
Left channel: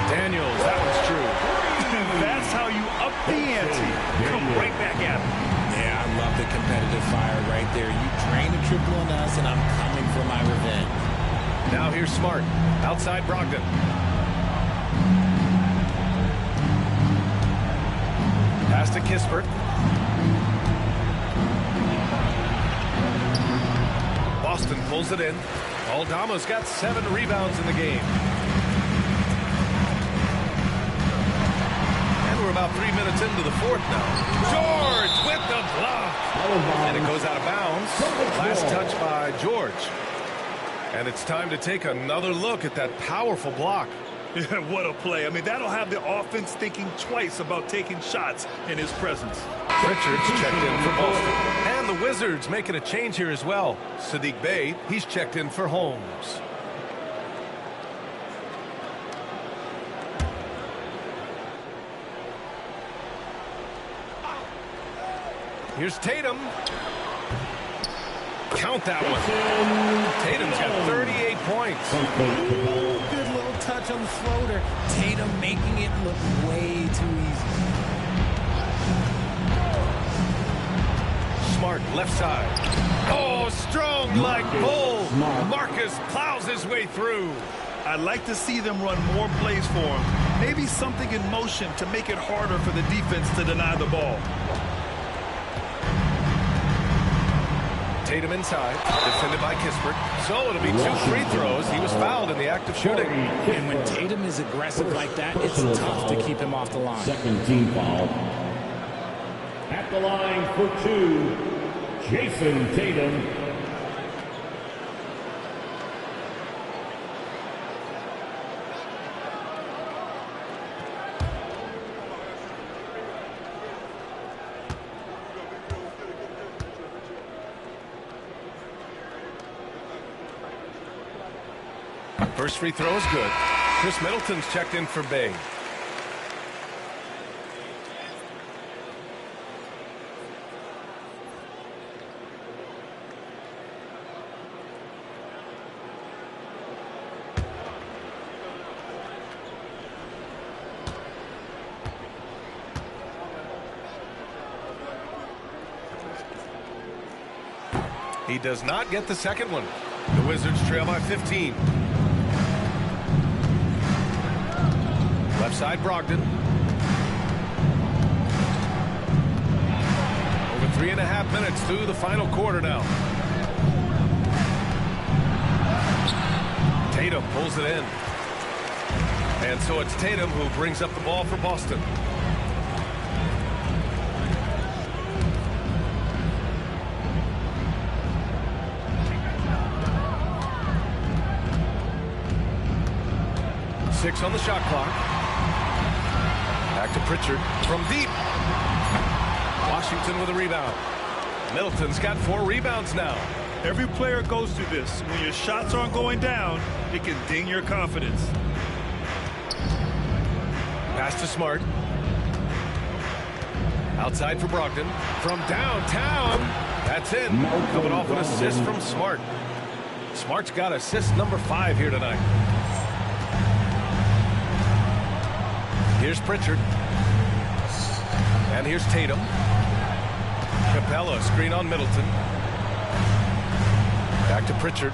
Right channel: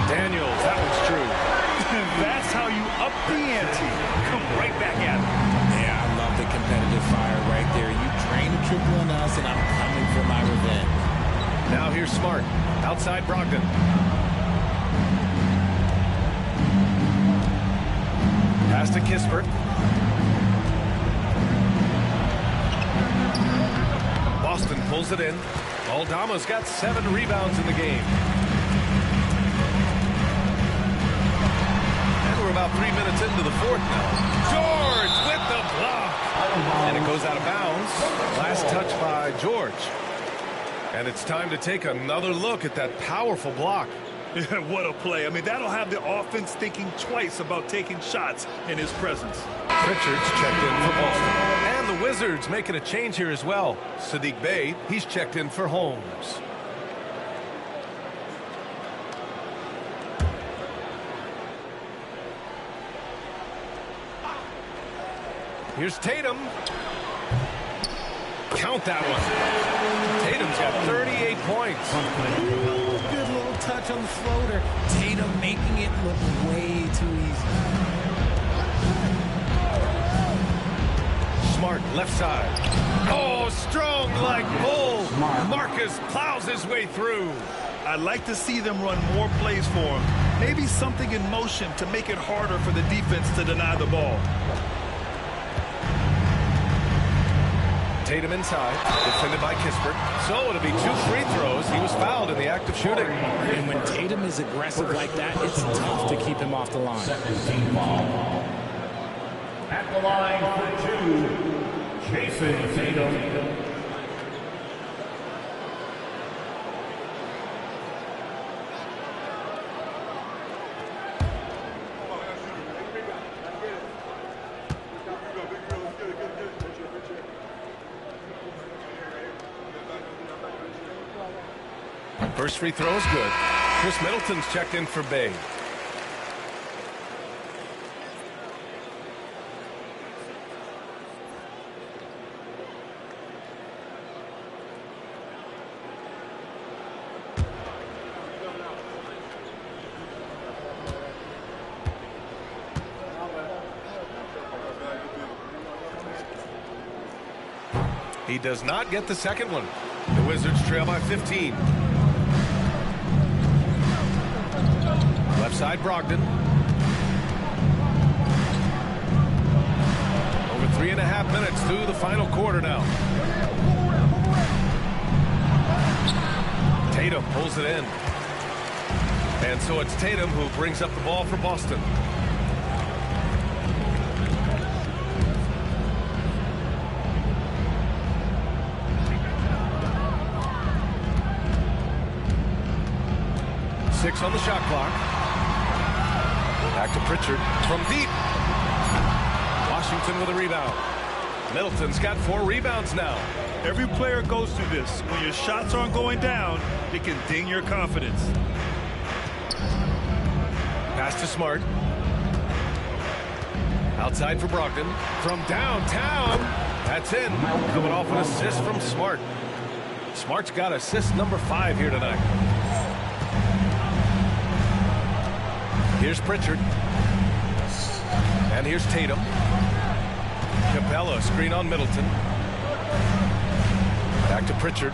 Daniels, that one's true. That's how you up the ante. Come right back at him. Yeah, I love the competitive fire right there. You drain a triple on us, and I'm coming for my revenge. Now here's Smart. Outside Brogdon. Pass to Kispert. Boston pulls it in. Aldama's got 7 rebounds in the game. And we're about 3 minutes into the fourth now. George with the block. And it goes out of bounds. Last touch by George. And it's time to take another look at that powerful block. Yeah, what a play. I mean, that'll have the offense thinking twice about taking shots in his presence. Pritchard's checked in for Boston. And the Wizards making a change here as well. Sadiq Bey, he's checked in for Holmes. Here's Tatum. Count that one. Tatum's got 38 points. Ooh, good little touch on the floater. Tatum making it look way too easy. Smart, left side. Oh, strong like bull. Marcus plows his way through. I'd like to see them run more plays for him. Maybe something in motion to make it harder for the defense to deny the ball. Tatum inside, defended by Kispert. So it'll be 2 free throws. He was fouled in the act of shooting. And when Tatum is aggressive like that, it's tough to keep him off the line. Second team foul. At the line for 2, Jason Tatum. First free throw is good. Chris Middleton's checked in for Bey. He does not get the second one. The Wizards trail by 15. Left side, Brogdon. Over 3.5 minutes through the final quarter now. Tatum pulls it in. And so it's Tatum who brings up the ball for Boston. Six on the shot clock. Back to Pritchard from deep. Washington with a rebound. Middleton's got 4 rebounds now. Every player goes through this. When your shots aren't going down, it can ding your confidence. Pass to Smart. Outside for Brogdon. From downtown. That's in. Coming off an assist from Smart. Smart's got assist number 5 here tonight. Here's Pritchard. And here's Tatum. Capella, screen on Middleton. Back to Pritchard.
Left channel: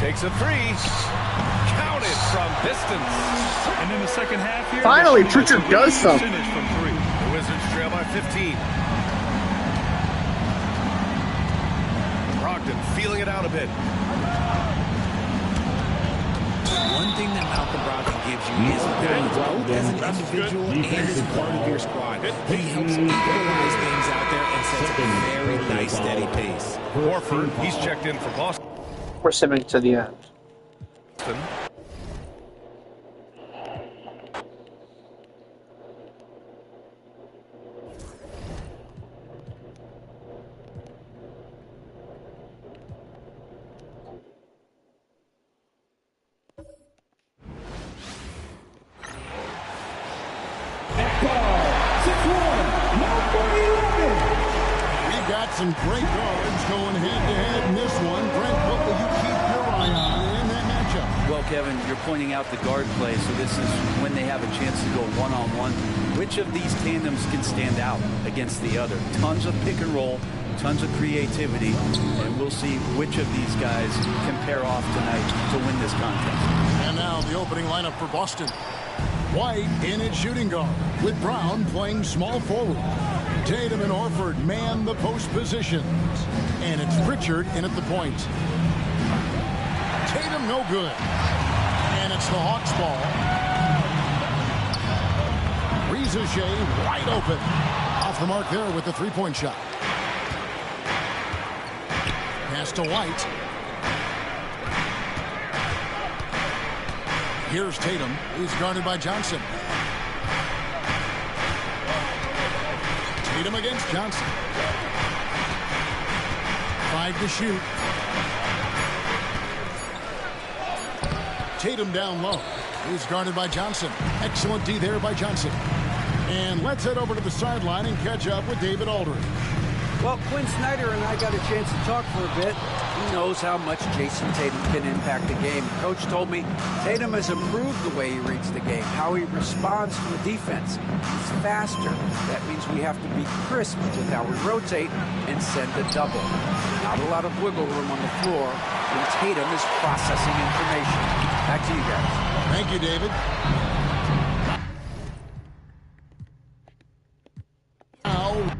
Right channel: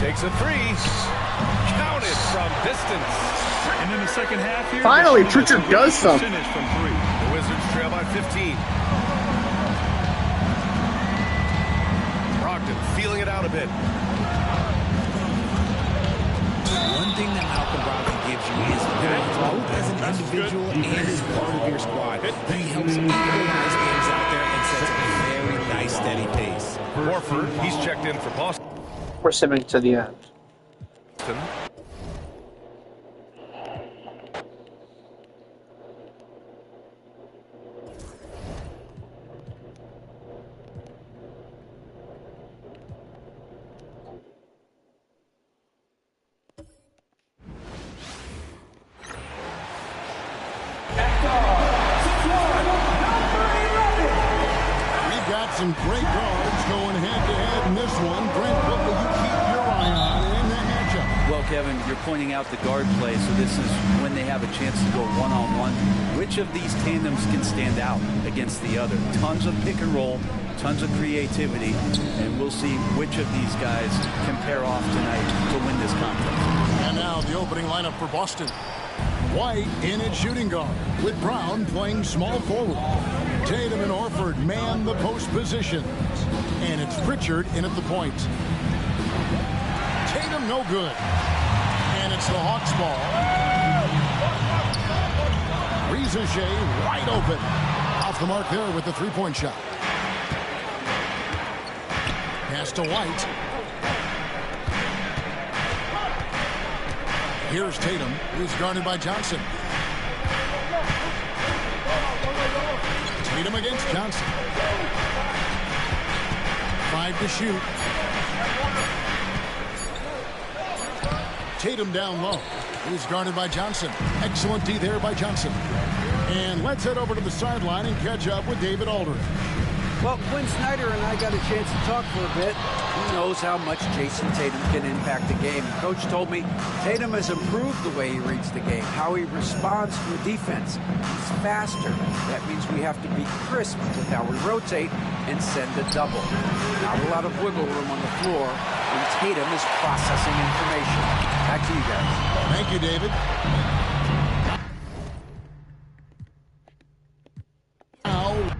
Takes a 3. Counted from distance. And in the second half here, finally Pritchard does something. From 3. The Wizards trail by 15. Brogdon feeling it out a bit. One thing that Malcolm Brogdon gives you is balance, both as an individual and as part of your squad. He helps equalize games out there and sets a very nice, steady pace. Horford, he's checked in for Boston. We're simming to the end. got some great guards going head-to-head in this one. Brent, what will you keep your eye on in that matchup? Well, Kevin, you're pointing out the guard play, so this is when they have a chance to go one-on-one. Which of these tandems can stand out against the other? Tons of pick and roll, tons of creativity, and we'll see which of these guys can pair off tonight to win this contest. And now the opening lineup for Boston. White in at shooting guard, with Brown playing small forward. Tatum and Horford man the post positions. And it's Pritchard in at the point. Tatum no good. And it's the Hawks ball. Reza Shea wide open. Off the mark there with the three-point shot. Pass to White. Here's Tatum. He's guarded by Johnson. Tatum against Johnson. 5 to shoot. Tatum down low. He's guarded by Johnson. Excellent D there by Johnson. And let's head over to the sideline and catch up with David Aldridge. Well, Quinn Snyder and I got a chance to talk for a bit. He knows how much Jason Tatum can impact the game. Coach told me Tatum has improved the way he reads the game, how he responds to a defense. He's faster. That means we have to be crisp with how we rotate and send a double. Not a lot of wiggle room on the floor when Tatum is processing information. Back to you guys. Thank you, David. Now,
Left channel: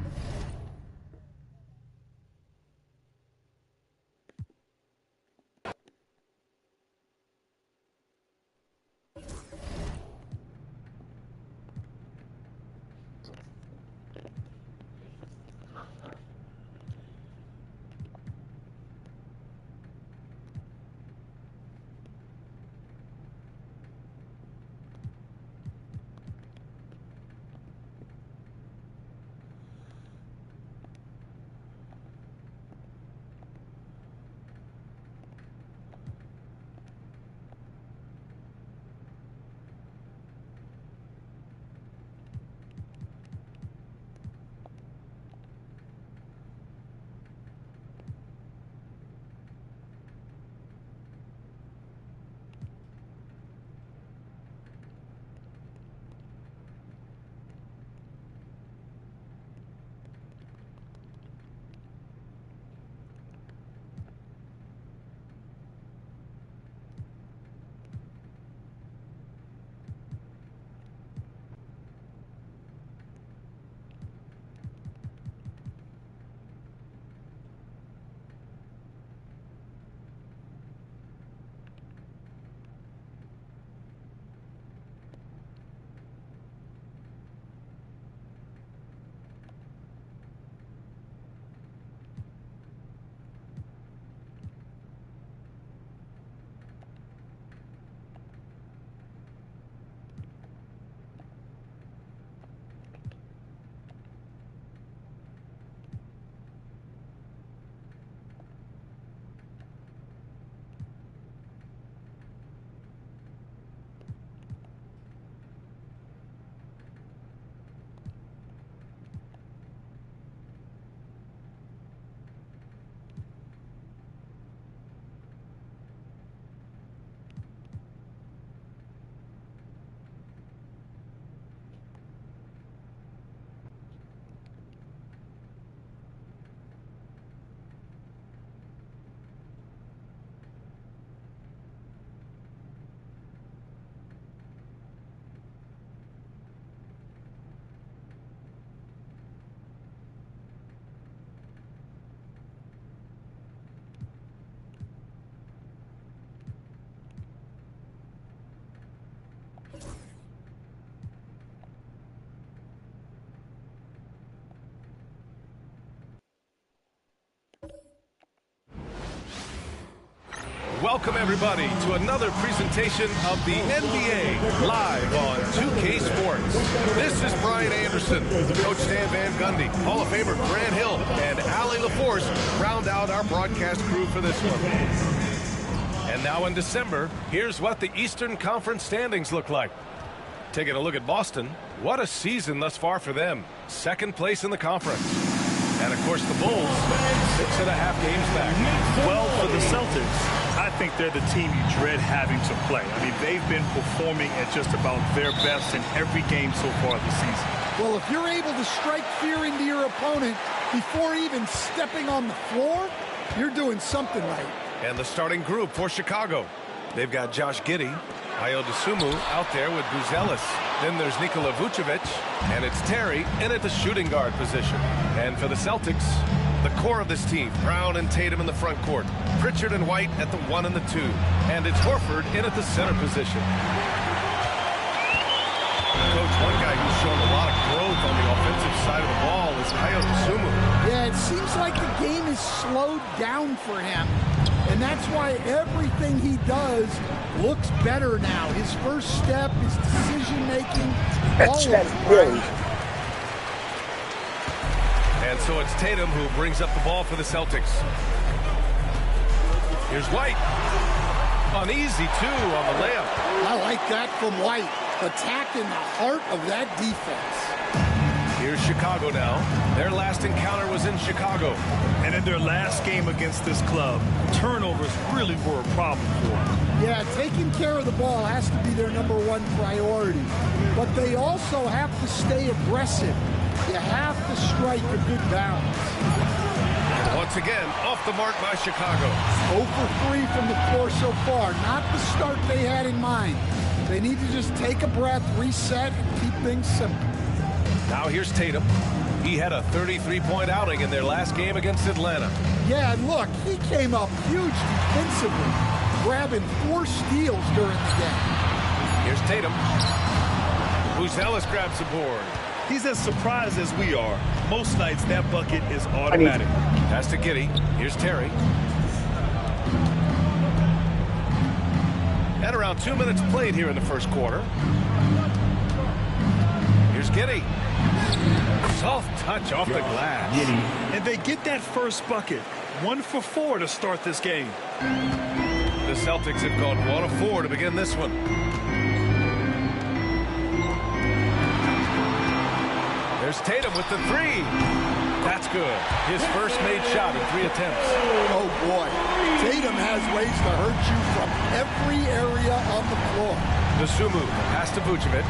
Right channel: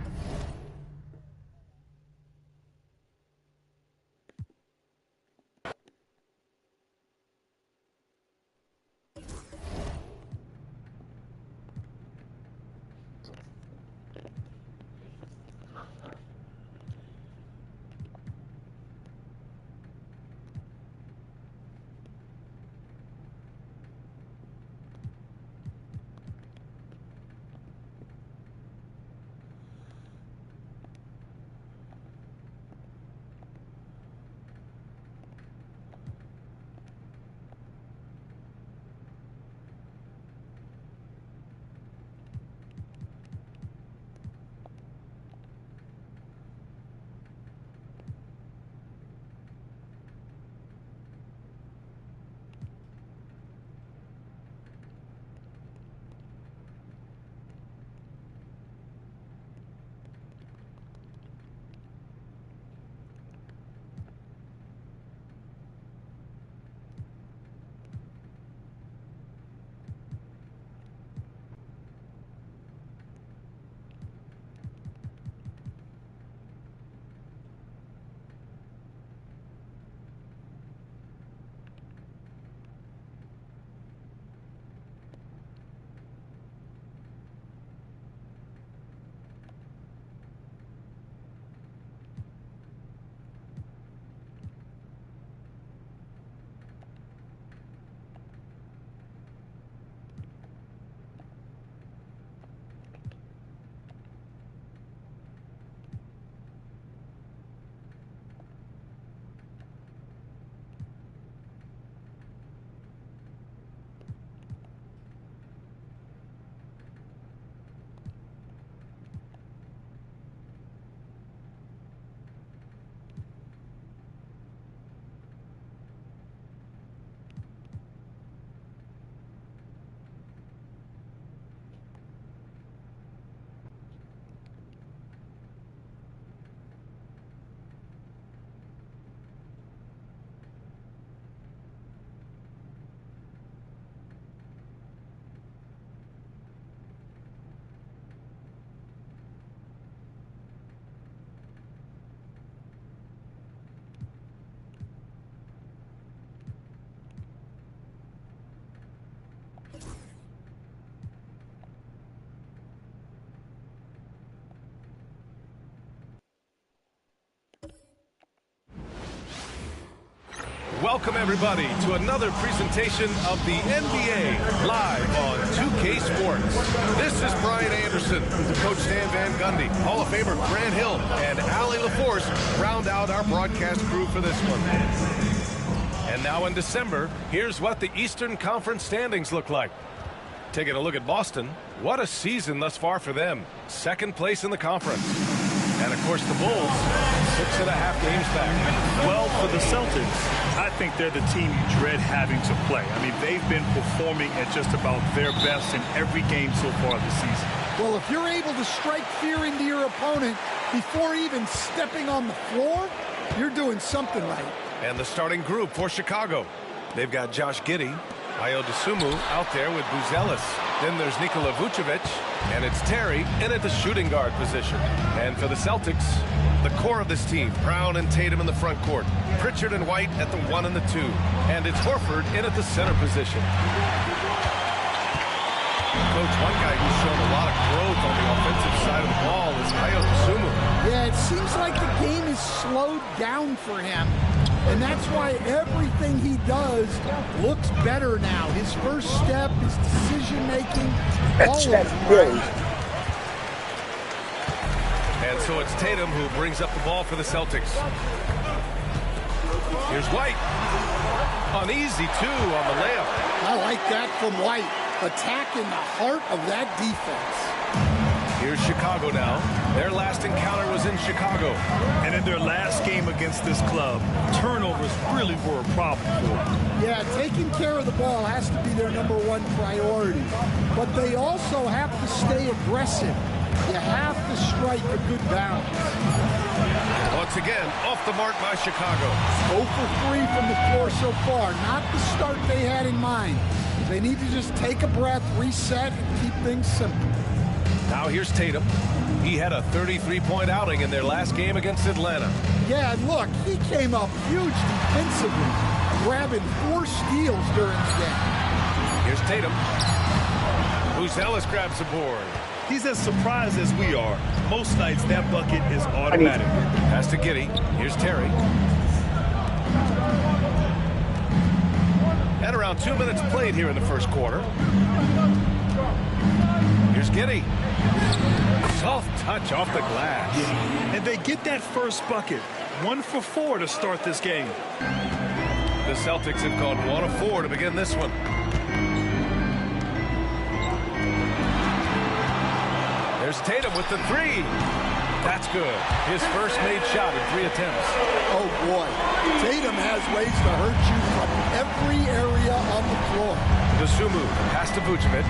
Welcome, everybody, to another presentation of the NBA live on 2K Sports. This is Brian Anderson. Coach Stan Van Gundy, Hall of Famer Grant Hill, and Allie LaForce round out our broadcast crew for this one. And now in December, here's what the Eastern Conference standings look like. Taking a look at Boston, what a season thus far for them. Second place in the conference. And, of course, the Bulls, 6.5 games back. Well, for the Celtics, I think they're the team you dread having to play. I mean, they've been performing at just about their best in every game so far this season. Well, if you're able to strike fear into your opponent before even stepping on the floor, you're doing something right. And the starting group for Chicago. They've got Josh Giddey, Ayo Dosunmu out there with Buzelis. Then there's Nikola Vucevic, and it's Terry in at the shooting guard position. And for the Celtics, the core of this team, Brown and Tatum in the front court, Pritchard and White at the 1 and the 2, and it's Horford in at the center position. Coach, one guy who's shown a lot of growth on the offensive side of the ball is Ayo Dosunmu. Yeah, it seems like the game is slowed down for him, and that's why everything he does looks better now. His first step, his decision-making, all of it. And so it's Tatum who brings up the ball for the Celtics. Here's White. An easy 2 on the layup. I like that from White. Attacking the heart of that defense. Here's Chicago now. Their last encounter was in Chicago. And in their last game against this club, turnovers really were a problem for them. Yeah, taking care of the ball has to be their #1 priority. But they also have to stay aggressive. You have to strike a good balance. And once again, off the mark by Chicago. 0 for 3 from the floor so far. Not the start they had in mind. They need to just take a breath, reset, and keep things simple. Now here's Tatum. He had a 33-point outing in their last game against Atlanta. Yeah, and look, he came up huge defensively, grabbing 4 steals during the game. Here's Tatum. Buzelis grabs the board. He's as surprised as we are. Most nights, that bucket is automatic. Pass to Giddey. Here's Terry. And around 2 minutes played here in the first quarter. Here's Giddey. Soft touch off the glass. And they get that first bucket. 1 for 4 to start this game. The Celtics have gone 1 of 4 to begin this one. There's Tatum with the 3. That's good. His first made shot in 3 attempts. Oh, boy. Tatum has ways to hurt you from every area on the floor. Dosunmu, pass to Vucevic.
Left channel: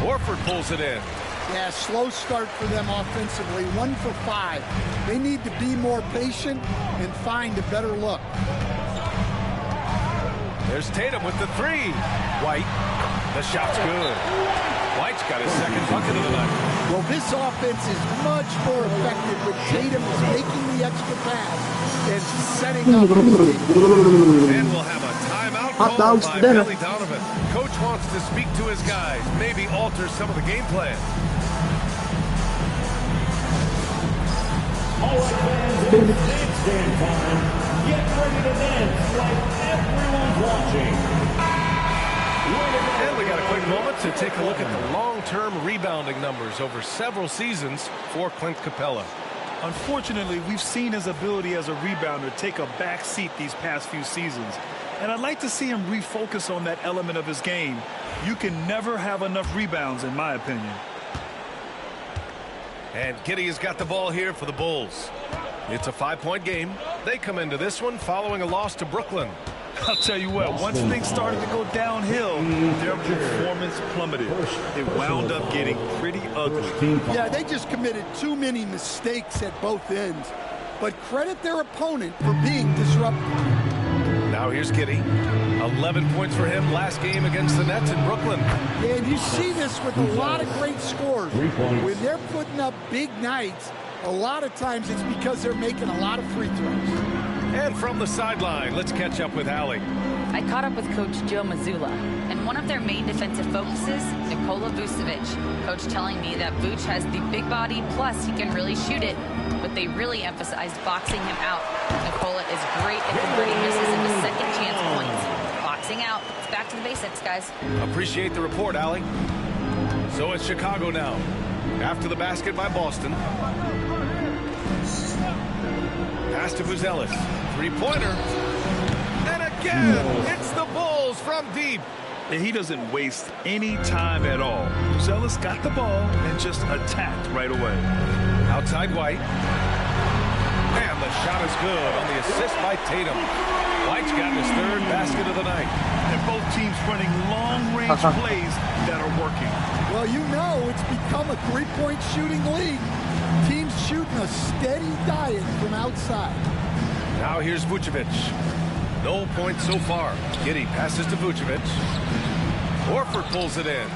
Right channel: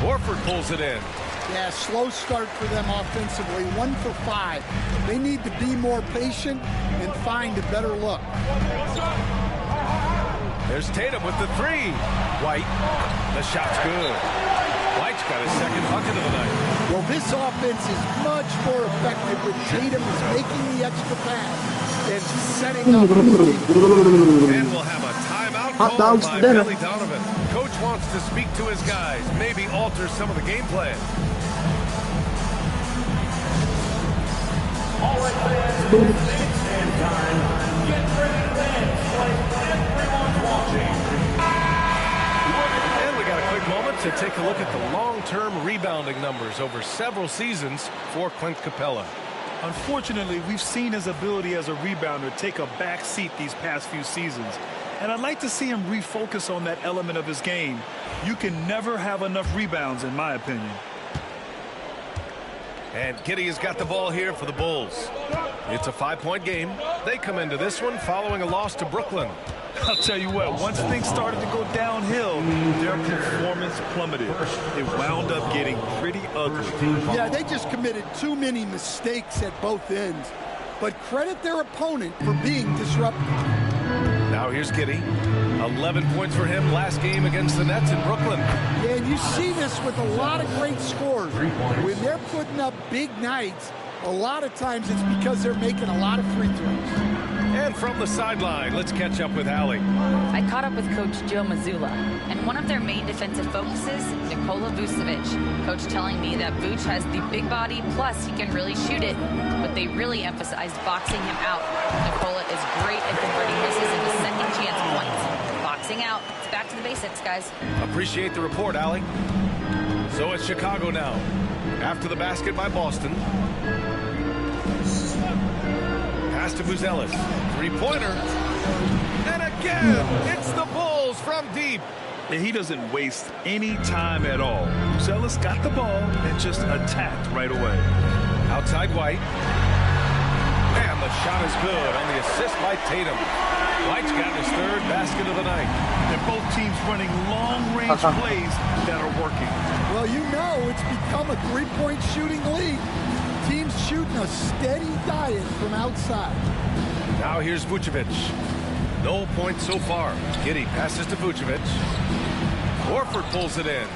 Horford pulls it in. Yeah, slow start for them offensively. 1 for 5. They need to be more patient and find a better look. There's Tatum with the 3. White. The shot's good. White's got his second bucket of the night. Well, this offense is much more effective when Tatum is making the extra pass and setting up. And we'll have a timeout called by Billy Donovan. Coach wants to speak to his guys, maybe alter some of the game plan. All right, fans, it's dance time. Get ready to dance like everyone's watching. And we got a quick moment to take a look at the long-term rebounding numbers over several seasons for Clint Capella. Unfortunately, we've seen his ability as a rebounder take a back seat these past few seasons. And I'd like to see him refocus on that element of his game. You can never have enough rebounds, in my opinion. And Giddey has got the ball here for the Bulls. It's a 5-point game. They come into this one following a loss to Brooklyn. I'll tell you what, once things started to go downhill, their performance plummeted. It wound up getting pretty ugly. Yeah, they just committed too many mistakes at both ends. But credit their opponent for being disruptive. Now here's Giddey. 11 points for him last game against the Nets in Brooklyn. Yeah, and you see this with a lot of great scores. When they're putting up big nights, a lot of times it's because they're making a lot of free throws. And from the sideline, let's catch up with Allie. I caught up with Coach Joe Mazzulla, and one of their main defensive focuses, Nikola Vucevic. Coach telling me that Vuce has the big body, plus he can really shoot it, but they really emphasized boxing him out. Nikola is great at converting misses into second chance points. Boxing out. It's back to the basics, guys. Appreciate the report, Allie. So it's Chicago now. After the basket by Boston. Pass to Buzelis. Three-pointer. And again, it's the Bulls from deep. And he doesn't waste any time at all. Zealous got the ball and just attacked right away. Outside White. And the shot is good on the assist by Tatum. White's got his third basket of the night. And both teams running long-range plays that are working. Well, you know it's become a three-point shooting league. Teams shooting a steady diet from outside. Now here's Vucevic. No points so far. Giddey passes to Vucevic. Horford pulls it in.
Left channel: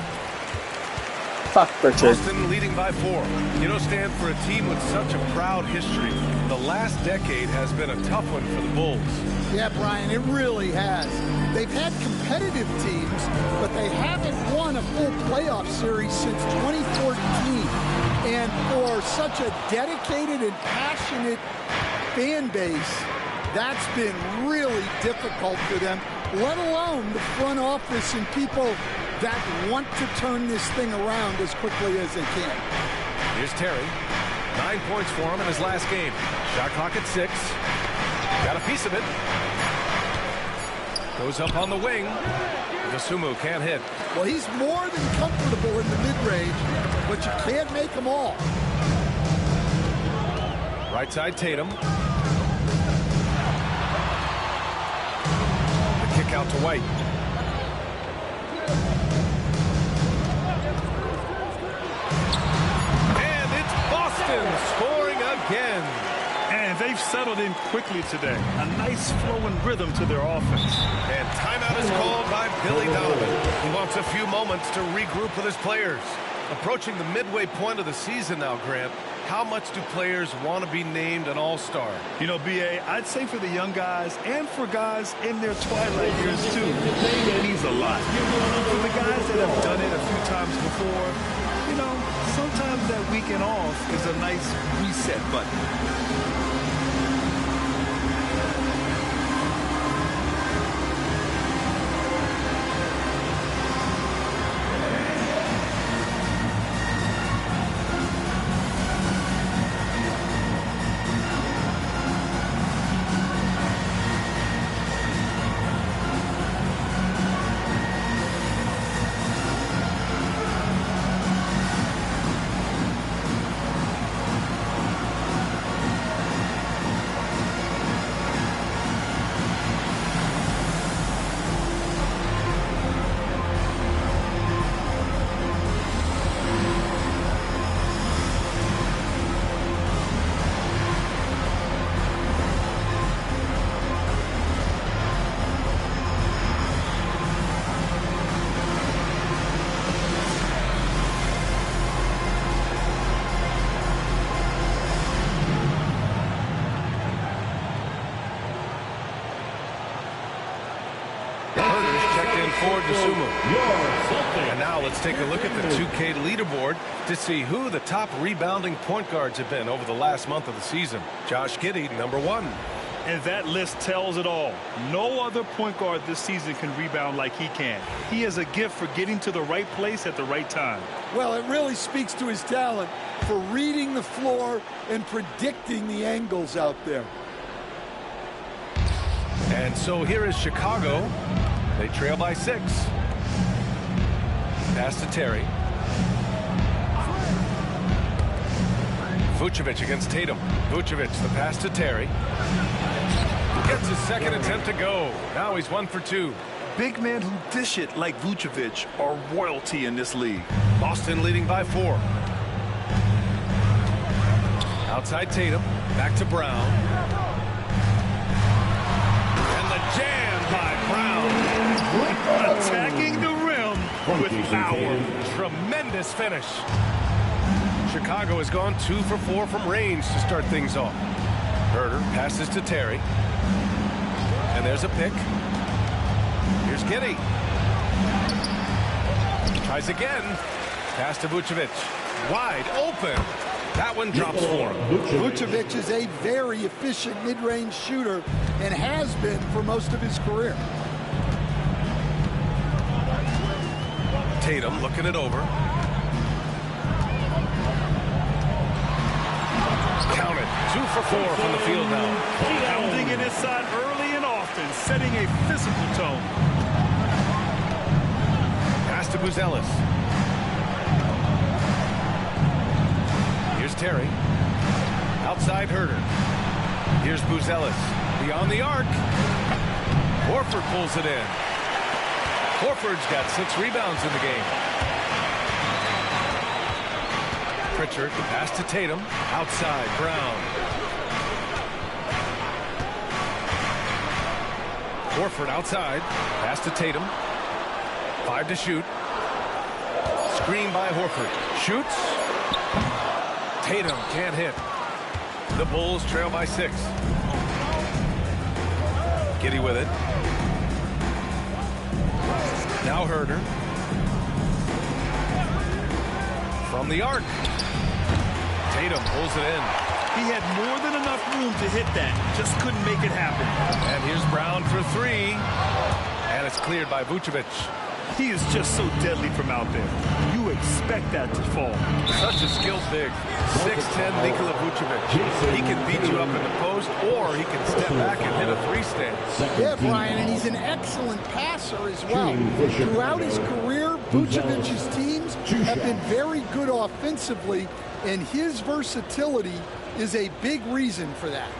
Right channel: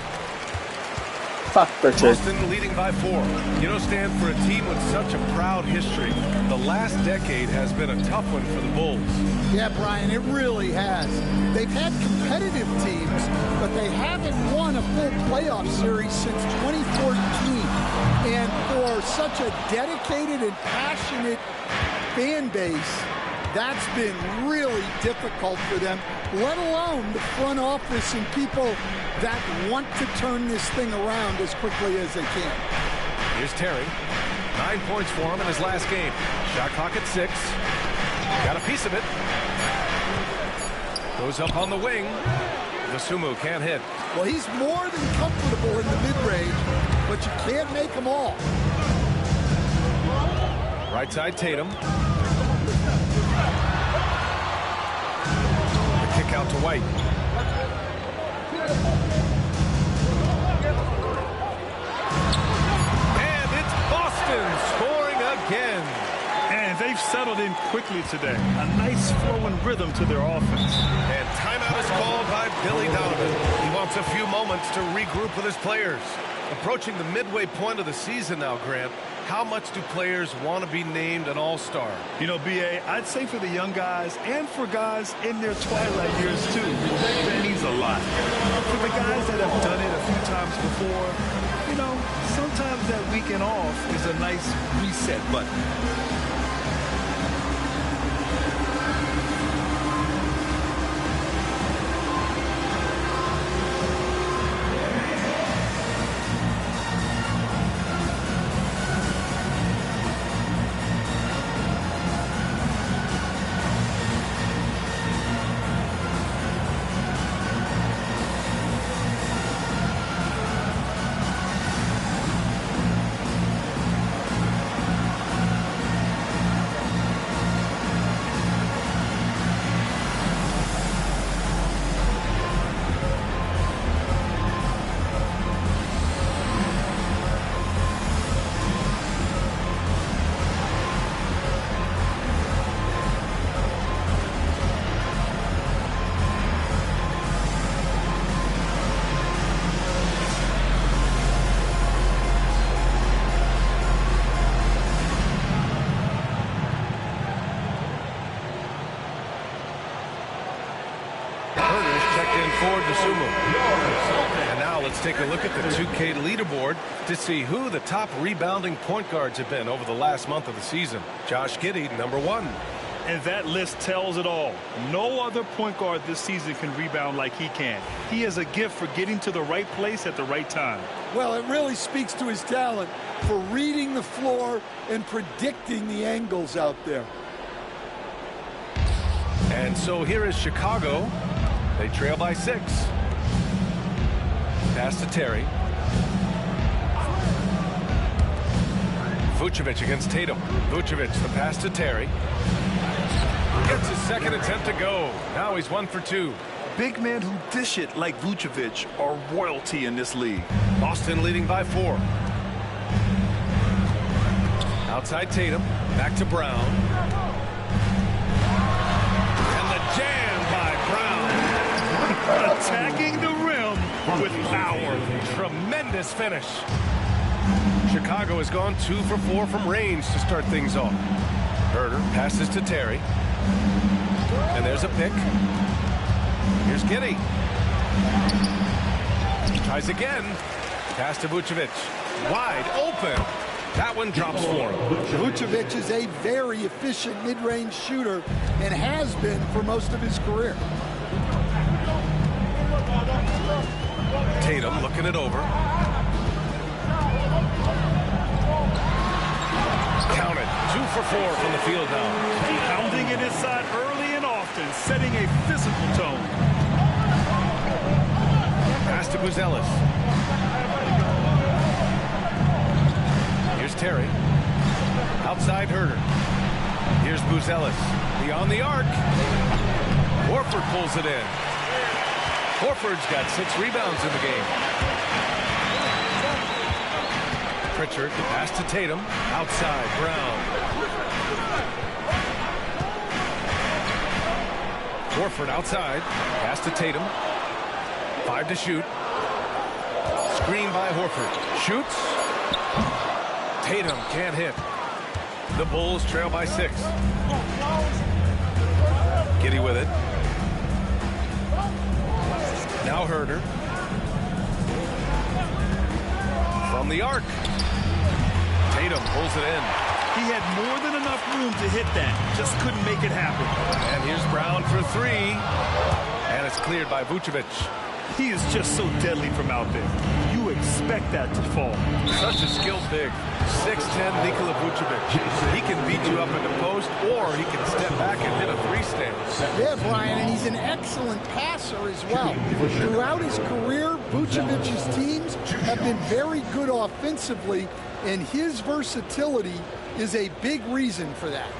Fuck Richard. Boston leading by 4. You know, Stan, for a team with such a proud history, the last decade has been a tough one for the Bulls. Yeah, Brian, it really has. They've had competitive teams, but they haven't won a full playoff series since 2014. And for such a dedicated and passionate fan base, that's been really difficult for them, let alone the front office and people that want to turn this thing around as quickly as they can. Here's Terry. 9 points for him in his last game. Shot clock at 6. Got a piece of it. Goes up on the wing. Dosunmu can't hit. Well, he's more than comfortable in the mid-range, but you can't make them all. Right side Tatum. The kick out to White. And it's Boston scoring again. And they've settled in quickly today. A nice flowing rhythm to their offense. And timeout is called by Billy Donovan. He wants a few moments to regroup with his players. Approaching the midway point of the season now, Grant. How much do players want to be named an all-star? You know, B.A., I'd say for the young guys and for guys in their twilight years, too, it means a lot. For the guys that have done it a few times before, you know, sometimes that weekend off is a nice reset button. For Dosunmu. And now let's take a look at the 2K leaderboard to see who the top rebounding point guards have been over the last month of the season. Josh Giddey, number 1. And that list tells it all. No other point guard this season can rebound like he can. He has a gift for getting to the right place at the right time. Well, it really speaks to his talent for reading the floor and predicting the angles out there. And so here is Chicago. They trail by 6. Pass to Terry. Vucevic against Tatum. Vucevic, the pass to Terry. Gets his second attempt to go. Now he's 1 for 2. Big men who dish it like Vucevic are royalty in this league. Boston leading by 4. Outside Tatum. Back to Brown. And the jam by Brown. Attacking the rim with power. Tremendous finish. Chicago has gone 2 for 4 from range to start things off. Herter passes to Terry. And there's a pick. Here's Giddey. Tries again. Pass to Vucevic. Wide open. That one drops for him. Vucevic is a very efficient mid-range shooter and has been for most of his career. Tatum looking it over. Counted. 2 for 4 from the field now. Pounding it inside early and often, setting a physical tone. Pass to Buzelis. Here's Terry. Outside Herder. Here's Buzelis. Beyond the arc. Horford pulls it in. Horford's got 6 rebounds in the game. Pritchard, pass to Tatum. Outside, Brown. Horford outside. Pass to Tatum. 5 to shoot. Screen by Horford. Shoots. Tatum can't hit. The Bulls trail by 6. Giddey with it. Now Herder. From the arc. Tatum pulls it in. He had more than enough room to hit that. Just couldn't make it happen. And here's Brown for 3. And it's cleared by Vucevic. He is just so deadly from out there. You expect that to fall. Such a skilled big. 6'10" Nikola Vucevic. He can beat you up in the post, or he can step back and hit a 3-stand. Yeah, Brian, and he's an excellent passer as well. Throughout his career, Vucevic's teams have been very good offensively, and his versatility is a big reason for that.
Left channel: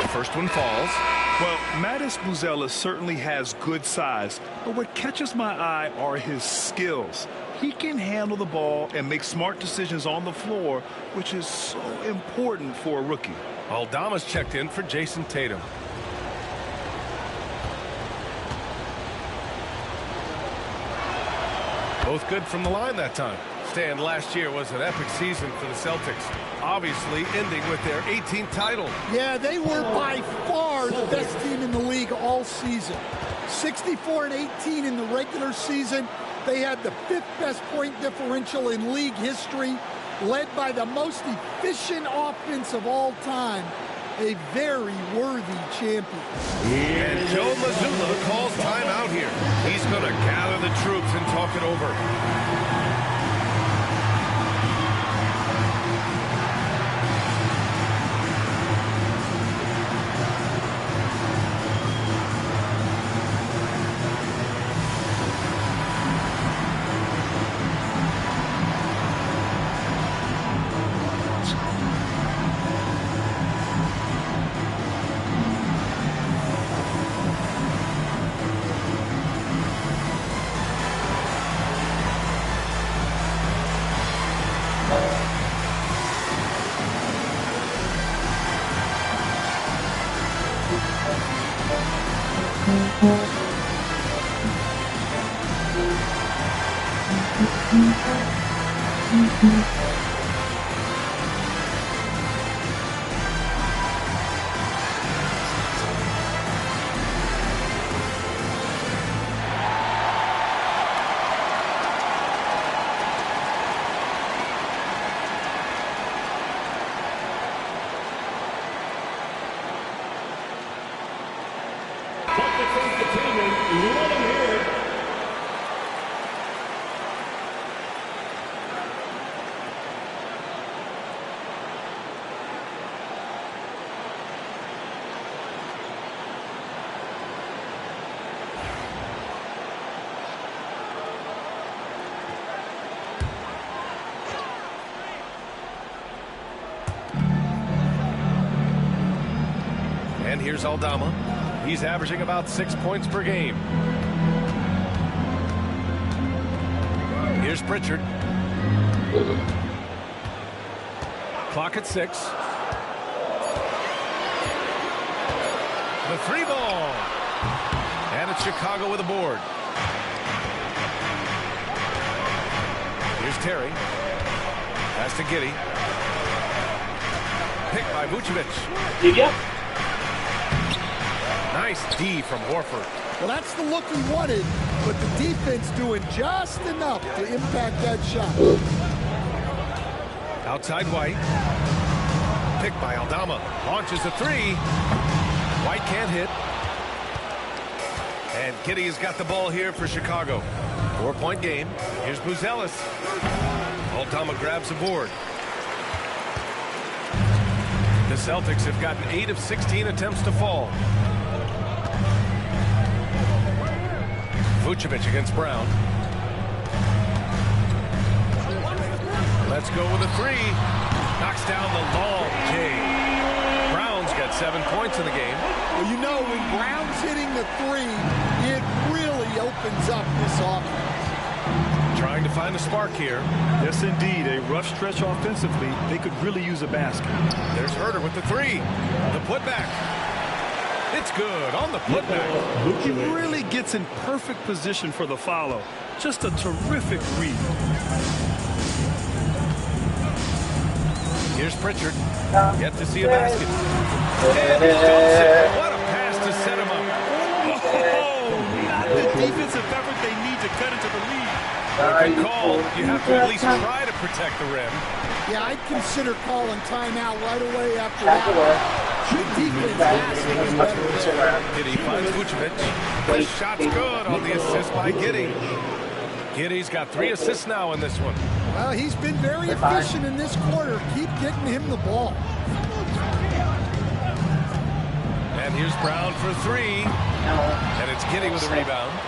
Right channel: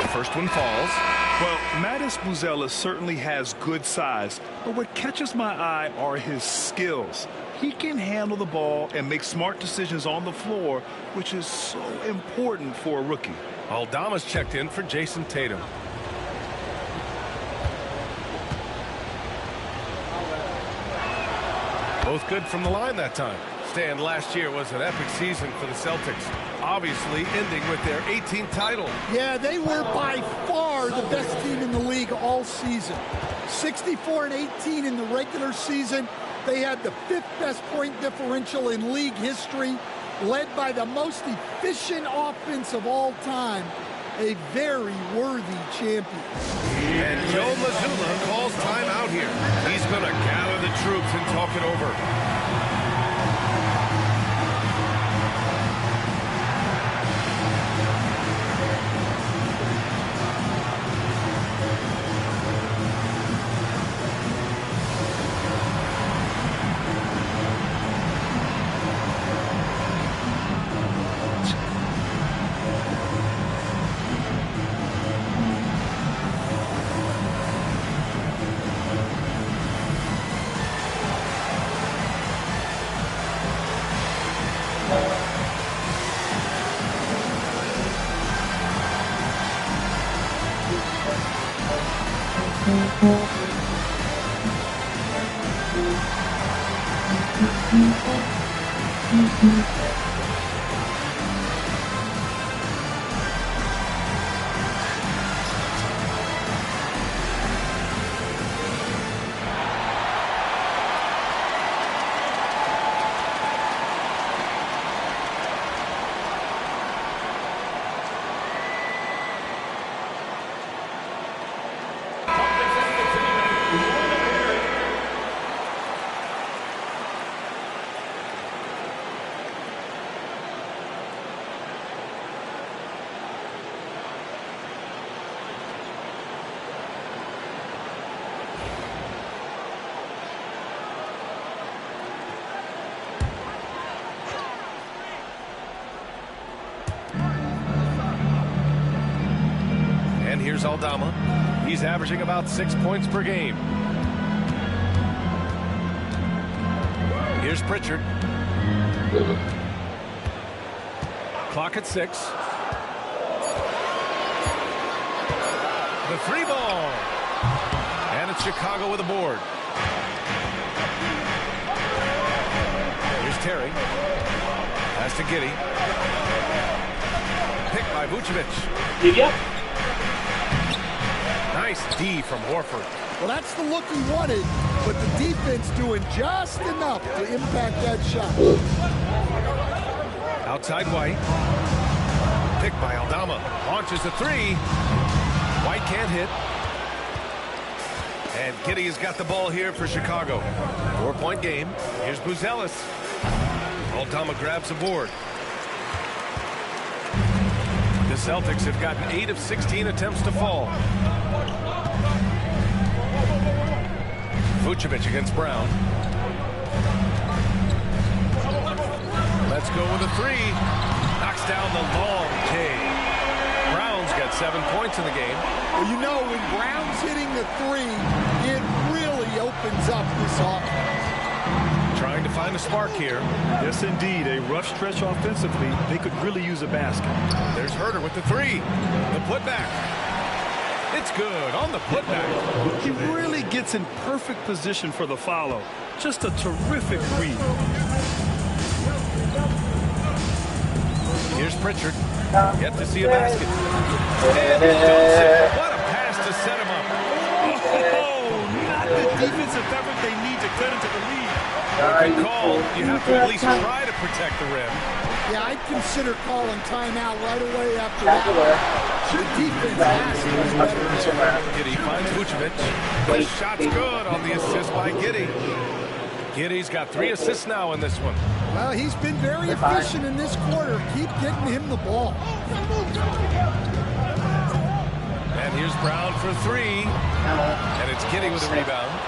The first one falls. Well, Mattis Buzelis certainly has good size, but what catches my eye are his skills. He can handle the ball and make smart decisions on the floor, which is so important for a rookie. Aldama's checked in for Jason Tatum. Both good from the line that time. Stan, last year was an epic season for the Celtics, obviously ending with their 18th title. Yeah, they were by far the best team in the league all season. 64-18 in the regular season. They had the 5th best point differential in league history, led by the most efficient offense of all time. A very worthy champion. And Joe Mazzulla calls timeout here. He's going to gather the troops and talk it over. And here's Aldama. He's averaging about 6 points per game. Here's Pritchard. Clock at 6. The 3 ball. And it's Chicago with a board. Here's Terry. Pass to Giddey. Picked by Vucevic. Yep. Nice D from Horford. Well, that's the look he wanted, but the defense doing just enough to impact that shot. Outside White. Picked by Aldama. Launches a 3. White can't hit. And Giddey has got the ball here for Chicago. 4-point game. Here's Buzelis. Aldama grabs the board. The Celtics have gotten 8 of 16 attempts to fall. Vucevic against Brown. Let's go with a 3. Knocks down the long K. Brown's got 7 points in the game. Well, you know, when Brown's hitting the 3, it really opens up this offense. Trying to find a spark here. Yes, indeed. A rough stretch offensively. They could really use a basket. There's Herter with the 3. The putback. It's good on the putback. He really gets in perfect position for the follow. Just a terrific read. Here's Pritchard. Yet to see a basket. And he dumps it. What a pass to set him up. Oh, not the defensive effort they need to cut into the lead. Good call. You have to at least try to protect the rim. Yeah, I'd consider calling timeout right away after that. The defense has to be better there. Giddey finds Vucevic. The shot's good on the assist by Giddey. Giddey's got 3 assists now in this one. Well, he's been very efficient in this quarter. Keep getting him the ball. And here's Brown for 3. And it's Giddey with a rebound.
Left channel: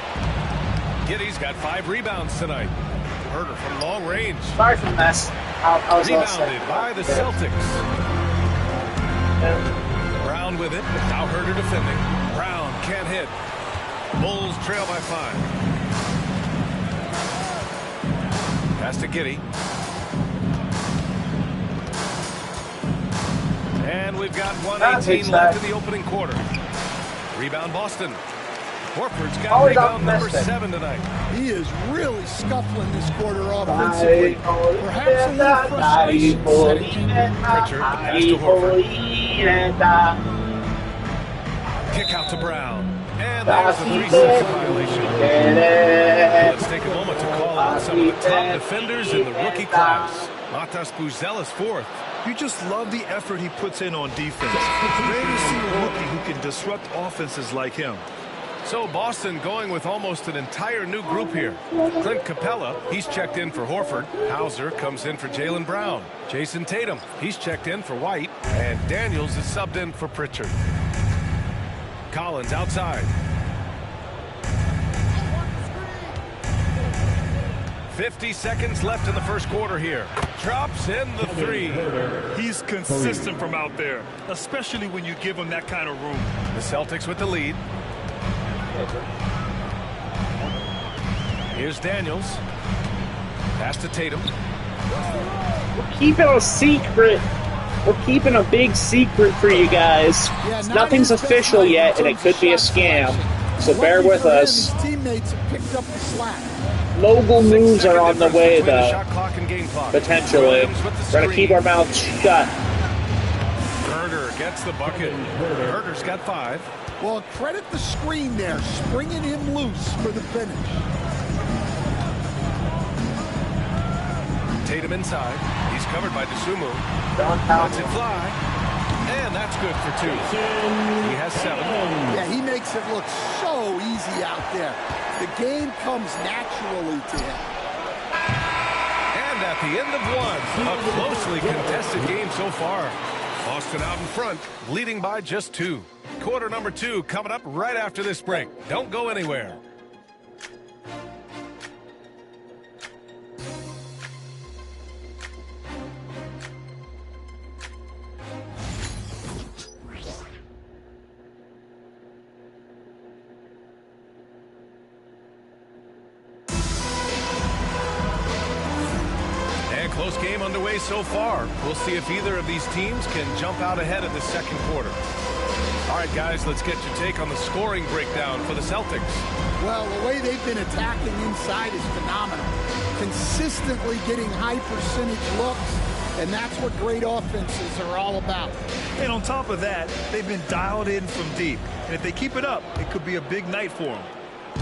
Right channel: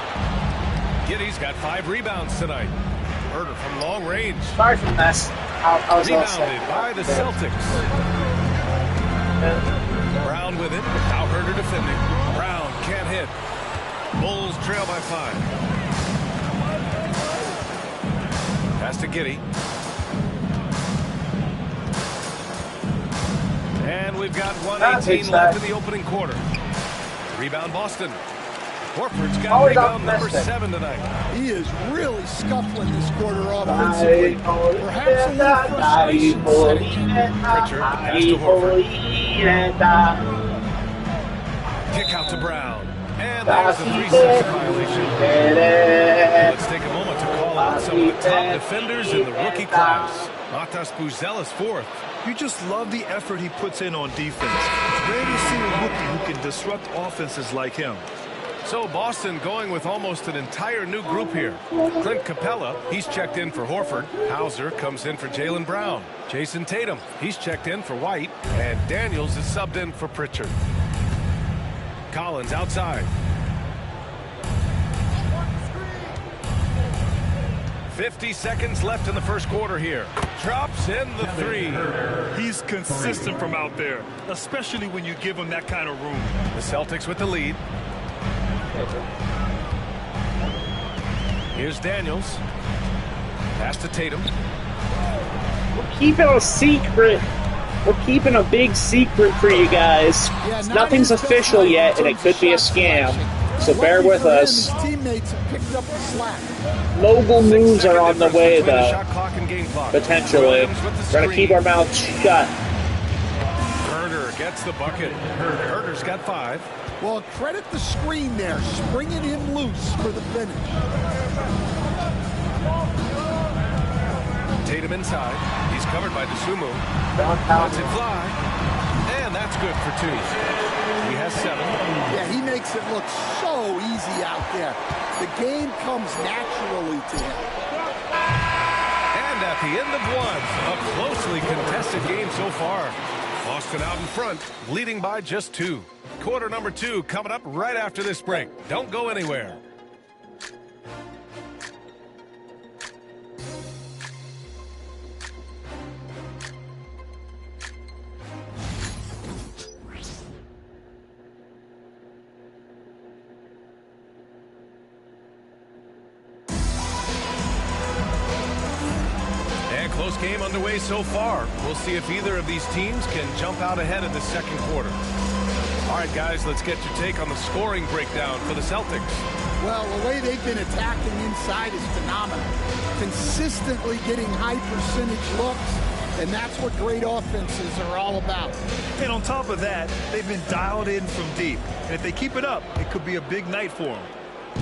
Giddey's got 5 rebounds tonight. Herter from long range. Sorry for the mess. Rebounded by the Celtics. Brown with it. Now Herter defending. Brown can't hit. Bulls trail by 5. Pass to Giddey. And we've got 1:18 left in the opening quarter. Rebound Boston. Horford's got rebound number 7 tonight. He is really scuffling this quarter offensively. Perhaps a little frustration setting in. Pritchard, the pass to Horford. Kick out to Brown. And there's the 3-second violation. Let's take a moment to call out some of the top defenders in the rookie class. Matas Buzelis 4th. You just love the effort he puts in on defense. Rare to see a rookie who can disrupt offenses like him. So Boston going with almost an entire new group here. Clint Capella, he's checked in for Horford. Hauser comes in for Jaylen Brown. Jason Tatum, he's checked in for White. And Daniels is subbed in for Pritchard. Collins outside. 50 seconds left in the first quarter here. Drops in the 3. He's consistent from out there, especially when you give him that kind of room. The Celtics with the lead. Here's Daniels. Pass to Tatum. We're keeping a secret. We're keeping a big secret for you guys. Yeah, nothing's official yet, and it could be a scam. So bear with us. His teammates have picked up the slack. Mogul moves are on the way, though. Potentially. We're going to keep our mouths shut. Herter gets the bucket. Herter's got 5. Well, credit the screen there, springing him loose for the finish. Tatum inside. He's covered by DeSumo. Lets it fly. And that's good for 2. He has 7. Yeah, he makes it look so easy out there. The game comes naturally to him. And at the end of 1, a closely contested game so far. Boston out in front, leading by just 2. Quarter number 2 coming up right after this break. Don't go anywhere. And close game underway so far. We'll see if either of these teams can jump out ahead in the second quarter. All right, guys, let's get your take on the scoring breakdown for the Celtics. Well, the way they've been attacking inside is phenomenal. Consistently getting high percentage looks, and that's what great offenses are all about. And on top of that, they've been dialed in from deep. And if they keep it up, it could be a big night for them.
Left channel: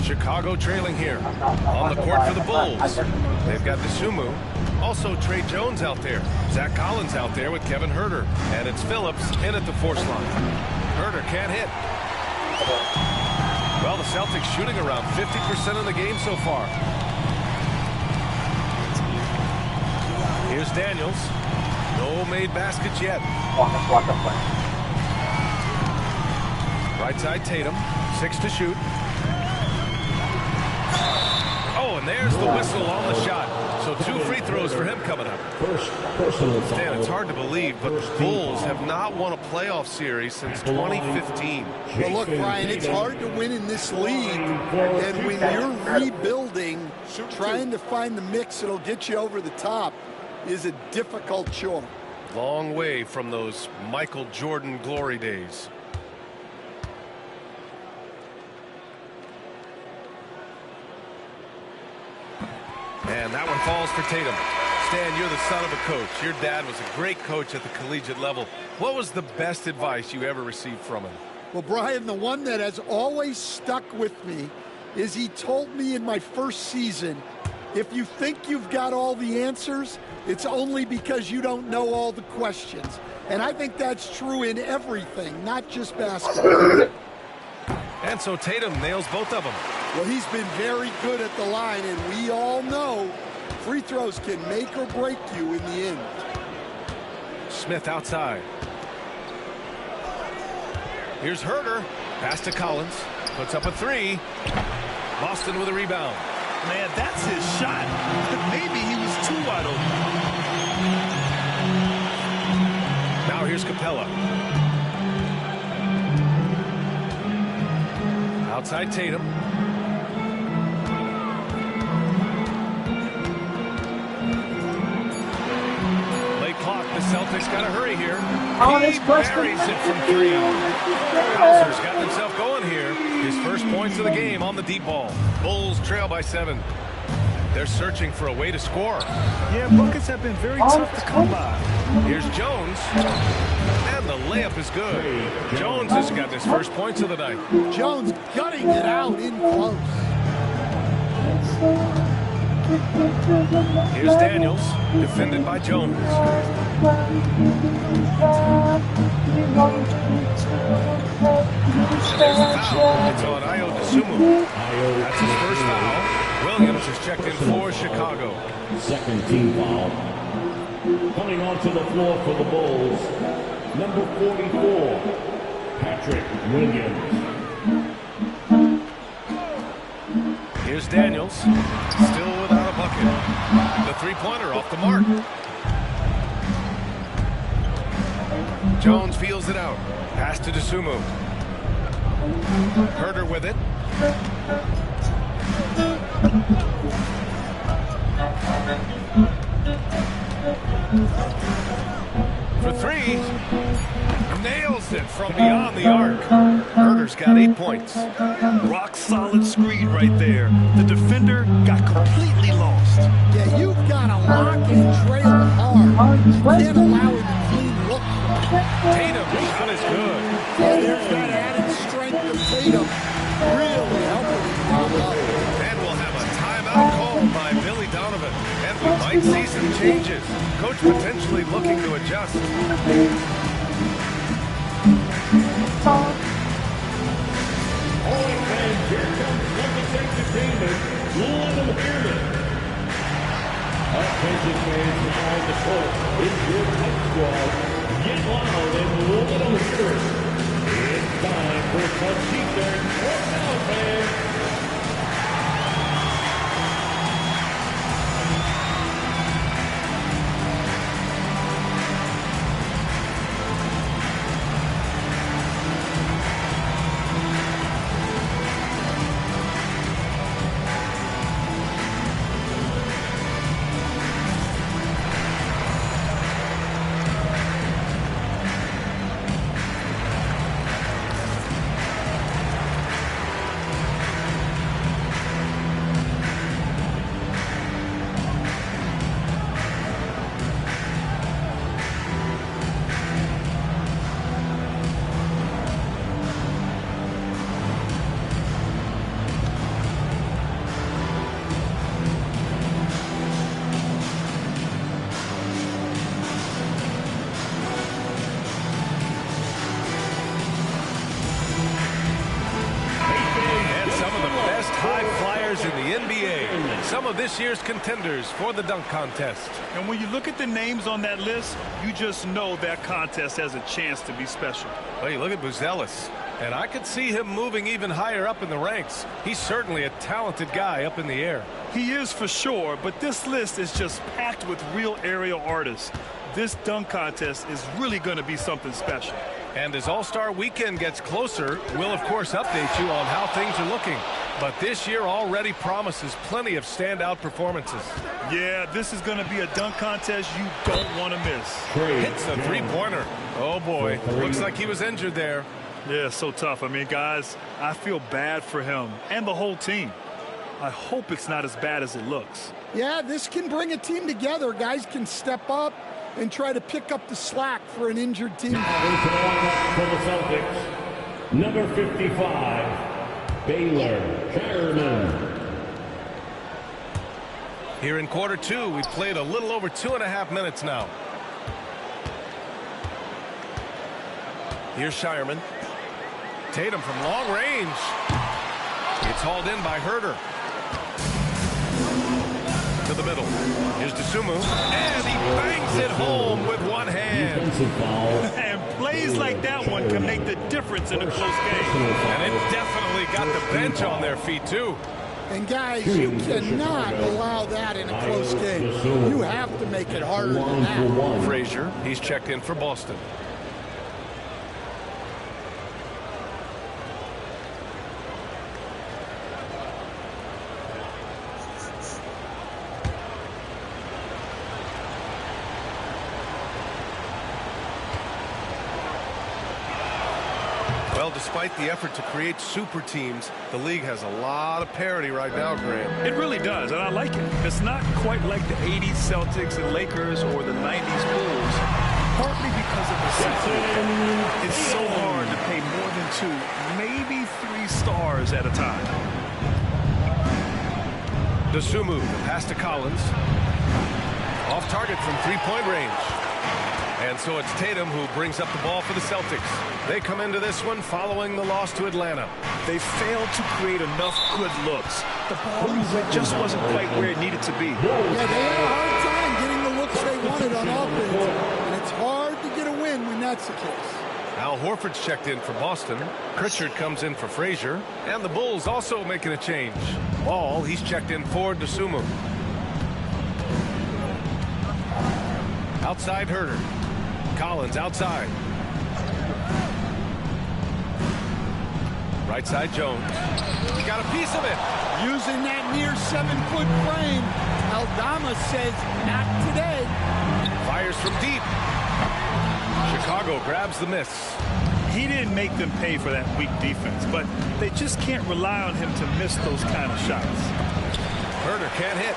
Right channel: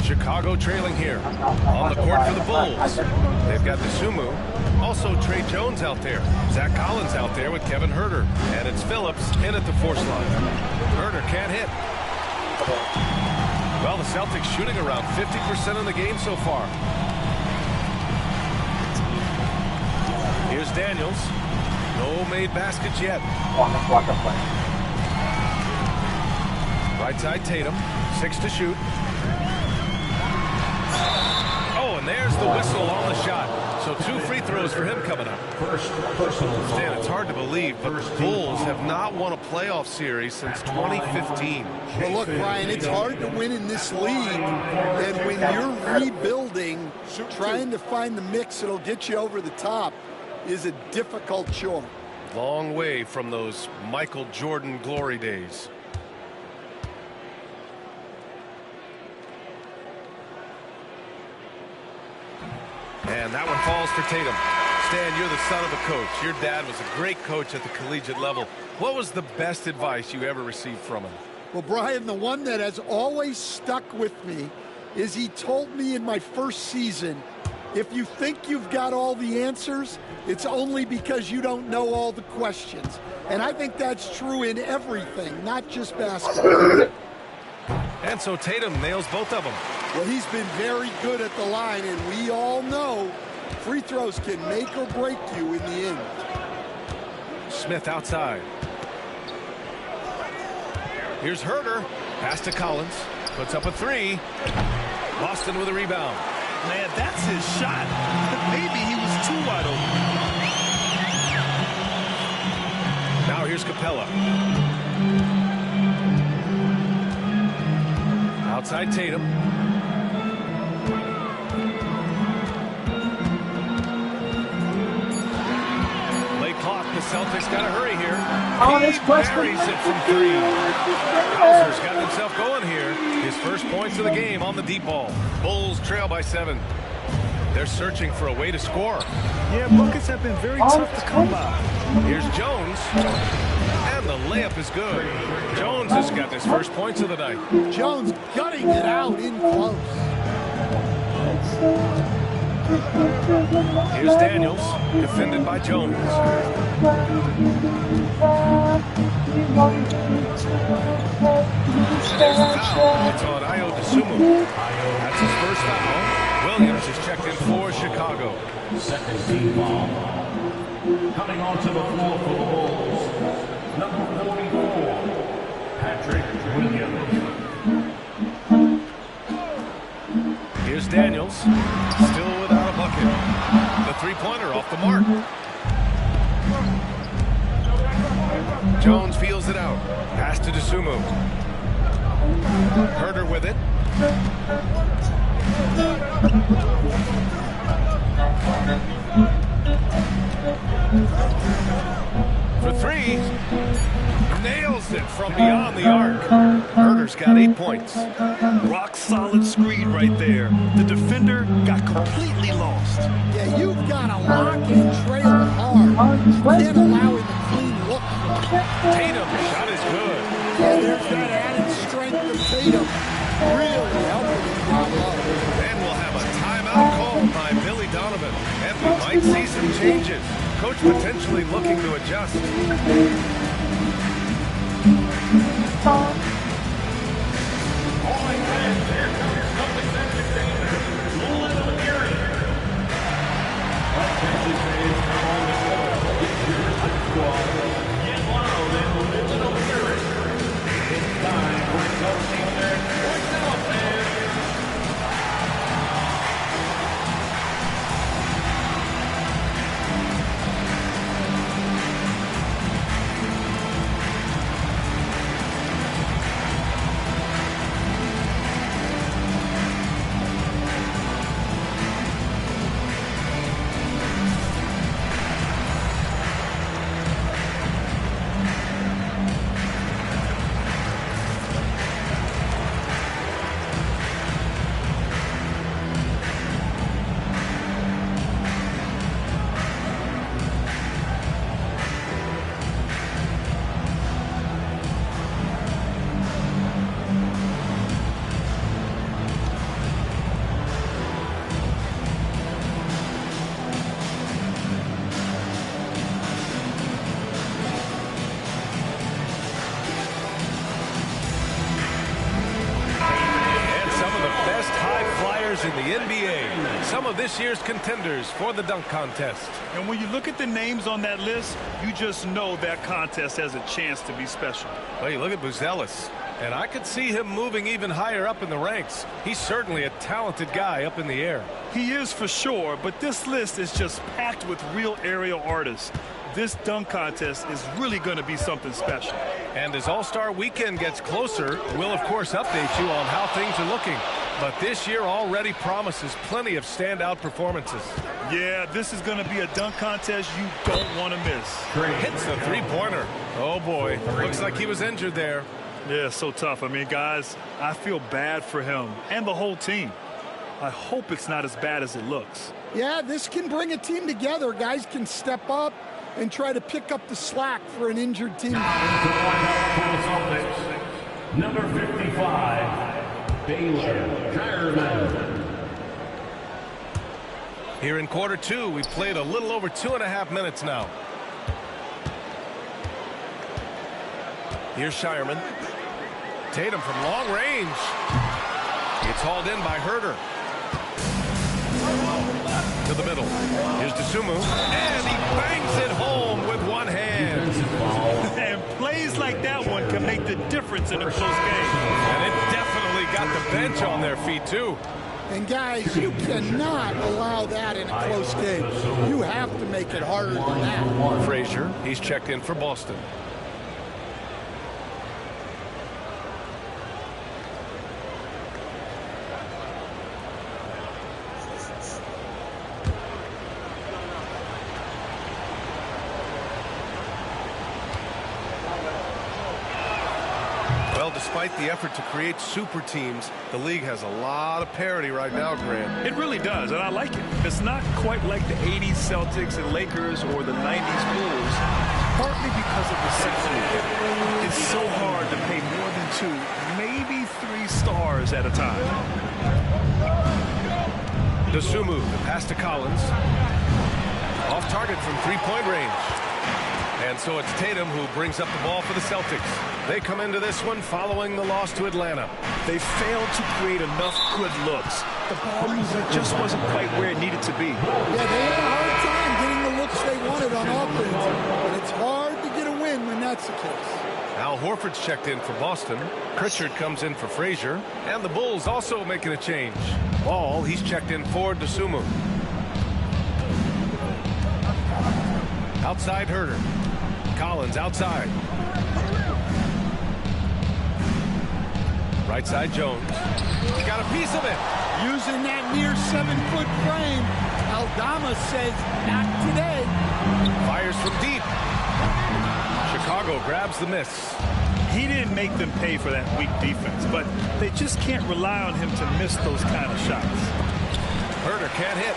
Chicago trailing here. On the court for the Bulls. They've got DeSumo. Also Trey Jones out there. Zach Collins out there with Kevin Herter. And it's Phillips in at the force line. Herter can't hit. Well, the Celtics shooting around 50% in the game so far. Here's Daniels. No made baskets yet. Right side Tatum. 6 to shoot. Oh, and there's the whistle on the shot. So 2 free throws for him coming up. First personal foul. Stan, it's hard to believe, but the Bulls have not won a playoff series since 2015. Well, look, Brian, it's hard to win in this league. And when you're rebuilding, trying to find the mix that'll get you over the top is a difficult chore. Long way from those Michael Jordan glory days. And that one falls for Tatum. Stan, you're the son of a coach. Your dad was a great coach at the collegiate level. What was the best advice you ever received from him? Well, Brian, the one that has always stuck with me is he told me in my first season, if you think you've got all the answers, it's only because you don't know all the questions. And I think that's true in everything, not just basketball. And so Tatum nails both of them. Well, he's been very good at the line, and we all know free throws can make or break you in the end. Smith outside. Here's Herter. Pass to Collins. Puts up a 3. Boston with a rebound. Man, that's his shot. Maybe he was too wide open. Now here's Capella. Outside Tatum. Late clock. The Celtics got to hurry here. He buries it from 3. Hauser's gotten himself going here. His first points of the game on the deep ball. Bulls trail by 7. They're searching for a way to score. Yeah, buckets have been very tough to come by. Here's Jones. And the layup is good. Jones has got his first points of the night. Jones gutting it out in close. Here's Daniels, defended by Jones. And there's the foul. It's on Ayo Dosunmu. That's his first foul. Williams is checked in for Chicago. Second team foul. Coming onto the floor for the Bulls, number 44, Patrick Williams. Here's Daniels, still without a bucket. The three-pointer off the mark. Jones feels it out. Pass to Dosunmu. Herter with it. For 3. Nails it from beyond the arc. Herter's got 8 points. Rock solid screen right there. The defender got completely lost. Yeah, you've got to lock and trail hard. You can't allow him a clean look. Tatum, shot is good. Yeah, there's that added strength of Tatum. Really helping him down low. And we'll have a timeout called by Billy Donovan. And we might see some changes. Coach potentially looking to adjust. best high flyers in the NBA. Some of this year's contenders for the dunk contest. And when you look at the names on that list, you just know that contest has a chance to be special. Well, you look at Buzelis, and I could see him moving even higher up in the ranks. He's certainly a talented guy up in the air. He is for sure, but this list is just packed with real aerial artists. This dunk contest is really going to be something special. And as All-Star Weekend gets closer, we'll of course update you on how things are looking. But this year already promises plenty of standout performances. Yeah, this is going to be a dunk contest you don't want to miss. Hits the three-pointer. Oh boy, looks like he was injured there. Yeah, so tough. I mean, guys, I feel bad for him and the whole team. I hope it's not as bad as it looks. Yeah, this can bring a team together. Guys can step up and try to pick up the slack for an injured team. For the Celtics, number 55, Baylor Scheierman. Here in quarter two, we've played a little over 2.5 minutes now. Here's Scheierman. Tatum from long range. It's hauled in by Herter. To the middle. Here's Dosunmu. And he bangs it home with one hand. And plays like that one can make the difference in a close game. And it definitely got the bench on their feet, too. And, guys, you cannot allow that in a close game. You have to make it harder than that. Frazier, he's checked in for Boston. Well, despite the effort to create super teams, the league has a lot of parity right now, Graham. It really does, and I like it. It's not quite like the 80s Celtics and Lakers or the 90s Bulls, partly because of the salary cap. It's so hard to pay more than 2, maybe 3 stars at a time. Dosunmu, the pass to Collins. Off target from three-point range. And so it's Tatum who brings up the ball for the Celtics. They come into this one following the loss to Atlanta. They failed to create enough good looks. The ball movement just wasn't quite where it needed to be. Yeah, they had a hard time getting the looks they wanted on offense. And it's hard to get a win when that's the case. Al Horford's checked in for Boston. Pritchard comes in for Frazier. And the Bulls also making a change. Ball, he's checked in for Dosunmu. Outside Herter. Collins outside. Right side Jones. He got a piece of it. Using that near 7-foot frame. Aldama says not today. Fires from deep. Chicago grabs the miss. He didn't make them pay for that weak defense, but they just can't rely on him to miss those kind of shots. Herter can't hit.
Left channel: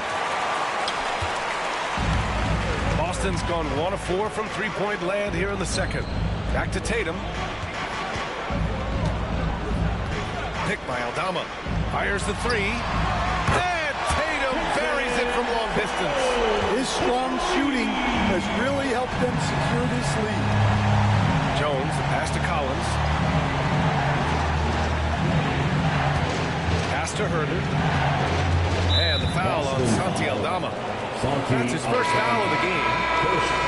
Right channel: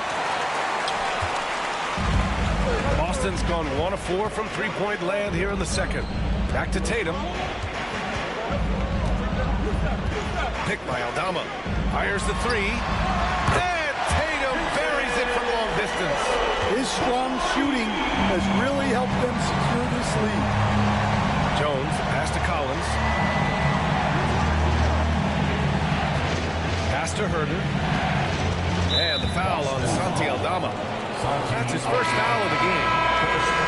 Boston's gone 1 of 4 from three-point land here in the second. Back to Tatum. Picked by Aldama. Fires the three. And Tatum buries it from long distance. His strong shooting has really helped them secure this lead. Jones, the pass to Collins. Pass to Herter. And the foul on Santi Aldama. That's his first foul of the game.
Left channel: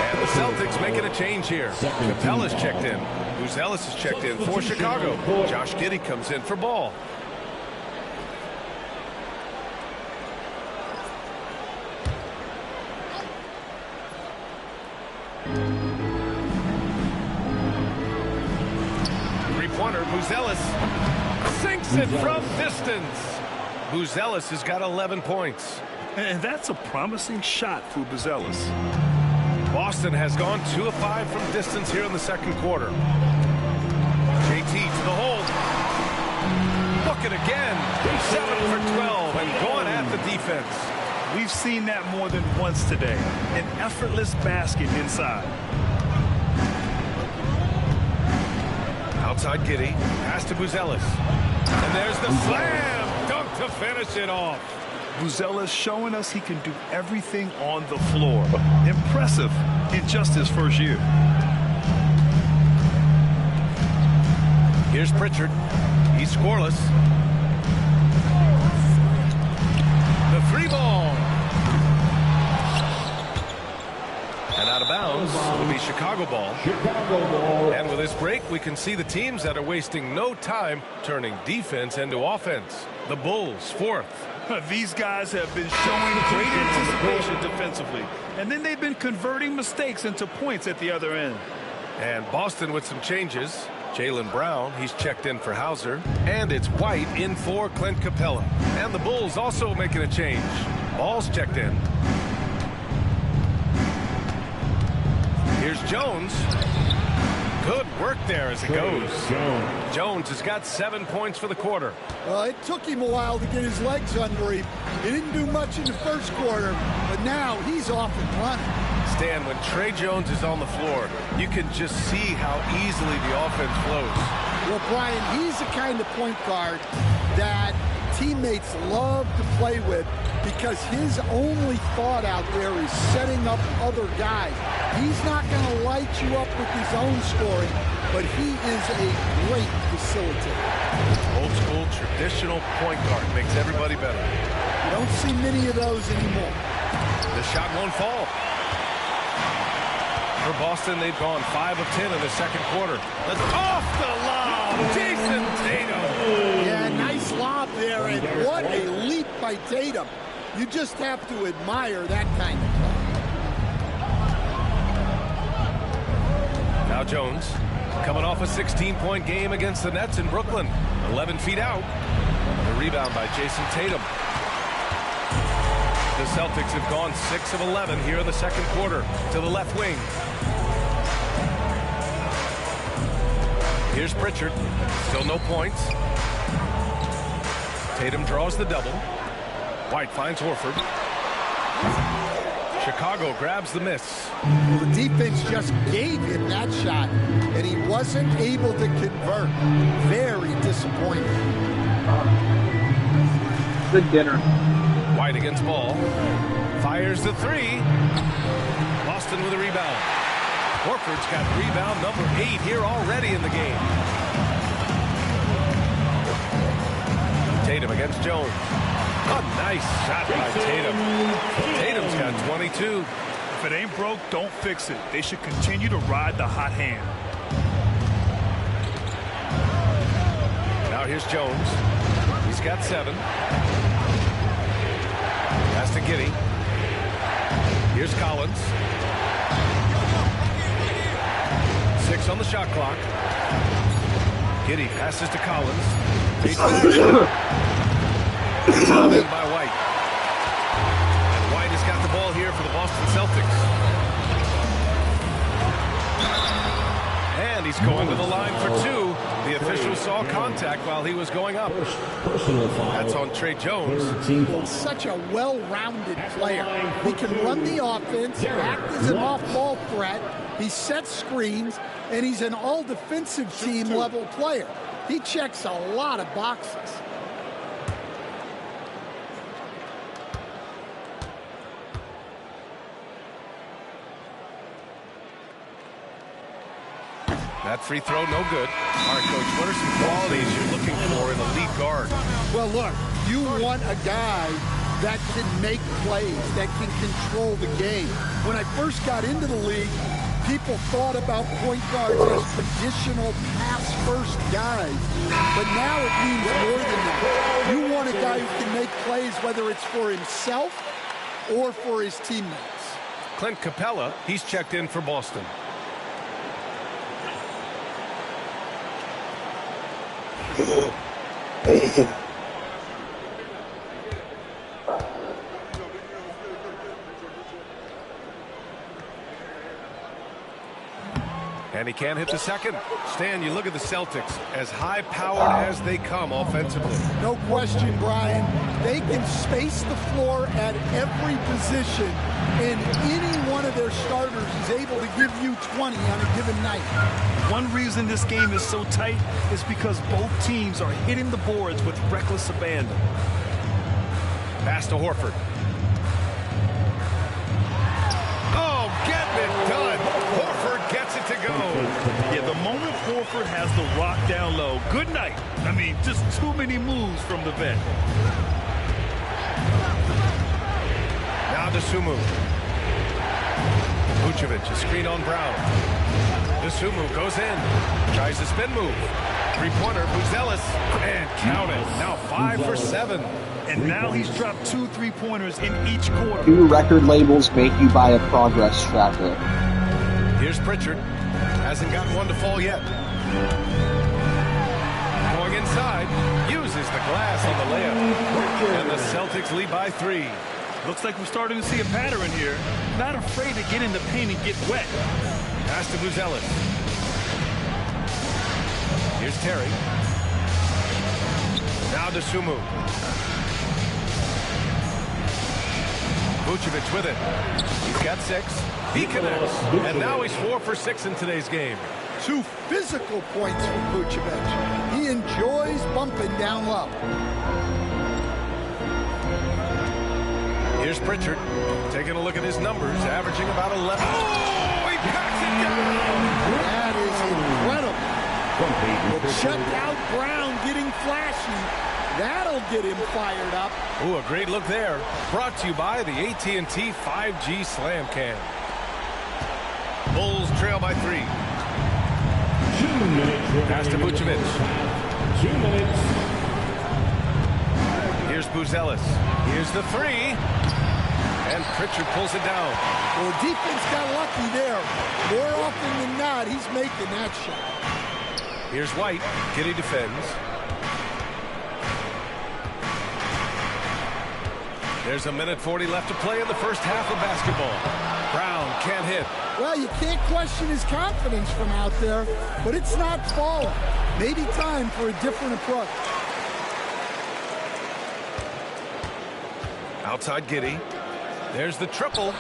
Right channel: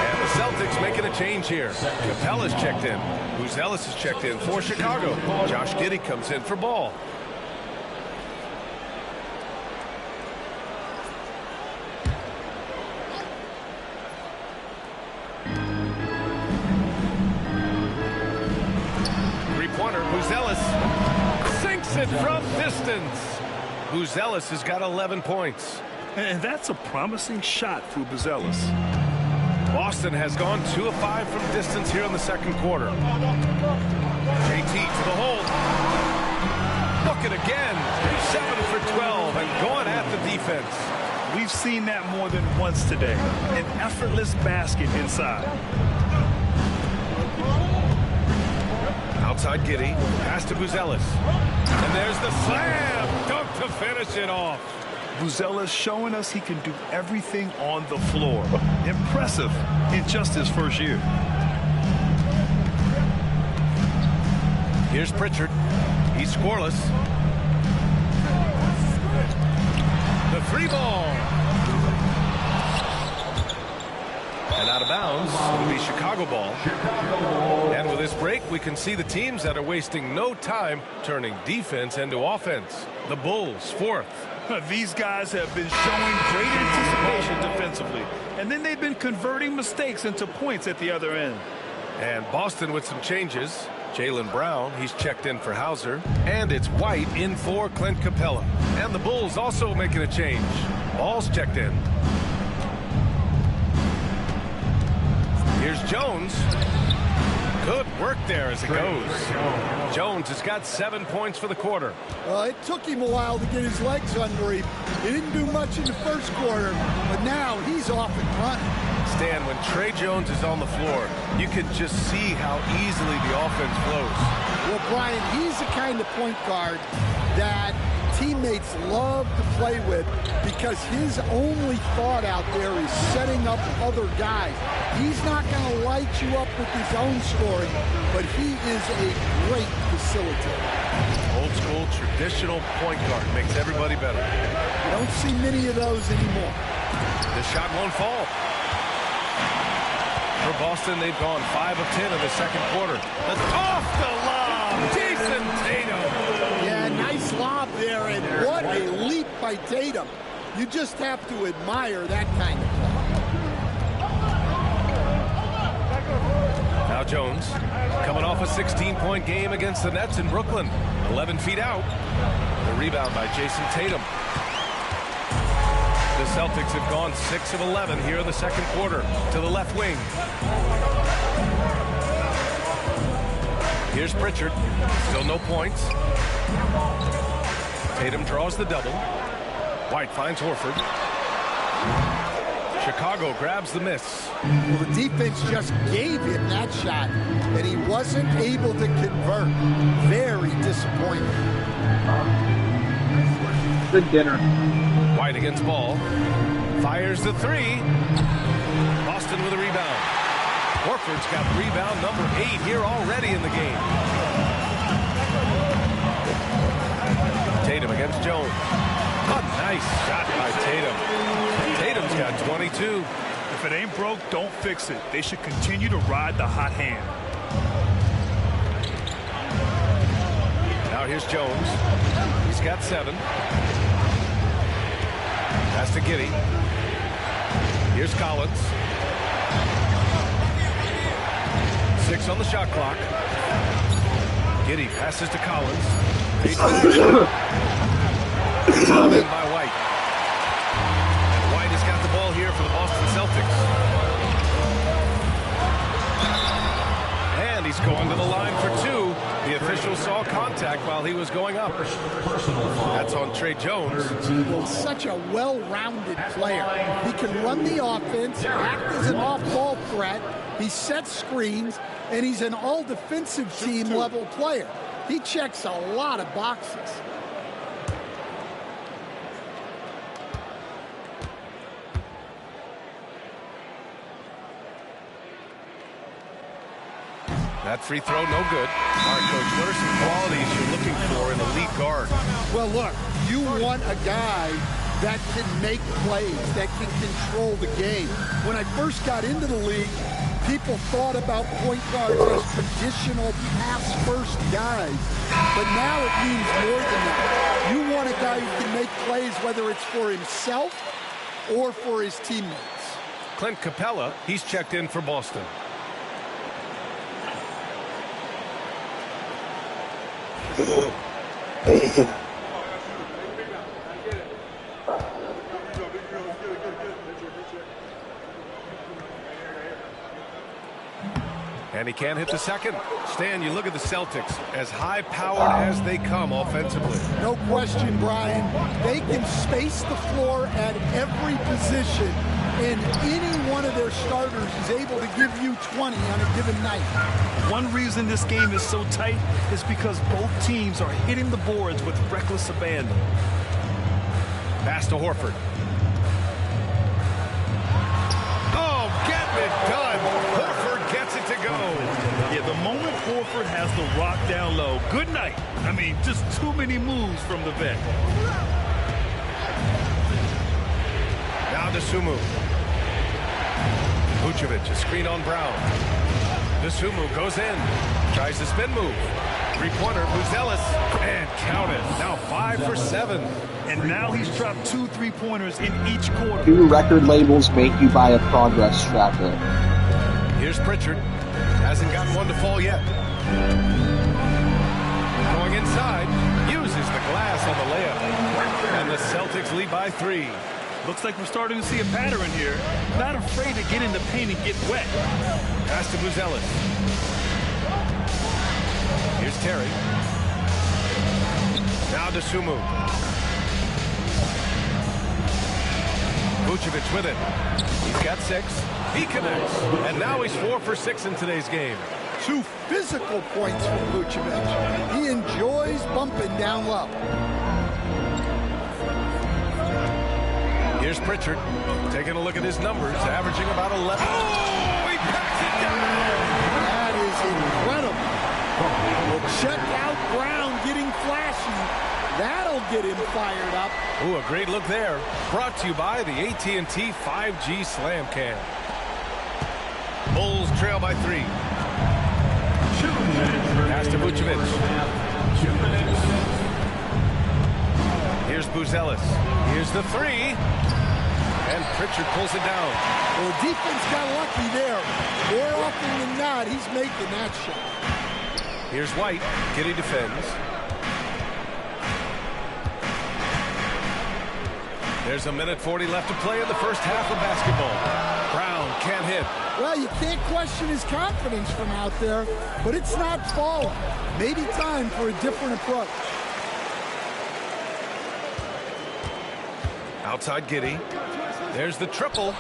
And the Celtics making a change here. Capella's checked in. Buzelis is checked in for Chicago. Josh Giddey comes in for Ball. Three-pointer, Buzelis sinks it from distance. Buzelis has got 11 points. And that's a promising shot for Buzelis. Boston has gone 2 of 5 from distance here in the second quarter. JT to the hole. Look it again. 7 for 12 and going at the defense. We've seen that more than once today. An effortless basket inside. Outside Giddey. Pass to Buzelis. And there's the slam dunk to finish it off. Buzelis showing us he can do everything on the floor. Impressive in just his first year. Here's Pritchard. He's scoreless. The 3 ball. And out of bounds, it'll be Chicago ball. And with this break, we can see the teams that are wasting no time turning defense into offense. The Bulls, 4th. These guys have been showing great anticipation defensively, and then they've been converting mistakes into points at the other end. And Boston with some changes. Jaylen Brown, he's checked in for Hauser. And it's White in for Clint Capella. And the Bulls also making a change. Ball's checked in. Here's Jones. Good work there as it goes. Jones has got 7 points for the quarter. It took him a while to get his legs under him. He didn't do much in the first quarter, but now he's off and running. Stan, when Tre Jones is on the floor, you can just see how easily the offense flows. Well, Brian, he's the kind of point guard that teammates love to play with because his only thought out there is setting up other guys. He's not going to light you up with his own scoring, but he is a great facilitator. Old school, traditional point guard makes everybody better. You don't see many of those anymore. The shot won't fall. For Boston, they've gone 5 of 10 in the second quarter. That's off the lob. Jason Tatum. Yeah, nice lob there, and what a leap by Tatum. You just have to admire that kind of play. Now Jones, coming off a 16-point game against the Nets in Brooklyn. 11 feet out. The rebound by Jason Tatum. The Celtics have gone 6 of 11 here in the second quarter to the left wing. Here's Pritchard. Still no points. Tatum draws the double. White finds Horford. Chicago grabs the miss. Well, the defense just gave him that shot, and he wasn't able to convert. Very disappointing. Good dinner. White against Ball. Fires the 3. Boston with a rebound. Horford's got rebound number 8 here already in the game. Tatum against Jones. A nice shot by Tatum. Tatum's got 22. If it ain't broke, don't fix it. They should continue to ride the hot hand. Now here's Jones. He's got 7. Pass to Giddey. Here's Collins. 6 on the shot clock. Giddey passes to Collins. Fouled in by White. And White has got the ball here for the Boston Celtics. And he's going to the line for 2. The official saw contact while he was going up. That's on Tre Jones. Well, such a well-rounded player. He can run the offense, act as an off-ball threat. He sets screens, and he's an all-defensive team-level player. He checks a lot of boxes. That free throw, no good. All right, Coach, what are some qualities you're looking for in a lead guard? Well, look, you want a guy that can make plays, that can control the game. When I first got into the league, people thought about point guards as traditional pass-first guys. But now it means more than that. You want a guy who can make plays, whether it's for himself or for his teammates. Clint Capella, he's checked in for Boston. And he can't hit the second. Stan, you look at the Celtics, as high-powered as they come offensively. No question, Brian. They can space the floor at every position, and any one of their starters is able to give you 20 on a given night. One reason this game is so tight is because both teams are hitting the boards with reckless abandon. Pass to Horford. Oh, getting it done. Horford gets it to go. Yeah, the moment Horford has the rock down low, good night. I mean, just too many moves from the vet. Now DeSumo. Vucevic, a screen on Brown. DeSumo goes in. Tries the spin move. Three-pointer, Buzelis. And count it. Now 5 for 7. And now he's dropped 2 3-pointers in each quarter. 2 record labels make you buy a progress tracker. Here's Pritchard. Hasn't gotten one to fall yet. Going inside. Uses the glass on the layup. And the Celtics lead by 3. Looks like we're starting to see a pattern here. Not afraid to get in the paint and get wet. Pass to Buzelis. Here's Terry. Now DeSumo. Vucevic with it. He's got 6. He connects. And now he's 4 for 6 in today's game. 2 physical points from Vucevic. He enjoys bumping down low. Here's Pritchard. Taking a look at his numbers, averaging about 11. Oh, he packs it down. That is incredible. Well, check out Brown getting flashy. That'll get him fired up. Ooh, a great look there. Brought to you by the AT&T 5G Slam Cam. Bulls trail by 3. 2 minutes. Pass to Vucevic. 2 minutes. Here's Buzelis. Here's the 3. And Pritchard pulls it down. Well, the defense got lucky there. More often than not, he's making that shot. Here's White. Giddey defends. There's 1:40 left to play in the first half of basketball. Brown can't hit. Well, you can't question his confidence from out there, but it's not falling. Maybe time for a different approach. Outside Giddey. There's the triple.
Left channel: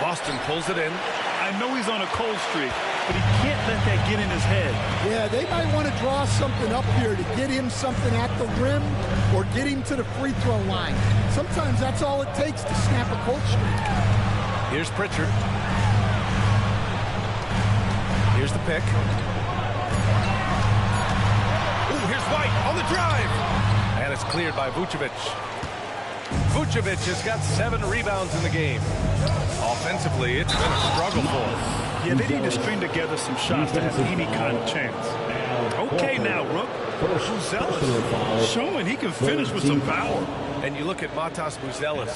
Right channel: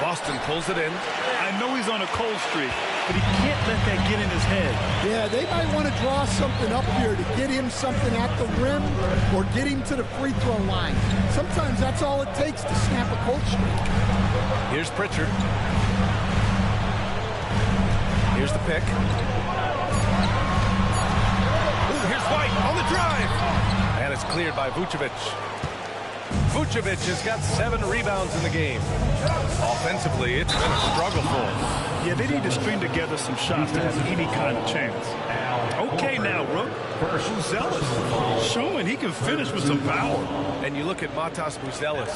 Boston pulls it in. I know he's on a cold streak, but he can't let that get in his head. Yeah, they might want to draw something up here to get him something at the rim or get him to the free throw line. Sometimes that's all it takes to snap a cold streak. Here's Pritchard. Here's the pick. Ooh, here's White on the drive. And it's cleared by Vucevic. Vucevic has got 7 rebounds in the game. Offensively, it's been a struggle for him. Yeah, they need to string together some shots to have any kind of chance. Okay now, Rook. Buzelis showing he can finish with some power. And you look at Matas Buzelis.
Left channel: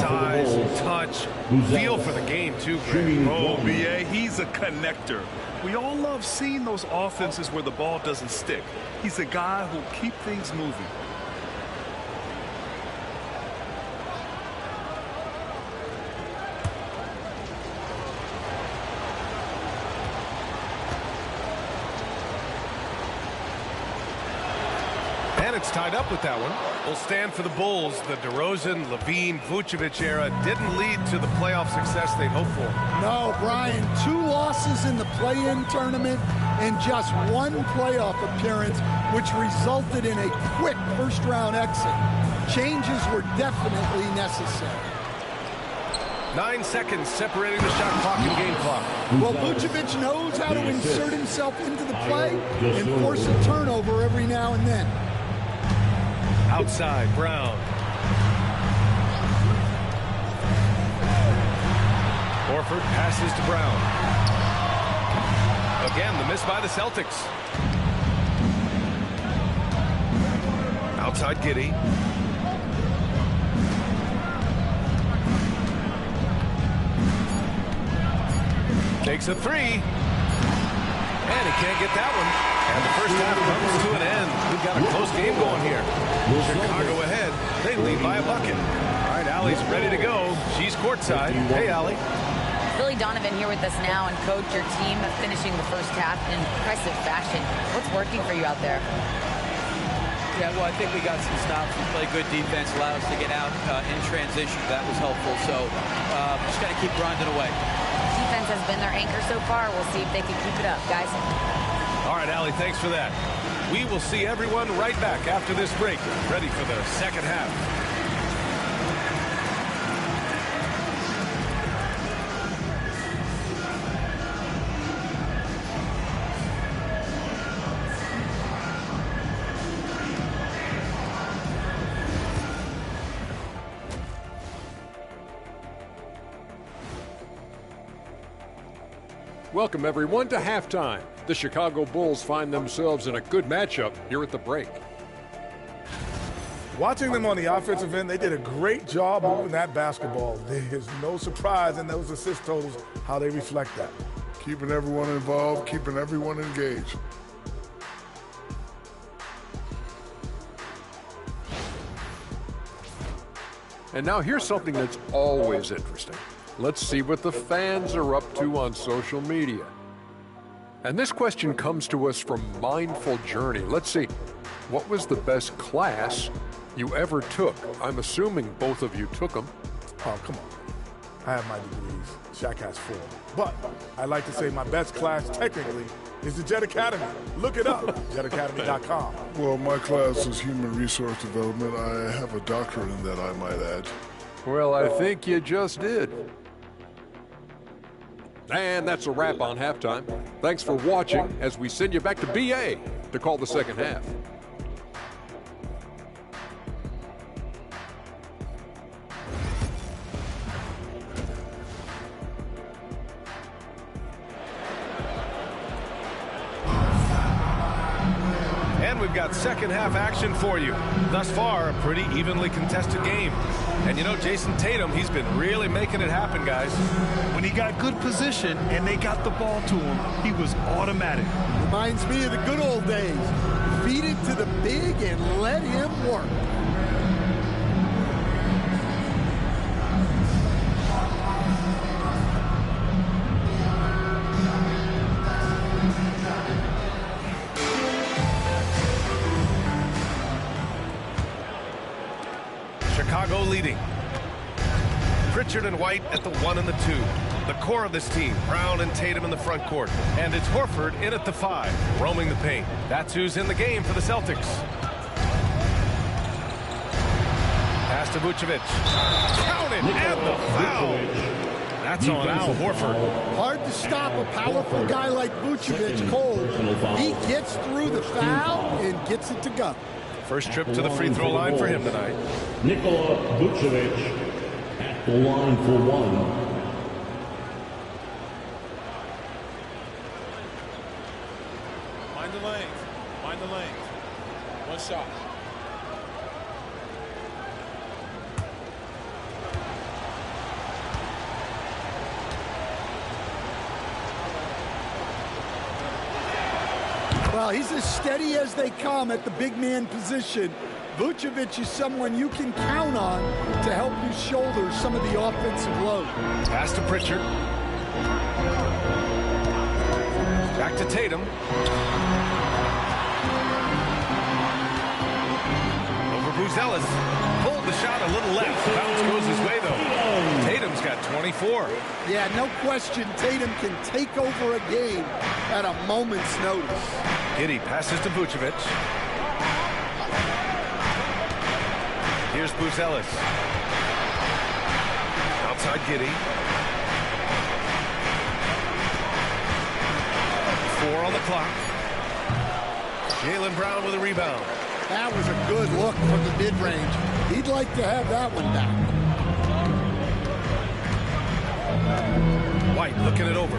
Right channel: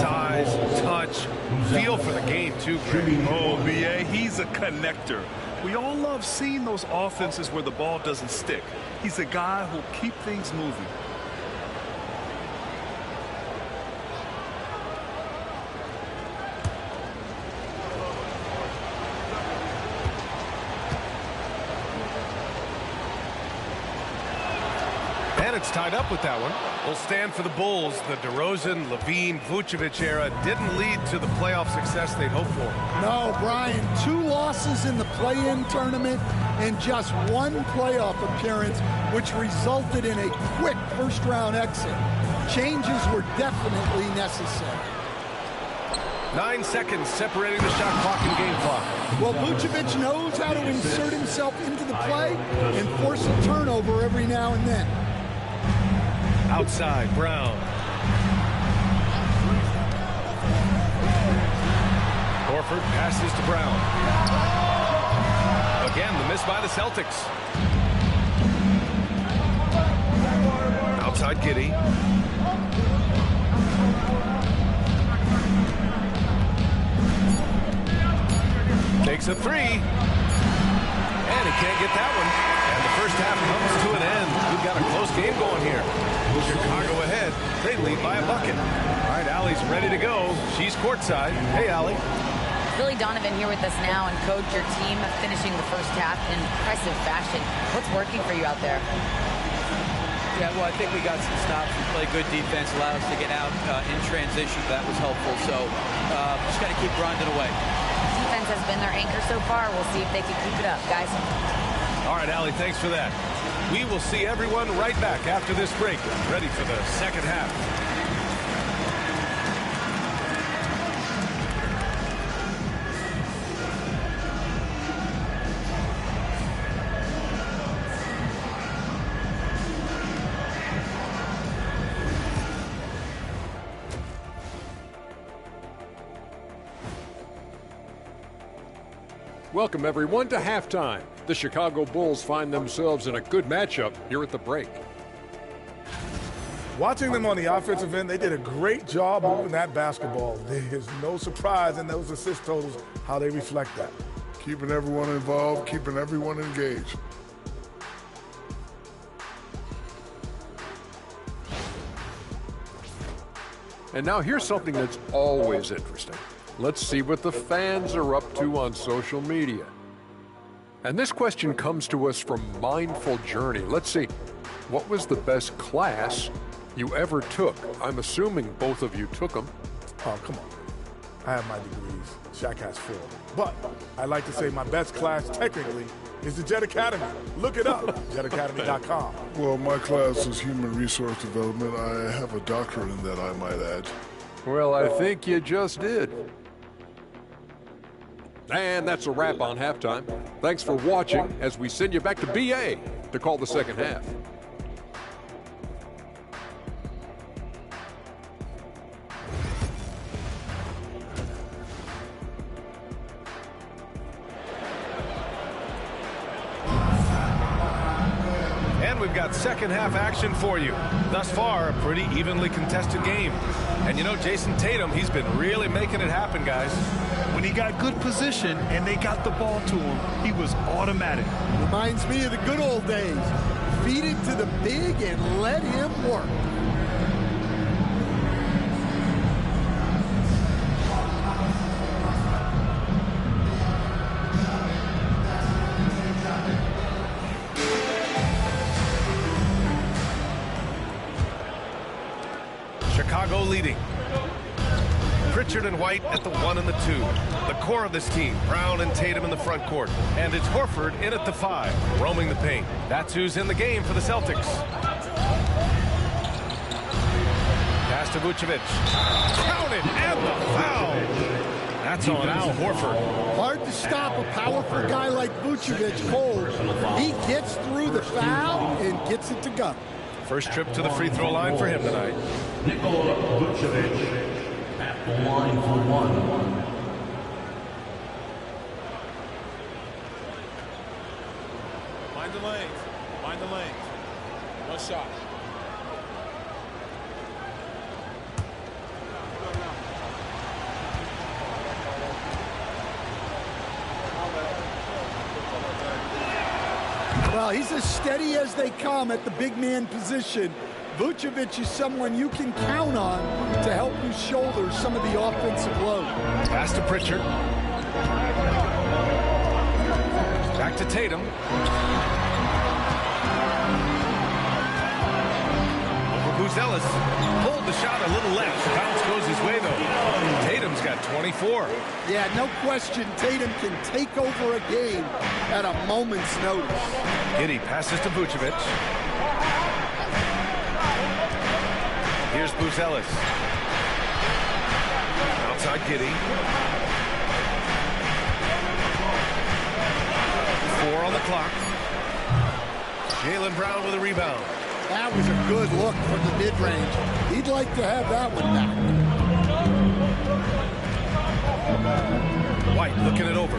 Size, touch, feel for the game too, Greg. Oh, B.A., he's a connector. We all love seeing those offenses where the ball doesn't stick. He's a guy who'll keep things moving. And it's tied up with that one. Will stand for the Bulls. The DeRozan, Levine, Vucevic era didn't lead to the playoff success they'd hoped for. No, Brian, 2 losses in the play-in tournament and just 1 playoff appearance, which resulted in a quick first-round exit. Changes were definitely necessary. 9 seconds separating the shot clock and game clock. Well, Vucevic knows how to insert himself into the play and force a turnover every now and then. Outside, Brown. Horford passes to Brown. Again, the miss by the Celtics. Outside Giddey. Takes a 3. And he can't get that one. And the first half comes to an end. We've got a close game going here. Chicago ahead. They lead by a bucket. All right, Allie's ready to go. She's courtside. Hey, Allie. Billy Donovan here with us now, and Coach, your team finishing the first half in impressive fashion. What's working for you out there? Yeah, well, I think we got some stops. We played good defense, allowed us to get out in transition. That was helpful. So just got to keep grinding away. Defense has been their anchor so far. We'll see if they can keep it up, guys. All right, Allie, thanks for that. We will see everyone right back after this break, ready for the second half. Welcome, everyone, to halftime. The Chicago Bulls find themselves in a good matchup here at the break. Watching them on the offensive end, they did a great job moving that basketball. There's no surprise in those assist totals, how they reflect that. Keeping everyone involved, keeping everyone engaged. And now here's something that's always interesting. Let's see what the fans are up to on social media. And this question comes to us from Mindful Journey. Let's see, what was the best class you ever took? I'm assuming both of you took them. Oh, come on. I have my degrees. Shaq has 4. But I like to say my best class technically is the Jet Academy. Look it up, jetacademy.com. Well, my class is human resource development. I have a doctorate in that, I might add. Well, I think you just did. And that's a wrap on halftime. Thanks for watching as we send you back to BA to call the second half. And we've got second half action for you. Thus far, a pretty evenly contested game. And you know, Jason Tatum, he's been really making it happen, guys. When he got good position and they got the ball to him, he was automatic. Reminds me of the good old days. Feed it to the big and let him work. Chicago leading. Pritchard and White at the 1 and the 2. The core of this team, Brown and Tatum in the front court. And it's Horford in at the 5, roaming the paint. That's who's in the game for the Celtics. Pass to Vucevic. Counted, and the foul. That's on Al Horford. Hard to stop a powerful guy like Vucevic cold. He gets through the foul and gets it to go. First trip to the free throw line for him tonight. Nikola Vucevic at the line for 1. Mind the lanes. Mind the lanes. One shot. Well, he's as steady as they come at the big man position. Vucevic is someone you can count on to help you shoulder some of the offensive load. Pass to Pritchard. Back to Tatum. Over Buzelis. Pulled the shot a little left. Bounce goes his way, though. Tatum's got 24. Yeah, no question. Tatum can take over a game at a moment's notice. Giddey passes to Vucevic. Here's Buzelis. Outside Giddey. 4 on the clock. Jaylen Brown with a rebound. That was a good look from the mid-range. He'd like to have that one back. White looking it over.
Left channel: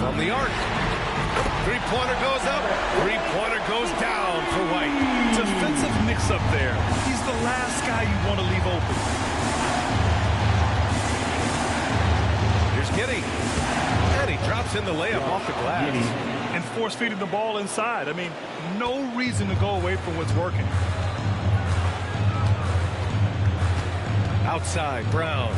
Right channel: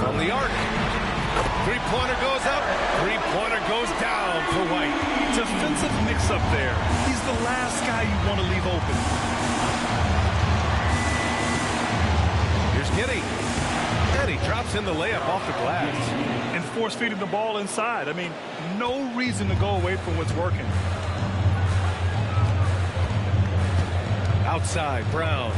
From the arc. Three-pointer goes up. Three-pointer goes down for White. Defensive mix-up there. He's the last guy you want to leave open. Here's Giddey. And he drops in the layup off the glass. And force-feeding the ball inside. I mean, no reason to go away from what's working. Outside, Brown.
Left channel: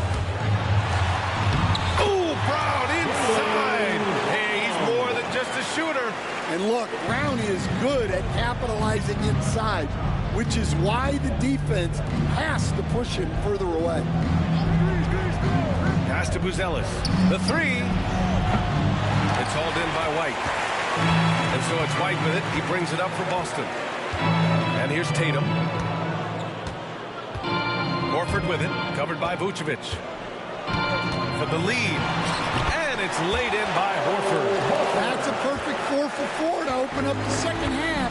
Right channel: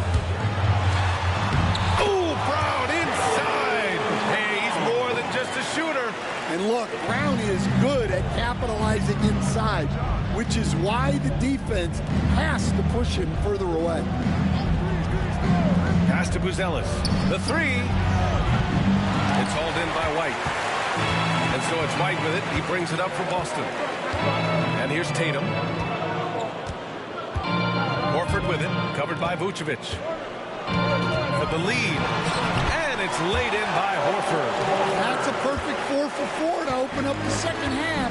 Ooh, Brown inside. Hey, he's more than just a shooter. And look, Brown is good at capitalizing inside, which is why the defense has to push him further away. Pass to Buzelis. The 3. It's hauled in by White. And so it's White with it. He brings it up for Boston. And here's Tatum. Horford with it. Covered by Vucevic. For the lead. And it's laid in by Horford. That's a perfect 4 for 4 to open up the second half.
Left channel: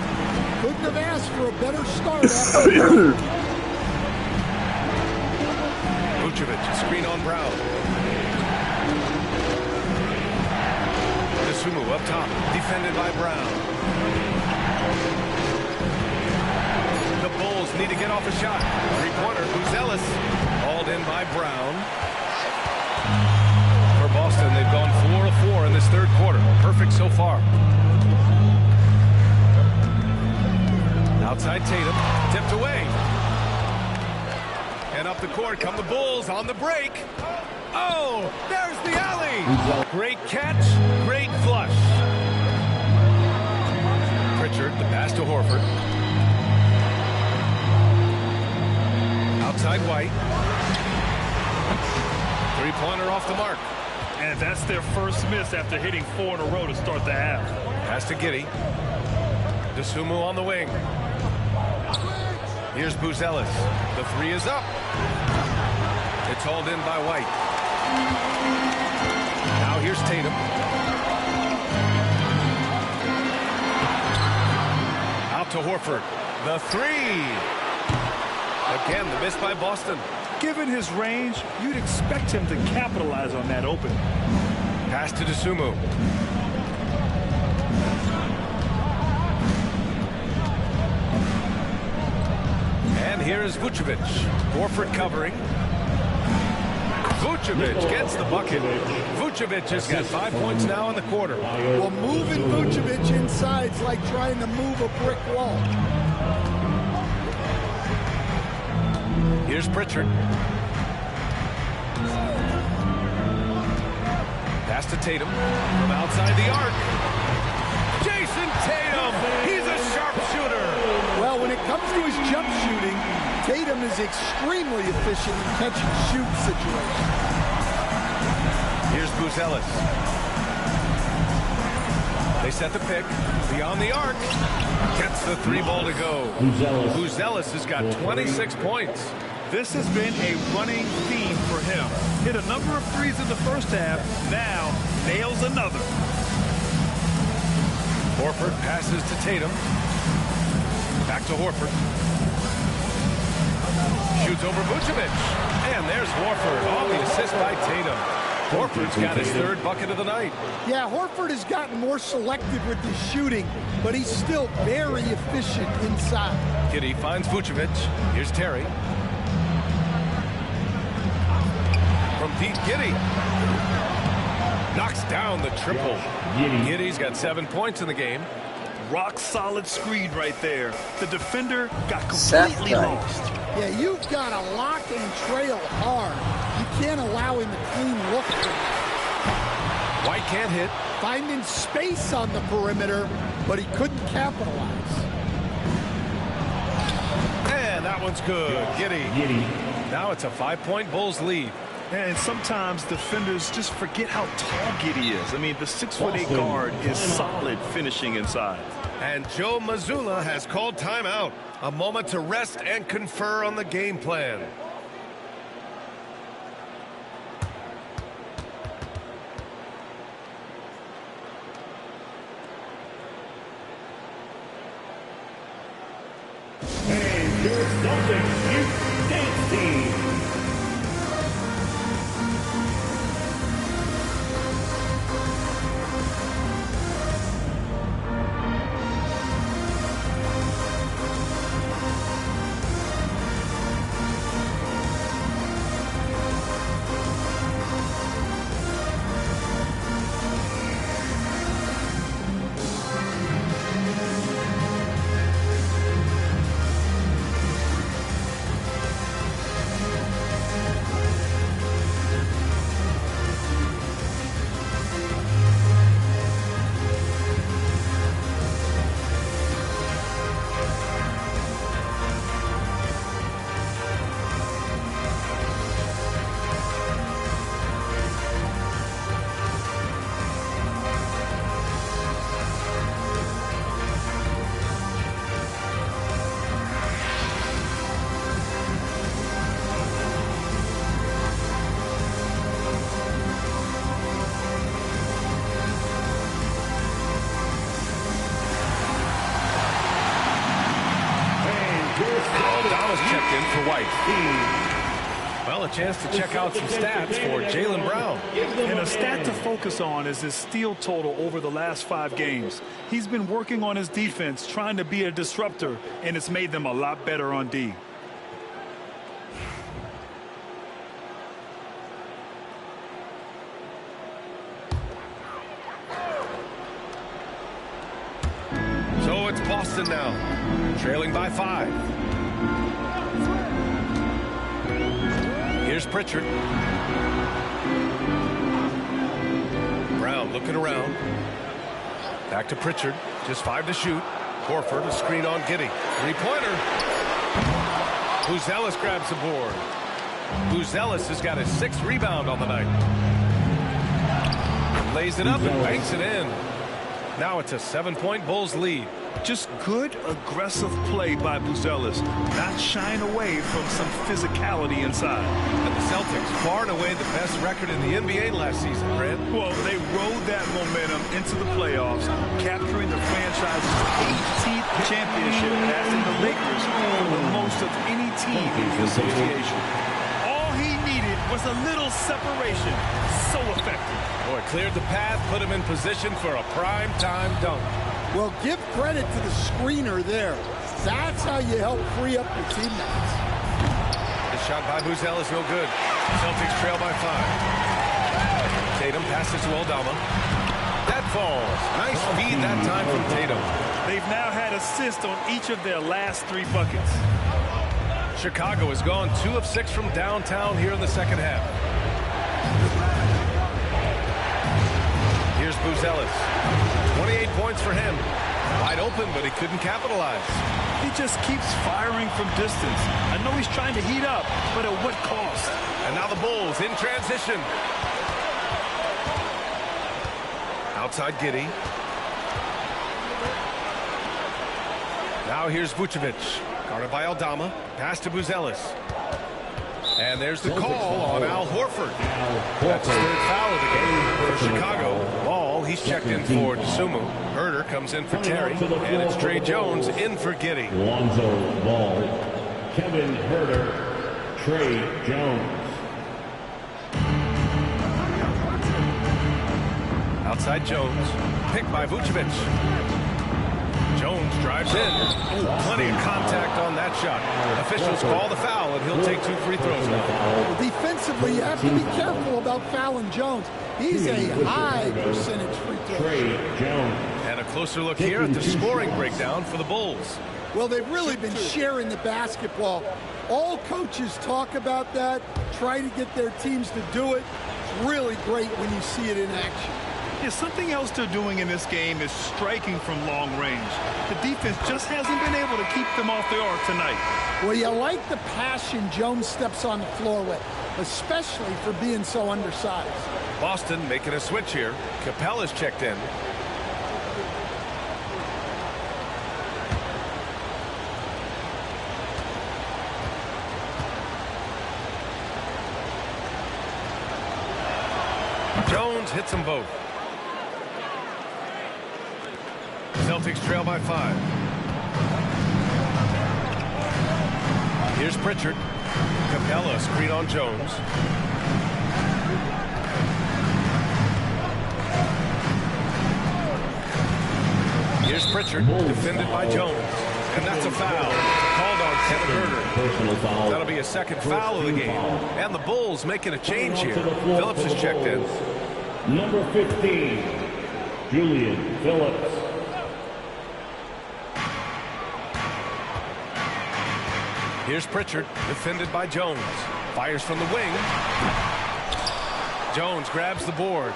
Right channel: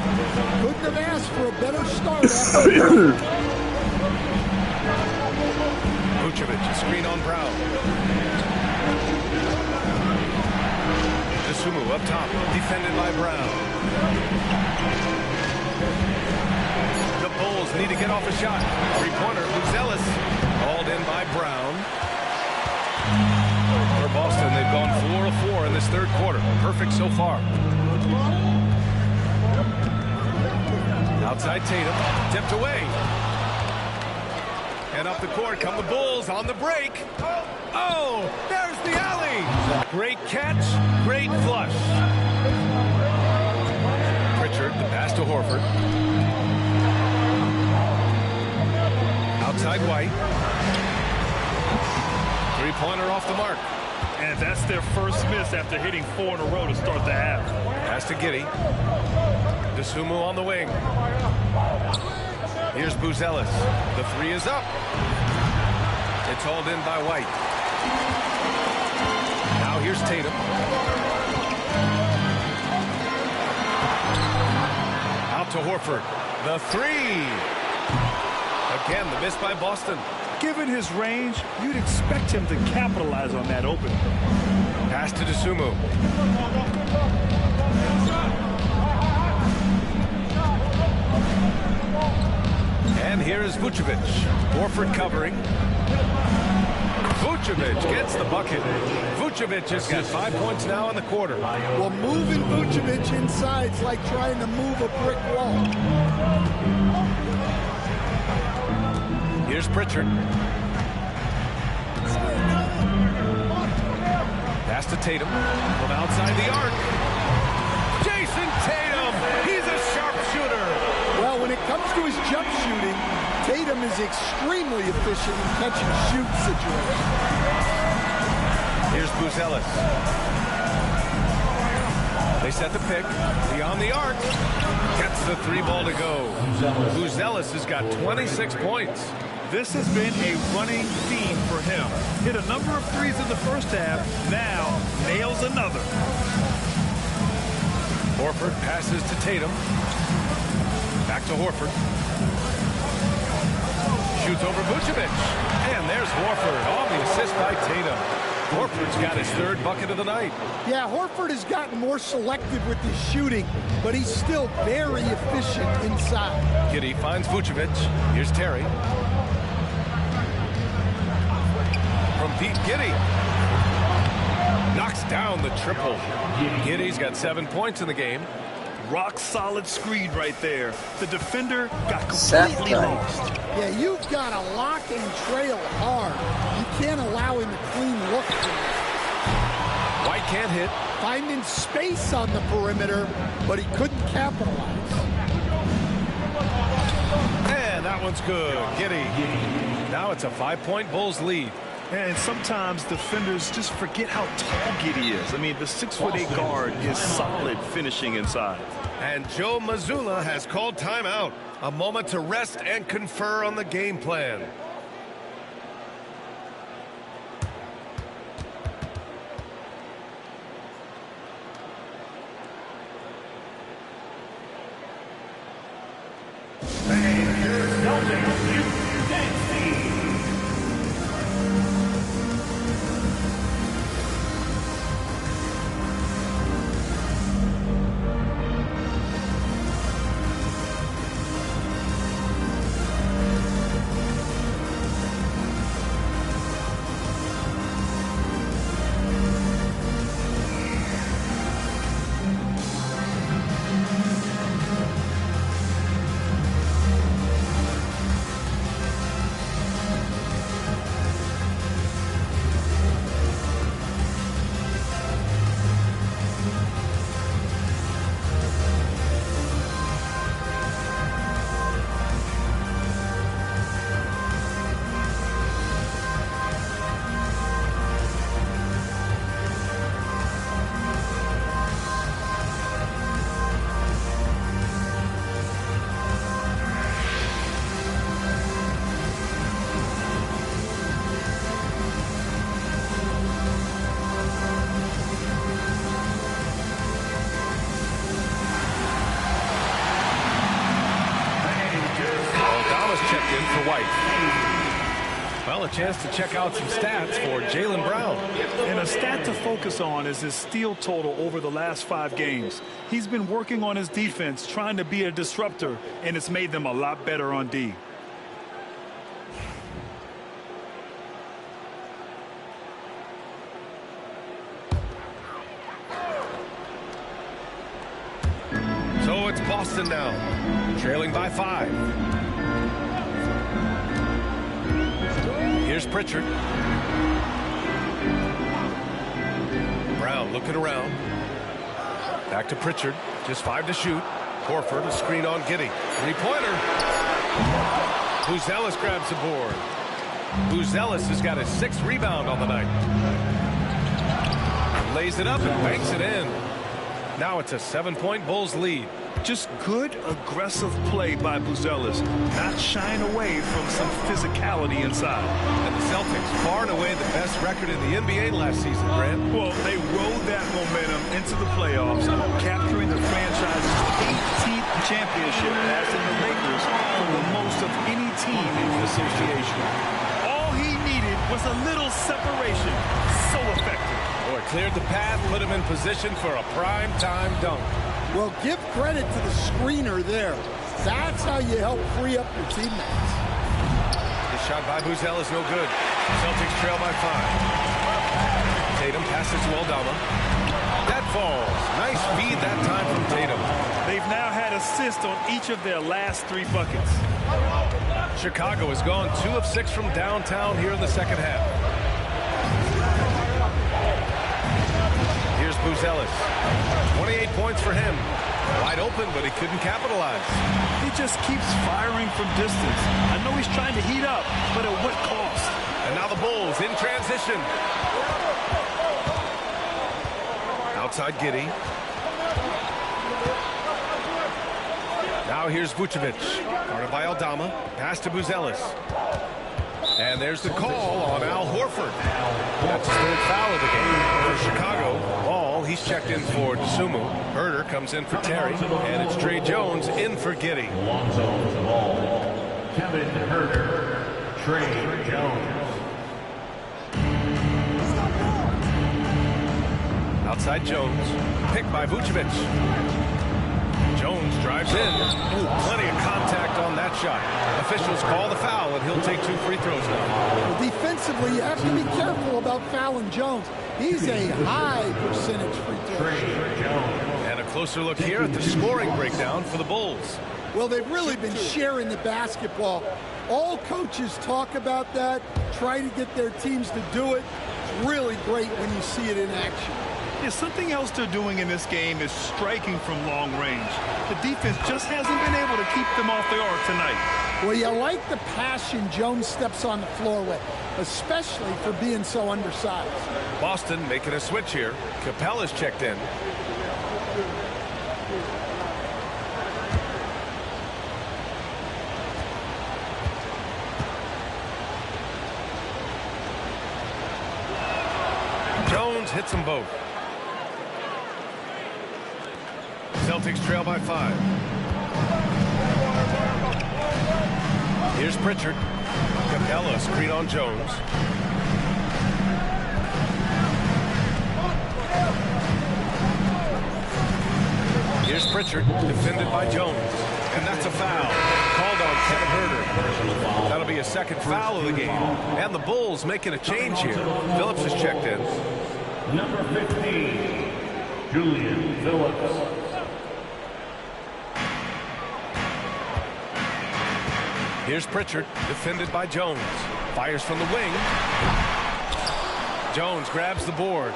Couldn't have asked for a better start after Vucevic, a screen on Brown. Dosunmu up top, defended by Brown. The Bulls need to get off a shot. Three-pointer, Buzelis, hauled in by Brown. For Boston, they've gone 4 of 4 in this third quarter. Perfect so far. Outside Tatum, tipped away. And up the court come the Bulls on the break. Oh, there's the alley. Great catch, great flush. Pritchard, the pass to Horford. Outside White. Three-pointer off the mark. And that's their first miss after hitting 4 in a row to start the half. Pass to Giddey. Dosunmu on the wing. Here's Buzelis. The three is up. It's hauled in by White. Now here's Tatum. Out to Horford. The three. Again, the miss by Boston. Given his range, you'd expect him to capitalize on that opening. Pass to Dosunmu. And here is Vucevic. Horford covering. Vucevic gets the bucket. Vucevic has got 5 points now in the quarter. Well, moving Vucevic inside is like trying to move a brick wall. Here's Pritchard. Pass to Tatum from outside the arc. Jason Tatum, he's a sharpshooter. Well, when it comes to his jump shooting, Tatum is extremely efficient in catch-and-shoot situations. Here's Buzelis. They set the pick. Beyond the arc. Gets the three ball to go. Buzelis has got 26 points. This has been a running theme for him. Hit a number of threes in the first half. Now nails another. Horford passes to Tatum. Back to Horford. Shoots over Vucevic. And there's Horford on the assist by Tatum. Horford's got his third bucket of the night. Yeah, Horford has gotten more selective with his shooting, but he's still very efficient inside. Giddey finds Vucevic. Here's Terry. From Pete Giddey. Knocks down the triple. Giddey's got 7 points in the game. Rock solid screen right there. The defender got completely lost. Yeah, you've got to lock and trail hard. You can't allow him a clean look from that. White can't hit. Finding space on the perimeter, but he couldn't capitalize. And that one's good. Giddey. Now it's a 5-point Bulls lead. And sometimes defenders just forget how tall Giddey is. I mean, the 6'8" guard is solid finishing inside. And Joe Mazzulla has called timeout. A moment to rest and confer on the game plan. Checked in for White. Well, a chance to check out some stats for Jaylen Brown. And a stat to focus on is his steal total over the last 5 games. He's been working on his defense, trying to be a disruptor, and it's made them a lot better on D. So it's Boston now, trailing by 5. Here's Pritchard. Brown looking around. Back to Pritchard. Just 5 to shoot. Horford, a screen on Giddey. 3-pointer. Buzelis grabs the board. Buzelis has got his 6th rebound on the night. Lays it up and banks it in. Now it's a 7-point Bulls lead. Just good, aggressive play by Buzelis, not shying away from some physicality inside. And the Celtics, far and away the best record in the NBA last season, Grant. Well, they rode that momentum into the playoffs, capturing the franchise's 18th championship, passing the Lakers for the most of any team in the association. All he needed was a little separation. So effective. Boy, cleared the path, put him in position for a prime-time dunk. Well, give credit to the screener there. That's how you help free up your teammates. The shot by Buzelis, no good. Celtics trail by 5. Tatum passes to Aldama. That falls. Nice feed that time from Tatum. They've now had assists on each of their last 3 buckets. Chicago has gone 2 of 6 from downtown here in the second half. Here's Buzelis. 28 points for him. Wide open, but he couldn't capitalize. He just keeps firing from distance. I know he's trying to heat up, but at what cost? And now the Bulls in transition. Outside Giddey. Now here's Vucevic. Guarded by Aldama. Pass to Buzelis. And there's the call on Al Horford. That's his 3rd foul of the game for Chicago. Ball, he's checked in for Dosunmu. Herder comes in for Terry. And it's Tre Jones in for Giddey. Lonzo Ball, Kevin Herder, Tre Jones. Outside Jones. Picked by Vucevic. Jones drives in. Ooh, plenty of contact on that shot. Officials call the foul, and he'll take 2 free throws now. Well, defensively, you have to be careful about fouling Jones. He's a high percentage free throw shooter. And a closer look here at the scoring breakdown for the Bulls. Well, they've really been sharing the basketball. All coaches talk about that, try to get their teams to do it. It's really great when you see it in action. Yeah, something else they're doing in this game is striking from long range. The defense just hasn't been able to keep them off the arc tonight. Well, you like the passion Jones steps on the floor with, especially for being so undersized. Boston making a switch here. Capella's checked in. Jones hits them both. Celtics trail by 5. Here's Pritchard. Capella screen on Jones. Here's Pritchard, defended by Jones. And that's a foul. Called on Kevin Herder. That'll be a 2nd foul of the game. And the Bulls making a change here. Phillips is checked in. Number 15, Julian Phillips. Here's Pritchard, defended by Jones. Fires from the wing. Jones grabs the board.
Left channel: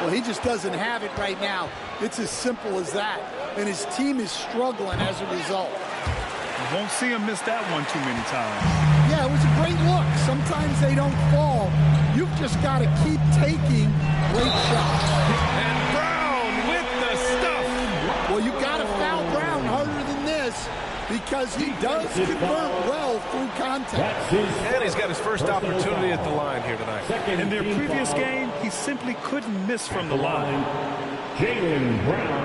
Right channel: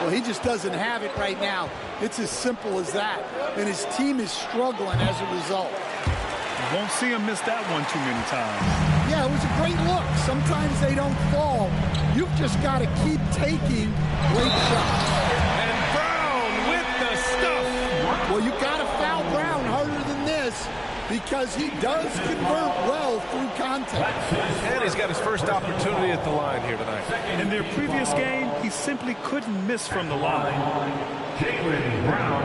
Well, he just doesn't have it right now. It's as simple as that. And his team is struggling as a result. You won't see him miss that one too many times. Yeah, it was a great look. Sometimes they don't fall. You've just got to keep taking great shots. And Brown with the stuff. Well, you got to foul Brown harder than this, because he does convert well through contact. And he's got his first opportunity at the line here tonight. In their previous game, he simply couldn't miss from the line. Jaylen Brown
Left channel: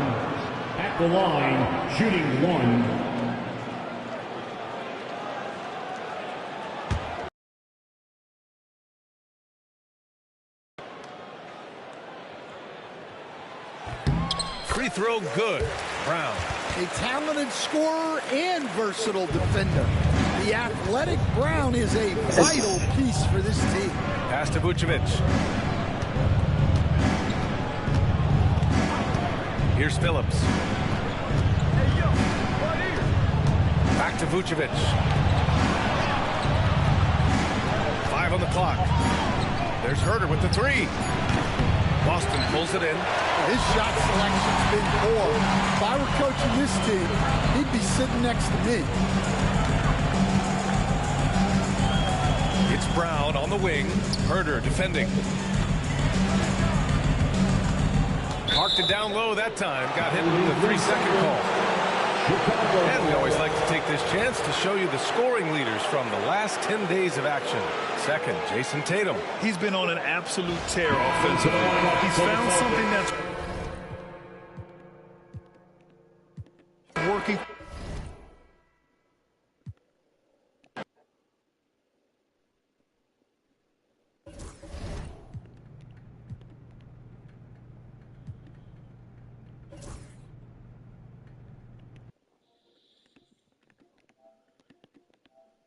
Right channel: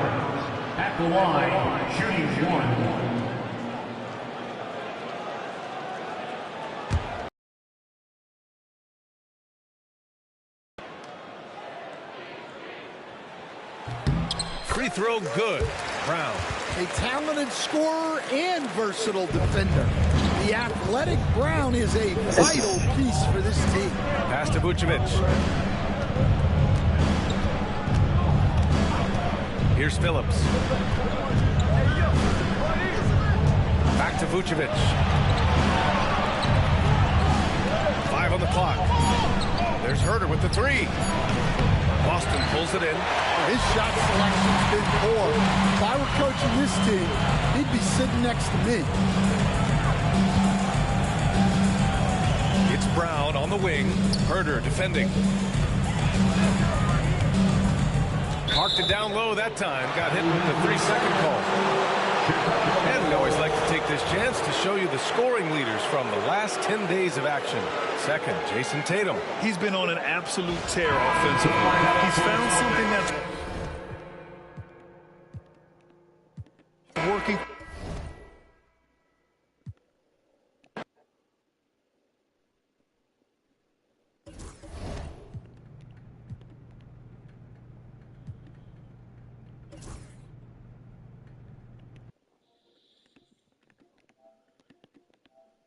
at the line, shooting 1. free throw, good. Brown. A talented scorer and versatile defender. The athletic Brown is a vital piece for this team. Pass to Vucevic. Here's Phillips. Back to Vucevic. 5 on the clock. There's Herter with the 3. Boston pulls it in. His shot selection's been poor. If I were coaching this team, he'd be sitting next to me. It's Brown on the wing. Herter defending. Parked it down low that time. Got hit with the 3-second call. And we always like to take this chance to show you the scoring leaders from the last 10 days of action. Second, Jason Tatum. He's been on an absolute tear offensively. He's found something that's